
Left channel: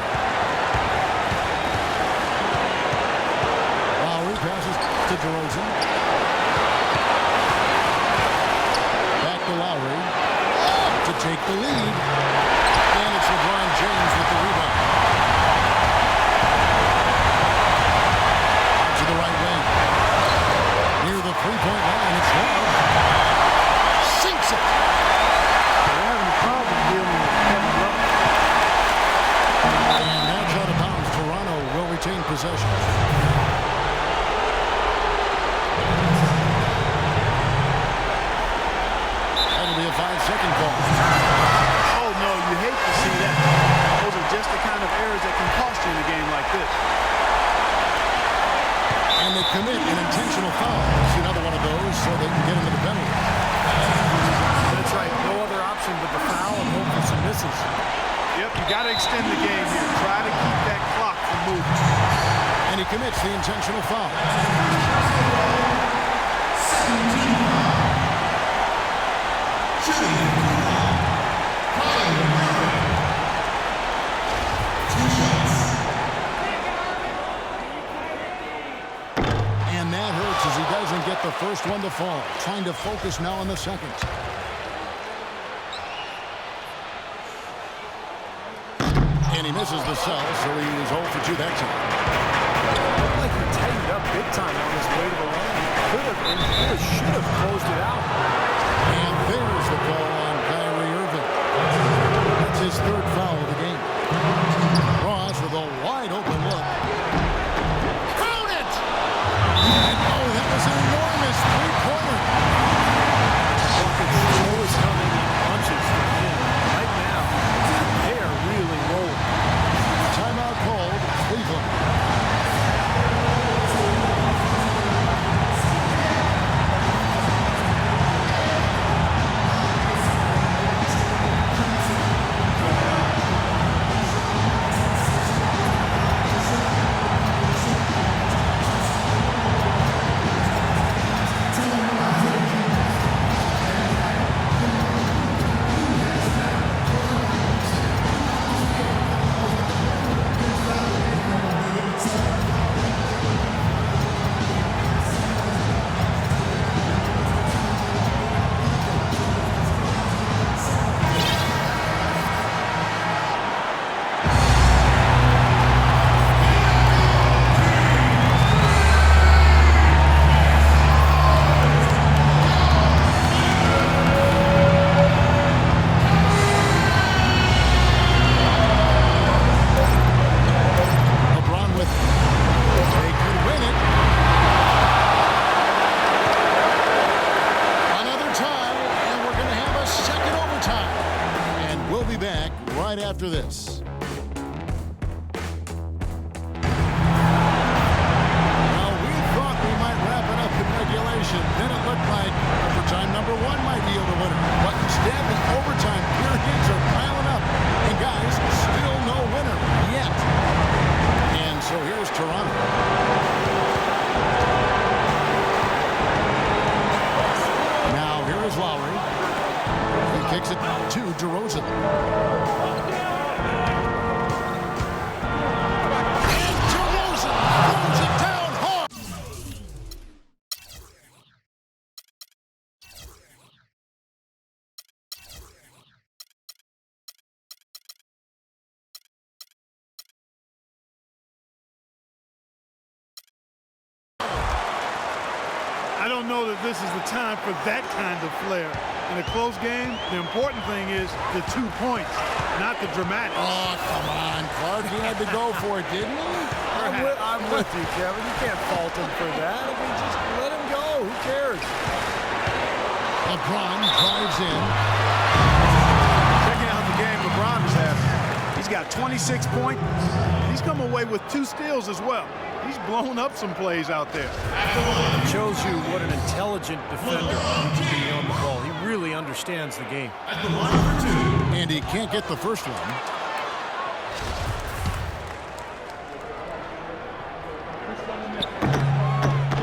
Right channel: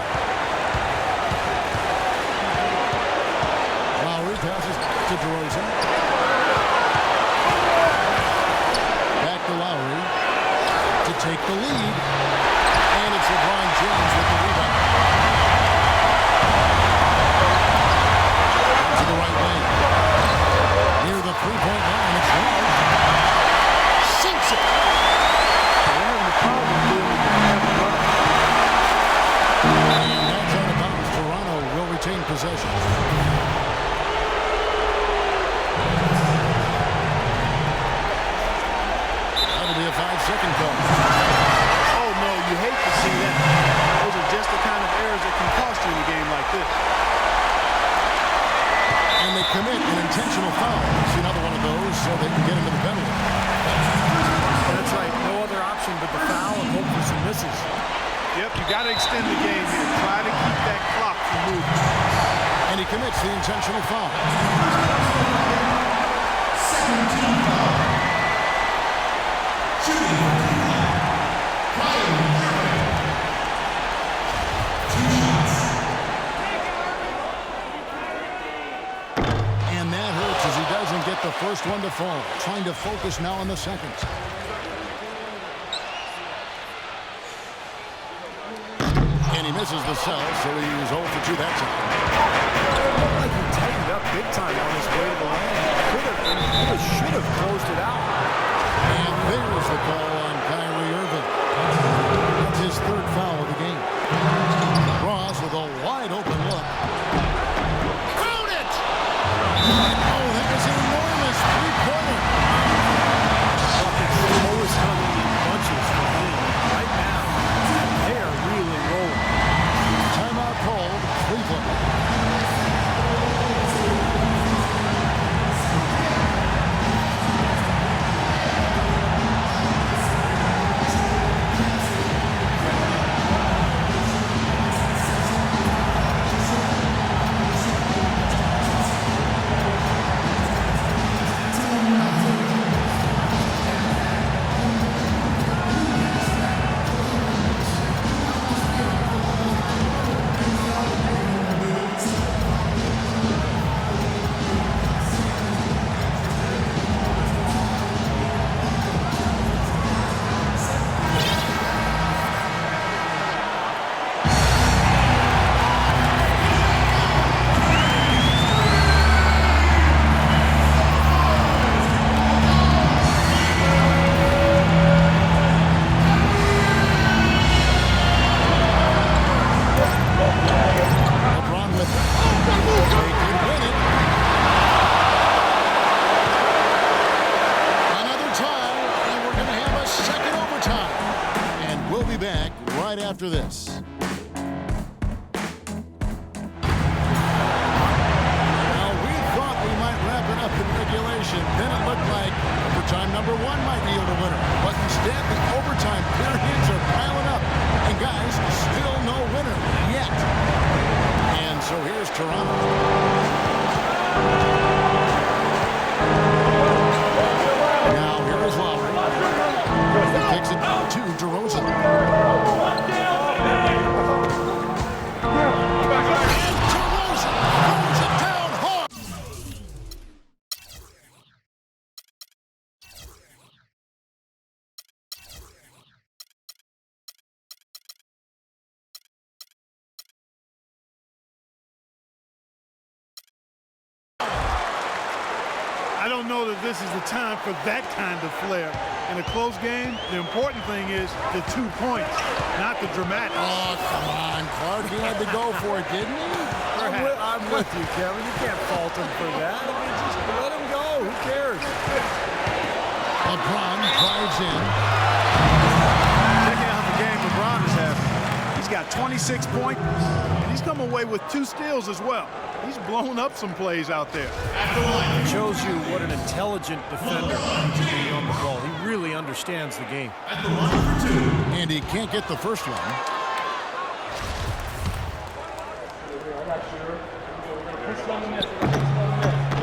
Lowry passes to DeRozan. Back to Lowry to take the lead. And it's LeBron James with the rebound. To the right wing. Near the three-point line, it's Love. Sinks it. They're having a problem dealing with Kevin Love. And that's out of bounds. Toronto will retain possession. That'll be a 5-second call. Oh, no, you hate to see that. Those are just the kind of errors that can cost you in a game like this. And they commit an intentional foul. See another one of those so they can get into the penalty. That's right. No other option but the foul and hope for some misses. Yep, you got to extend the game here. Try to keep that clock from moving. And he commits the intentional foul. And that hurts as he doesn't get the first one to fall. Trying to focus now on the second. And he misses the cell, so he is 0 for 2 that time. Looked like he tightened up big time on his way to the line. He could have and really should have closed it out. And there's the call on Kyrie Irving. That's his third foul of the game. Ross with a wide open look. Count it! And oh, that was an enormous three-pointer. Buckets always coming in bunches for him. Right now, they are really rolling. Timeout called, Cleveland. After this. Well, we thought we might wrap it up in regulation. Then it looked like overtime number 1 might yield a winner. But instead, the overtime periods are piling up. And guys, still no winner yet. And so here's Toronto. Now here is Lowry. He kicks it to DeRozan. I don't know that this is the time for that kind of flair. In a close game, the important thing is the 2 points, not the dramatics. Oh, come on, Clark. He had to go for it, didn't he? I'm with you, Kevin. You can't fault him for that. I mean, just let him go. Who cares? LeBron drives in. Checking out the game LeBron is having. He's got 26 points, and he's come away with 2 steals as well. He's blown up some plays out there. It shows you what an intelligent defender he can be on the ball. He really understands the game. And he can't get the first one.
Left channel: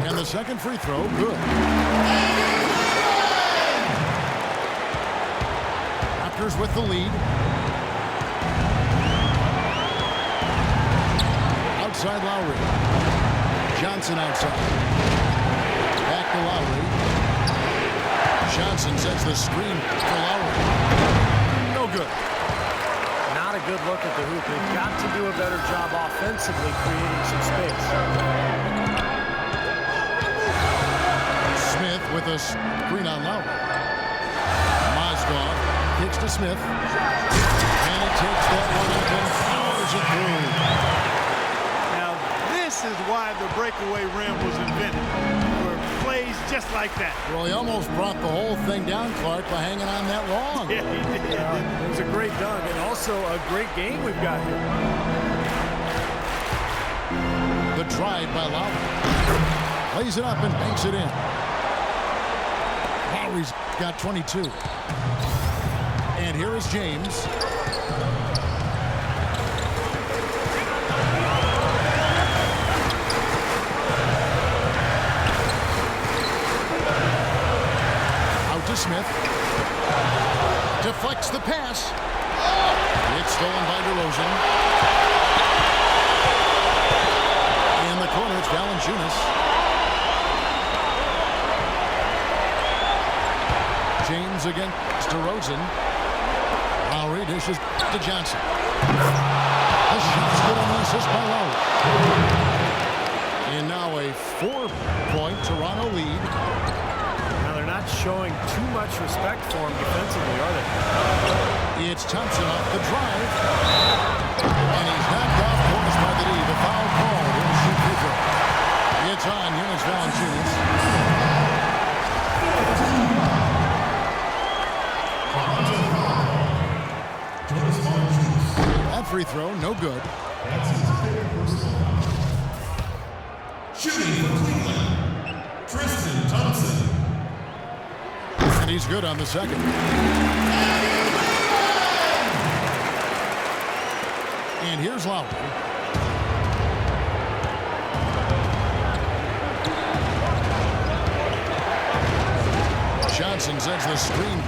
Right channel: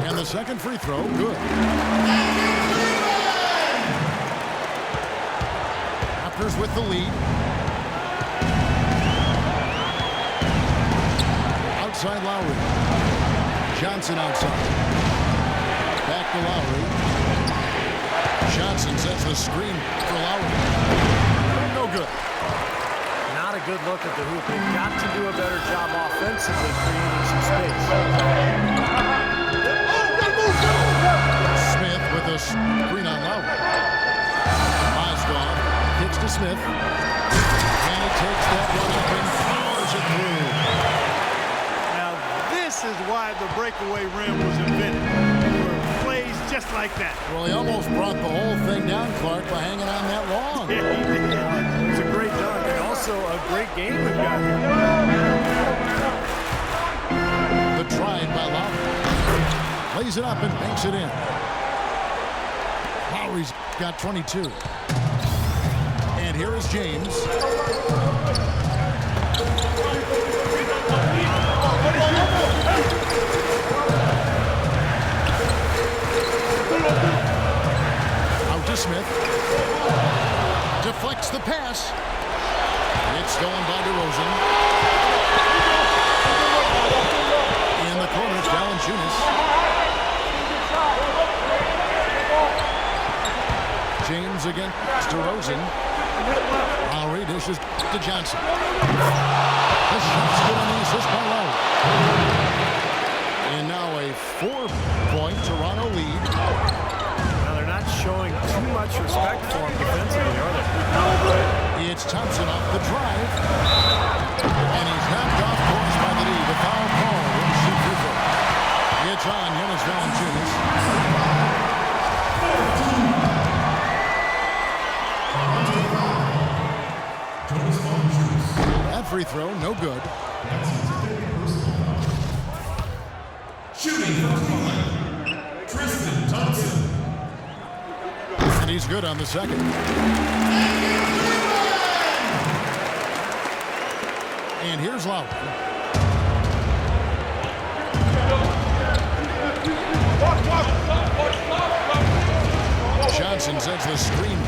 And the second free throw, good. Raptors with the lead. Outside Lowry. Johnson outside. Back to Lowry. Johnson sets the screen for Lowry. No good. Not a good look at the hoop. They've got to do a better job offensively creating some space. Smith with a screen on Lowry. Mozgov kicks to Smith. And he takes that one up and powers it through. Now, this is why the breakaway rim was invented, for plays just like that. Well, he almost brought the whole thing down, Clark, by hanging on that long. Yeah, he did. It was a great dunk and also a great game we've got here. The drive by Lowry. Plays it up and banks it in. Lowry's got 22. And here is James. Out to Smith. Deflects the pass. It's stolen by DeRozan. In the corner, it's Valanciunas. James against DeRozan. Lowry dishes to Johnson. The shot's good on the assist by Lowry. And now a 4-point Toronto lead. Now they're not showing too much respect for him defensively, are they? It's Thompson off the drive. And he's knocked off course by the D. The foul called. He'll shoot free throw. It's on Jonas Valanciunas. That free throw, no good. Shooting from Cleveland, Tristan Thompson. And he's good on the second. And here's Lowry. Johnson sets the screen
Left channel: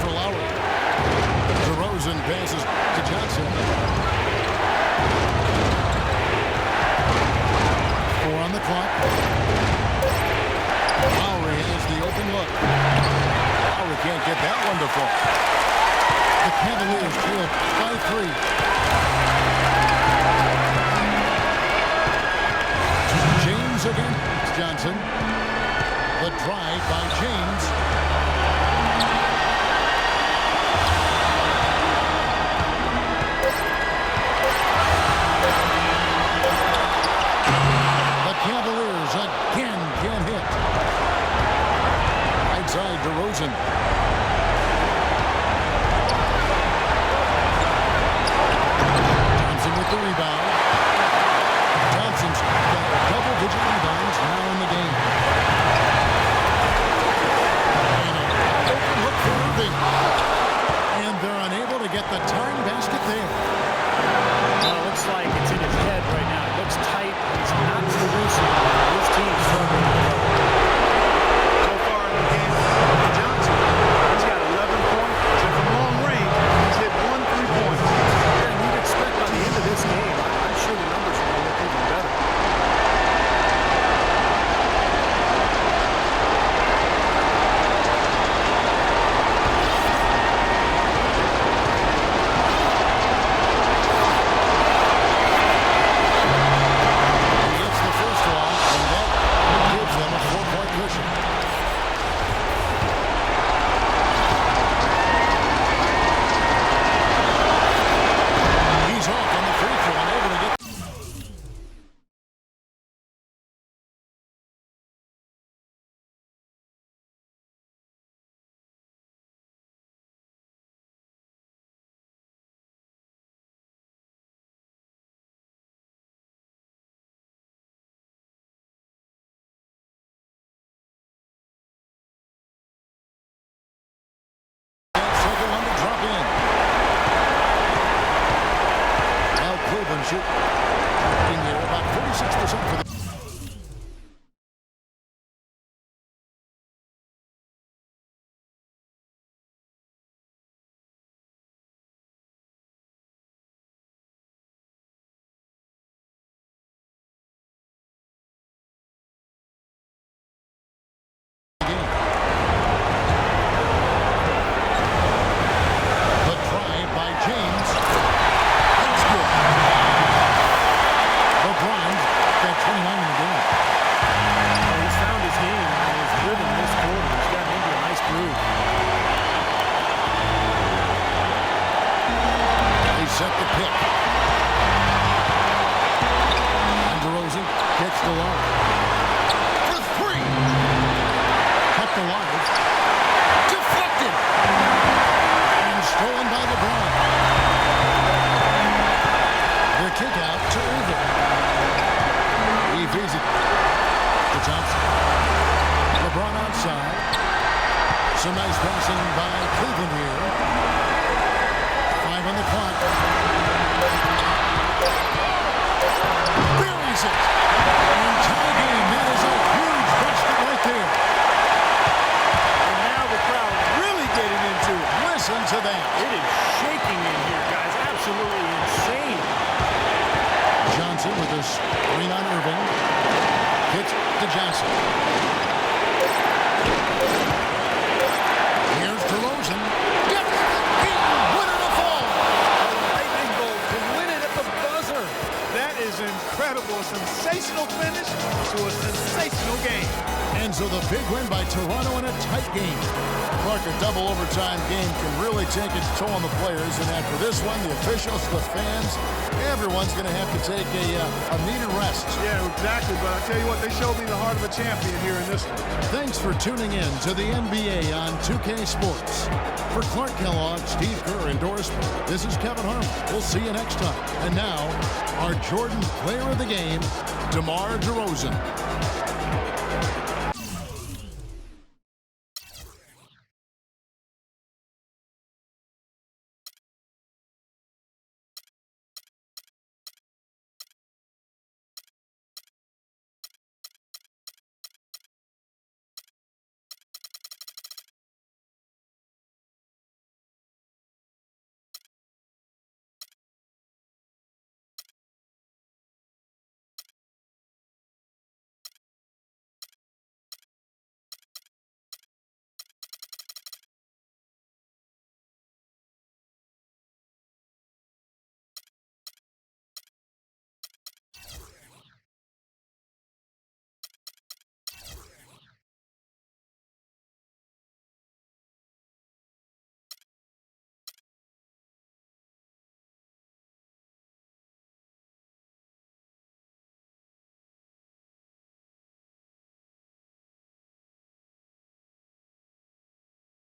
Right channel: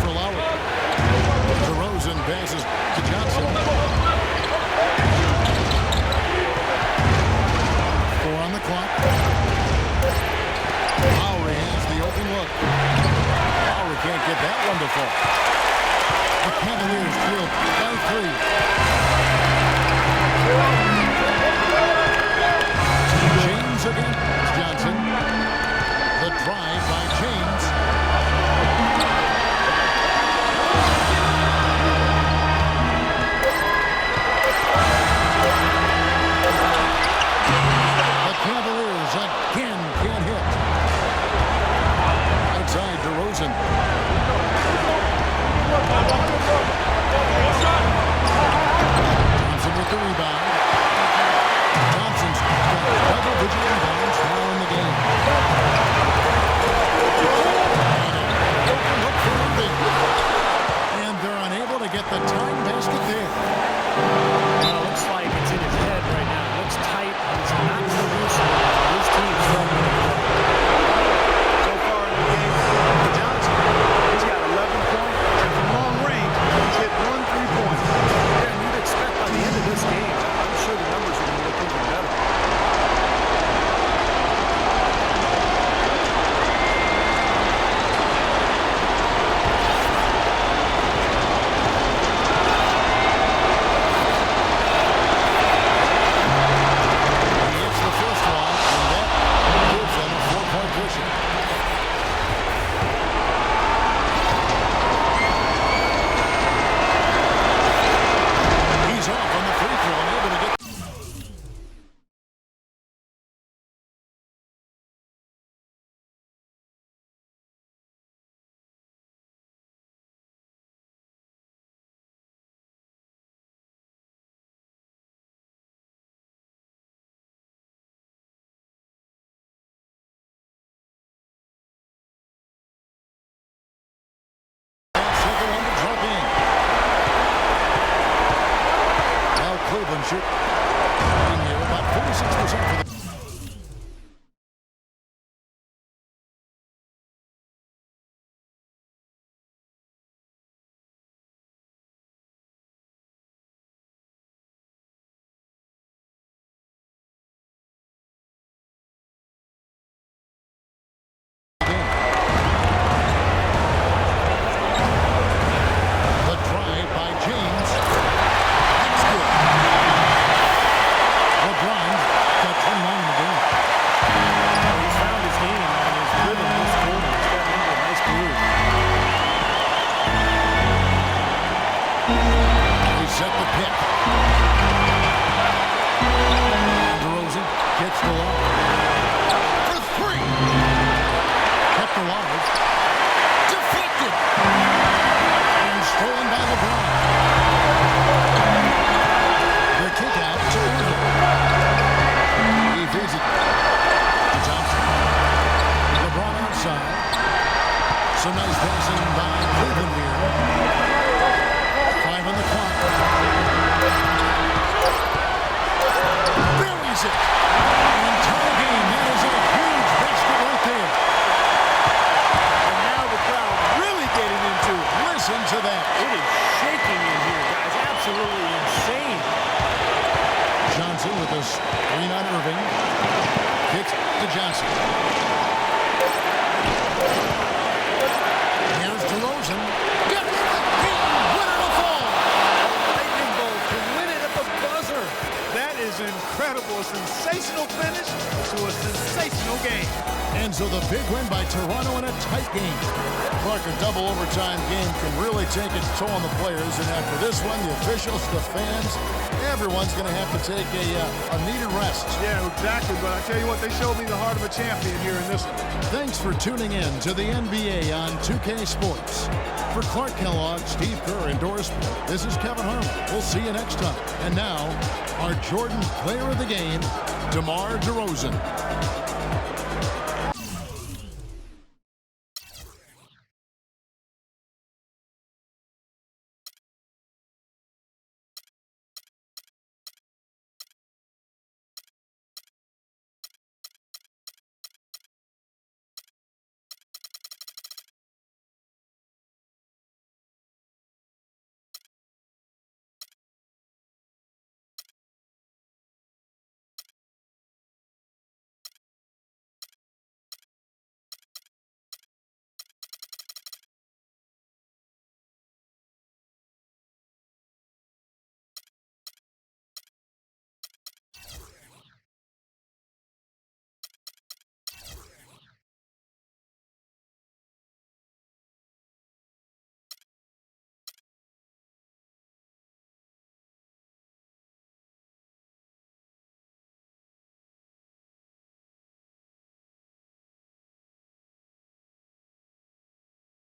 for Lowry. DeRozan passes to Johnson. 4 on the clock. Lowry has the open look. Lowry can't get that one to fall. The Cavaliers trail by 3. James against Johnson. The drive by James. Cavaliers again can't hit. Outside DeRozan. Thompson with the rebound. Thompson's got double-digit rebounds now in the game. And an open look for Irving. And they're unable to get the tying basket there. Well, it looks like it's in his head right now. It looks tight. He's not producing. His team's struggling as well. So far in the game for Johnson, he's got 11 points, and from long range, he's hit 1 3-pointer. Yeah, and you'd expect by the end of this game, I'm sure the numbers are going to look even better. He hits the first one, and that gives them a 4-point cushion. free throw and able to get. Second one to drop in. Well, Cleveland shooting here about 46% for the game. The drive by James. That's good. LeBron got 29 in the game. Well, he's found his game and his rhythm this quarter. He's gotten into a nice groove. They set the pick. And DeRozan gets the low. For three. Kept alive. Deflected. And stolen by LeBron. The kick out to Irving. He feeds it to Thompson. LeBron outside. Some nice passing by Cleveland here. 5 on the clock. Buries it. And tie game. That is a huge basket right there. And now the crowd really getting into it. Listen to that. It is shaking in here, guys. Absolutely insane. Johnson with a screen on Irving. Kicks to Johnson. Here's DeRozan. Gets the game winner to fall. A lightning bolt to win it at the buzzer. That is incredible. A sensational finish to a sensational game. And so the big win by Toronto in a tight game. Clark, a double overtime game can really take its toll on the players. And after this one, the officials, the fans, everyone's going to have to take a needed rest. Yeah, exactly. But I tell you what, they showed me the heart of a champion here in this one. Thanks for tuning in to the NBA on 2K Sports. For Clark Kellogg, Steve Kerr, and Doris Sport, this is Kevin Harlan. We'll see you next time. And now, our Jordan Player of the Game, DeMar DeRozan.